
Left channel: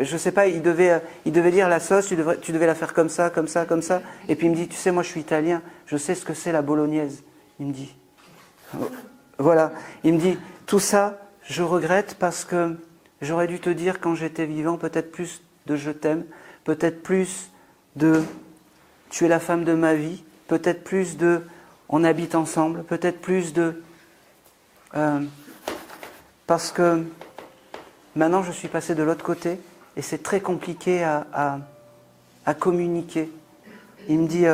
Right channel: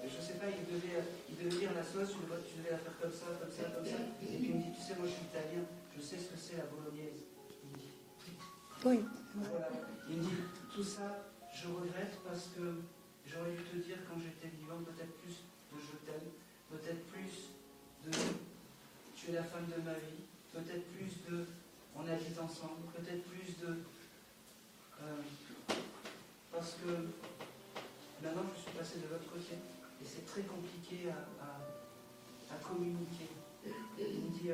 je sais pas, il devait lire la sauce, tu devais la faire comme ça, comme ça, comme ça. Et puis il me dit, tu sais, moi je suis italien, je sais ce que c'est la bolognaise. Il me dit. Voilà, il me dit, tout ça, je regrette parce que j'aurais dû te dire quand j'étais vivant, peut-être plus de je t'aime, peut-être plus de tu es la femme de ma vie, peut-être plus de on habite ensemble, peut-être plus de... parce que maintenant je suis passé de l'autre côté et c'est très compliqué à communiquer. Il me dit,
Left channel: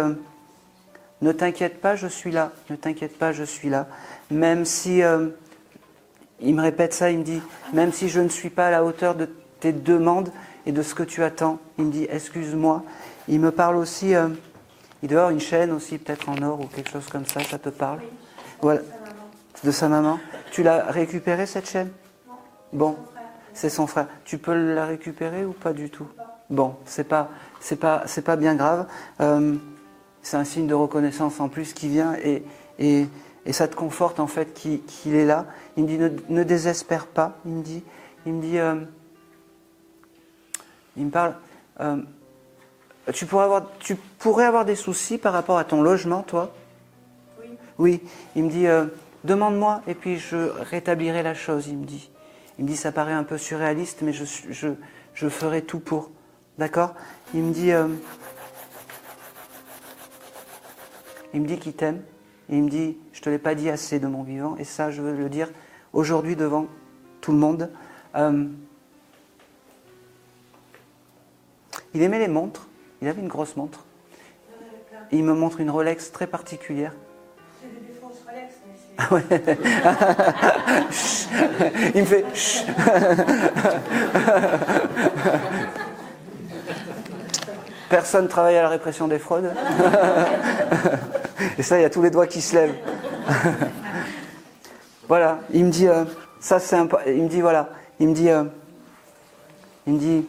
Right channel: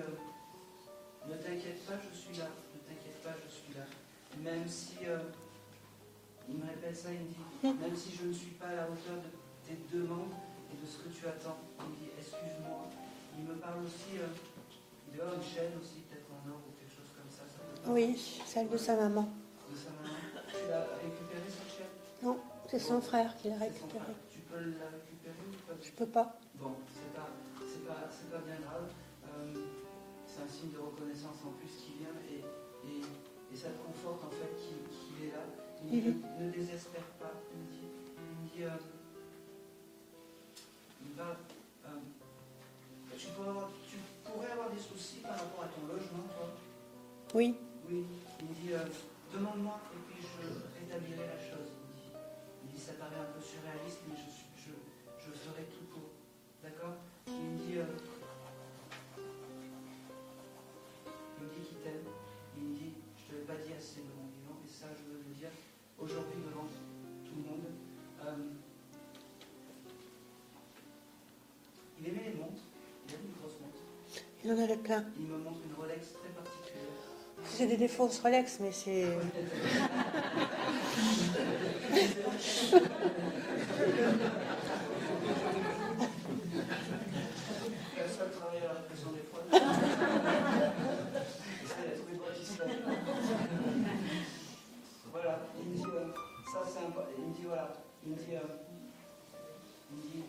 ne t'inquiète pas, je suis là, ne t'inquiète pas, je suis là. Même si, il me répète ça, il me dit, même si je ne suis pas à la hauteur de tes demandes et de ce que tu attends, il me dit, excuse-moi. Il me parle aussi, il doit avoir une chaîne aussi, peut-être en or ou quelque chose comme ça te parle? Oui, c'est Voilà. de sa maman. De sa maman. Tu l'as récupérée cette chaîne? Non, c'est Bon. son frère. C'est son frère. Tu peux la récupérer ou pas du tout? Pas. Bon, c'est pas bien grave. C'est un signe de reconnaissance en plus qui vient et ça te conforte en fait qu'il est là. Il me dit ne désespère pas. Il me parle. Tu pourrais avoir des soucis par rapport à ton logement, toi? Oui. Oui. Il me dit demande-moi et puis je rétablirai la chose. Il me dit ça paraît un peu surréaliste, mais je ferai tout pour. D'accord? Il me dit qu'il t'aime. Et il me dit, je ne te l'ai pas dit assez de mon vivant. Et ça, je veux le dire aujourd'hui devant tout le monde. Il aimait les montres. Il avait une grosse montre. Il en avait plein. Et il me montre une Rolex très particulière. C'est des fausses Rolex, mais c'est... Ouais. Il me fait... Chut. Personne travaille à la répression des fraudes. Et ça, il y a tous les doigts qui se lèvent. Voilà, il me dit, ça c'est un... Il me dit, voilà, il me dit,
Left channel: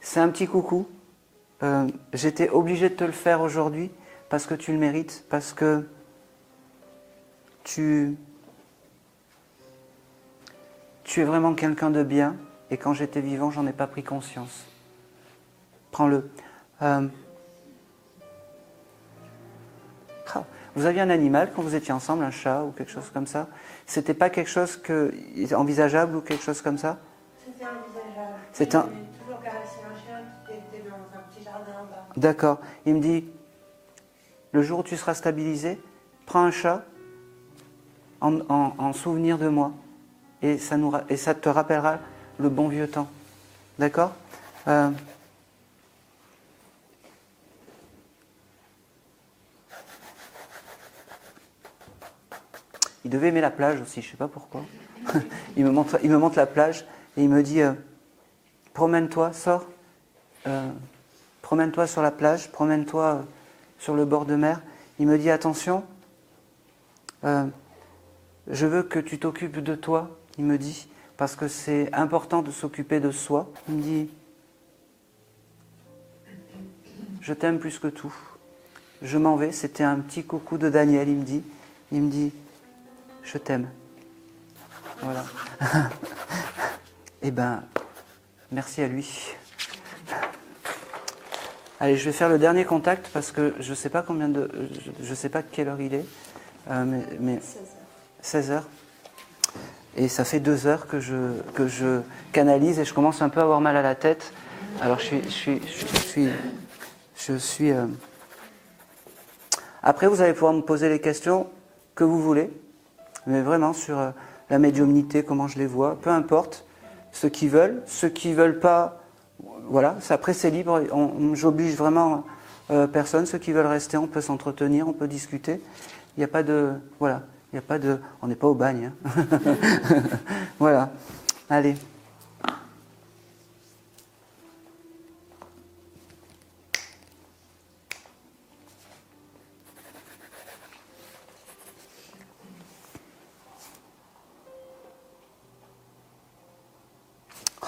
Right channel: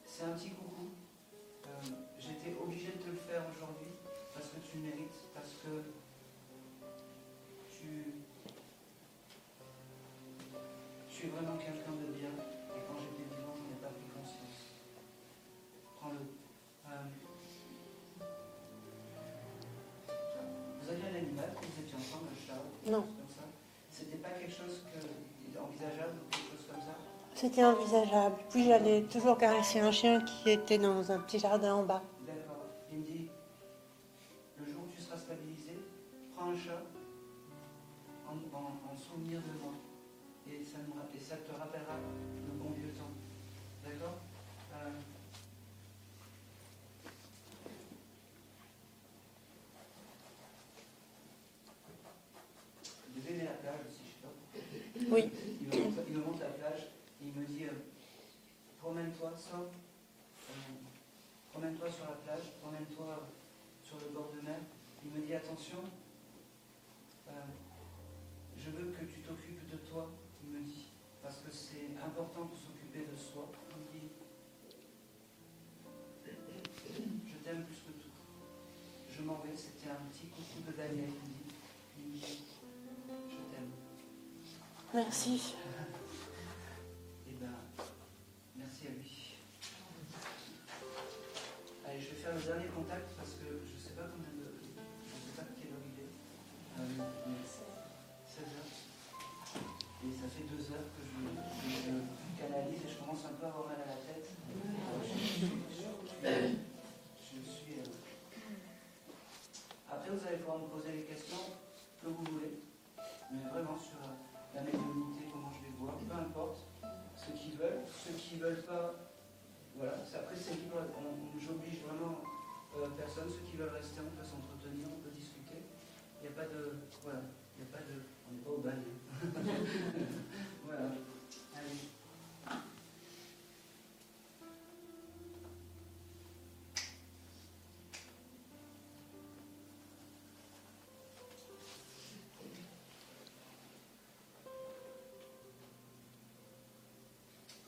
c'est un petit coucou. J'étais obligé de te le faire aujourd'hui parce que tu le mérites, parce que tu es vraiment quelqu'un de bien et quand j'étais vivant, j'en ai pas pris conscience. Prends-le. Vous aviez un animal quand vous étiez ensemble, un chat ou quelque chose comme ça? C'était pas quelque chose envisageable ou quelque chose comme ça? C'était envisageable. Puis il avait toujours caressé un chien qui était dans un petit jardin en bas. D'accord. Il me dit, le jour où tu seras stabilisé, prends un chat en souvenir de moi. Et ça te rappellera le bon vieux temps. D'accord? Il devait aimer la plage aussi, je ne sais pas pourquoi. Oui. Il me montre la plage et il me dit promène-toi, sors, promène-toi sur la plage, promène-toi sur le bord de mer. Il me dit attention, je veux que tu t'occupes de toi, il me dit, parce que c'est important de s'occuper de soi. Il me dit je t'aime plus que tout. Je m'en vais, c'était un petit coucou de Daniel, il me dit je t'aime. Merci. Voilà. Eh ben, merci à lui. Allez, je vais faire le dernier contact parce que je sais pas je sais pas quelle heure il est, mais 16 heures. Et ça fait 2 heures que je canalise et je commence un peu à avoir mal à la tête. Alors je suis. Après, vous allez pouvoir me poser les questions que vous voulez, mais vraiment sur la médiumnité, comment je les vois, peu importe. Ceux qui veulent pas, voilà. Après, c'est libre. J'oblige vraiment personne. Ceux qui veulent rester, on peut s'entretenir, on peut discuter. Il n'y a pas de, voilà. Il n'y a pas de, on n'est pas au bagne. Hein. Voilà. Allez.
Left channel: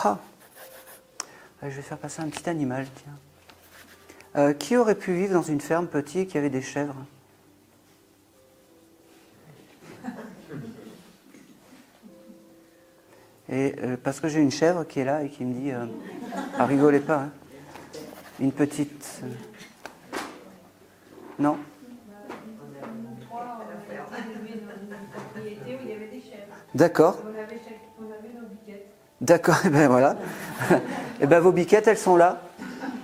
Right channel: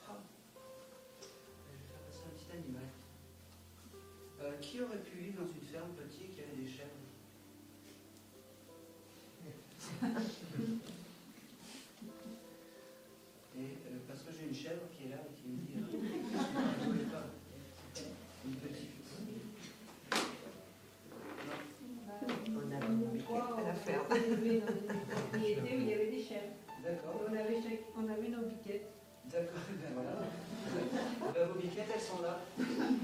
Ah. Je vais faire passer un petit animal, tiens. Qui aurait pu vivre dans une ferme petite et qui avait des chèvres? Et parce que j'ai une chèvre qui est là et qui me dit, ah, rigolez pas, hein. Une petite... Non? D'accord. D'accord, et ben voilà. Et ben vos biquettes, elles sont là.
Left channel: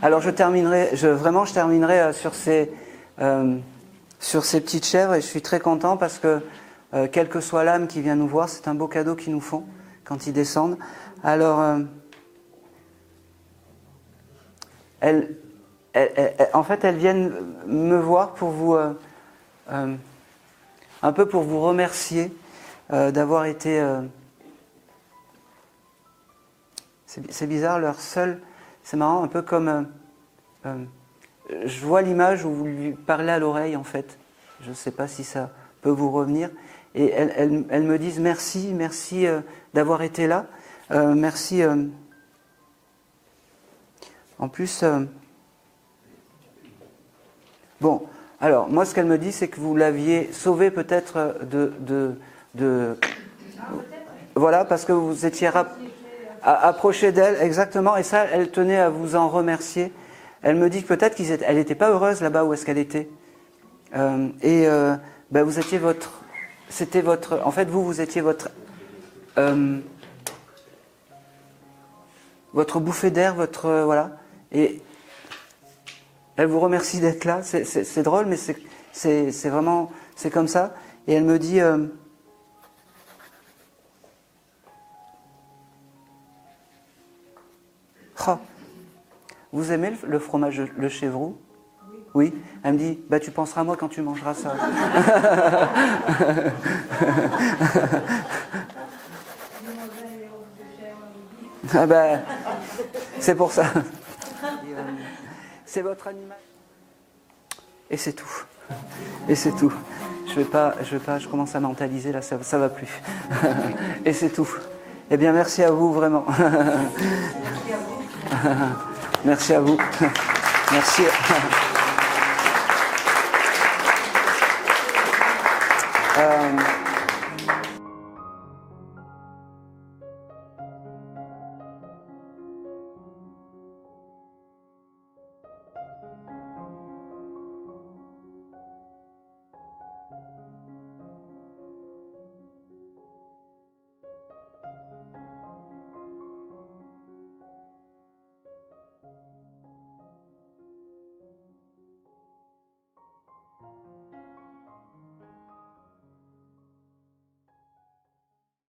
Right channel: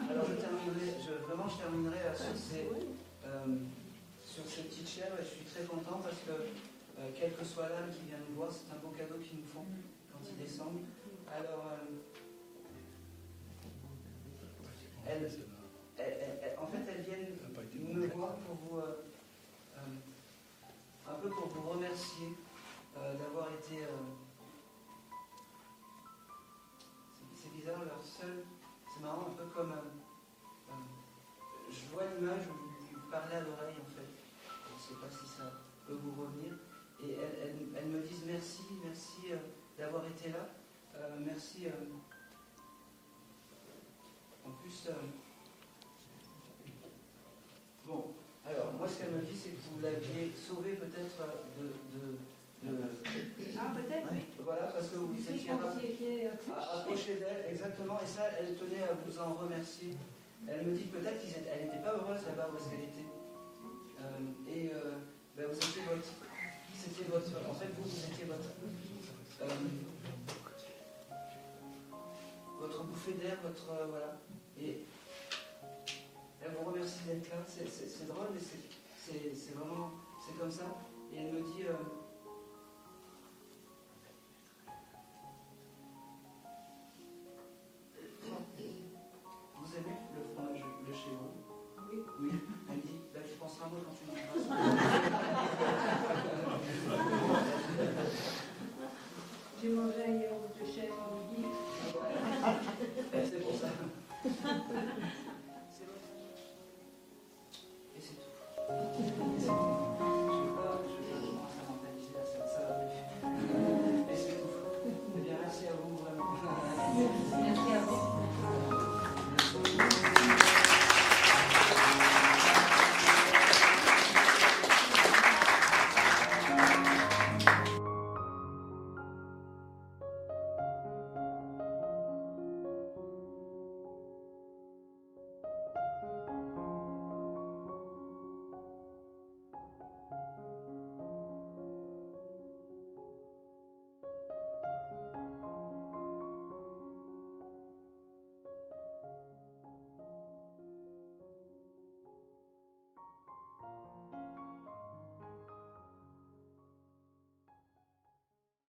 Alors je terminerai sur ces petites chèvres et je suis très content parce que quelle que soit l'âme qui vient nous voir, c'est un beau cadeau qu'ils nous font quand ils descendent. Alors, en fait, elles viennent me voir pour vous, un peu pour vous remercier d'avoir été... c'est bizarre, leur seul... C'est marrant, un peu comme... je vois l'image où vous lui parlez à l'oreille, en fait. Je ne sais pas si ça peut vous revenir. Et elles me disent merci d'avoir été là. Merci. En plus... Bon, alors, moi, ce qu'elle me dit, c'est que vous l'aviez sauvé peut-être Voilà, parce que vous étiez approché d'elle, exactement, et ça, elle tenait à vous en remercier. Elle me dit que peut-être qu'elle n'était pas heureuse là-bas où est-ce qu'elle était. Vous étiez en fait, vous étiez votre bouffée d'air, voilà. Et elle vous remercie d'être là. C'est drôle, mais c'est vraiment, c'est comme ça. Et elle me dit... Oh, vous aimez le fromage, le chèvroux? Oui. Elle me dit, tu penseras à moi quand tu mangeras ça. Ah c'est pour ça. C'est votre animal. Et c'est tout. Et c'est tout. Je commence à mentaliser là, ça va plus. Et c'est tout. Eh bien, merci à vous, vraiment. Merci à vous. Merci.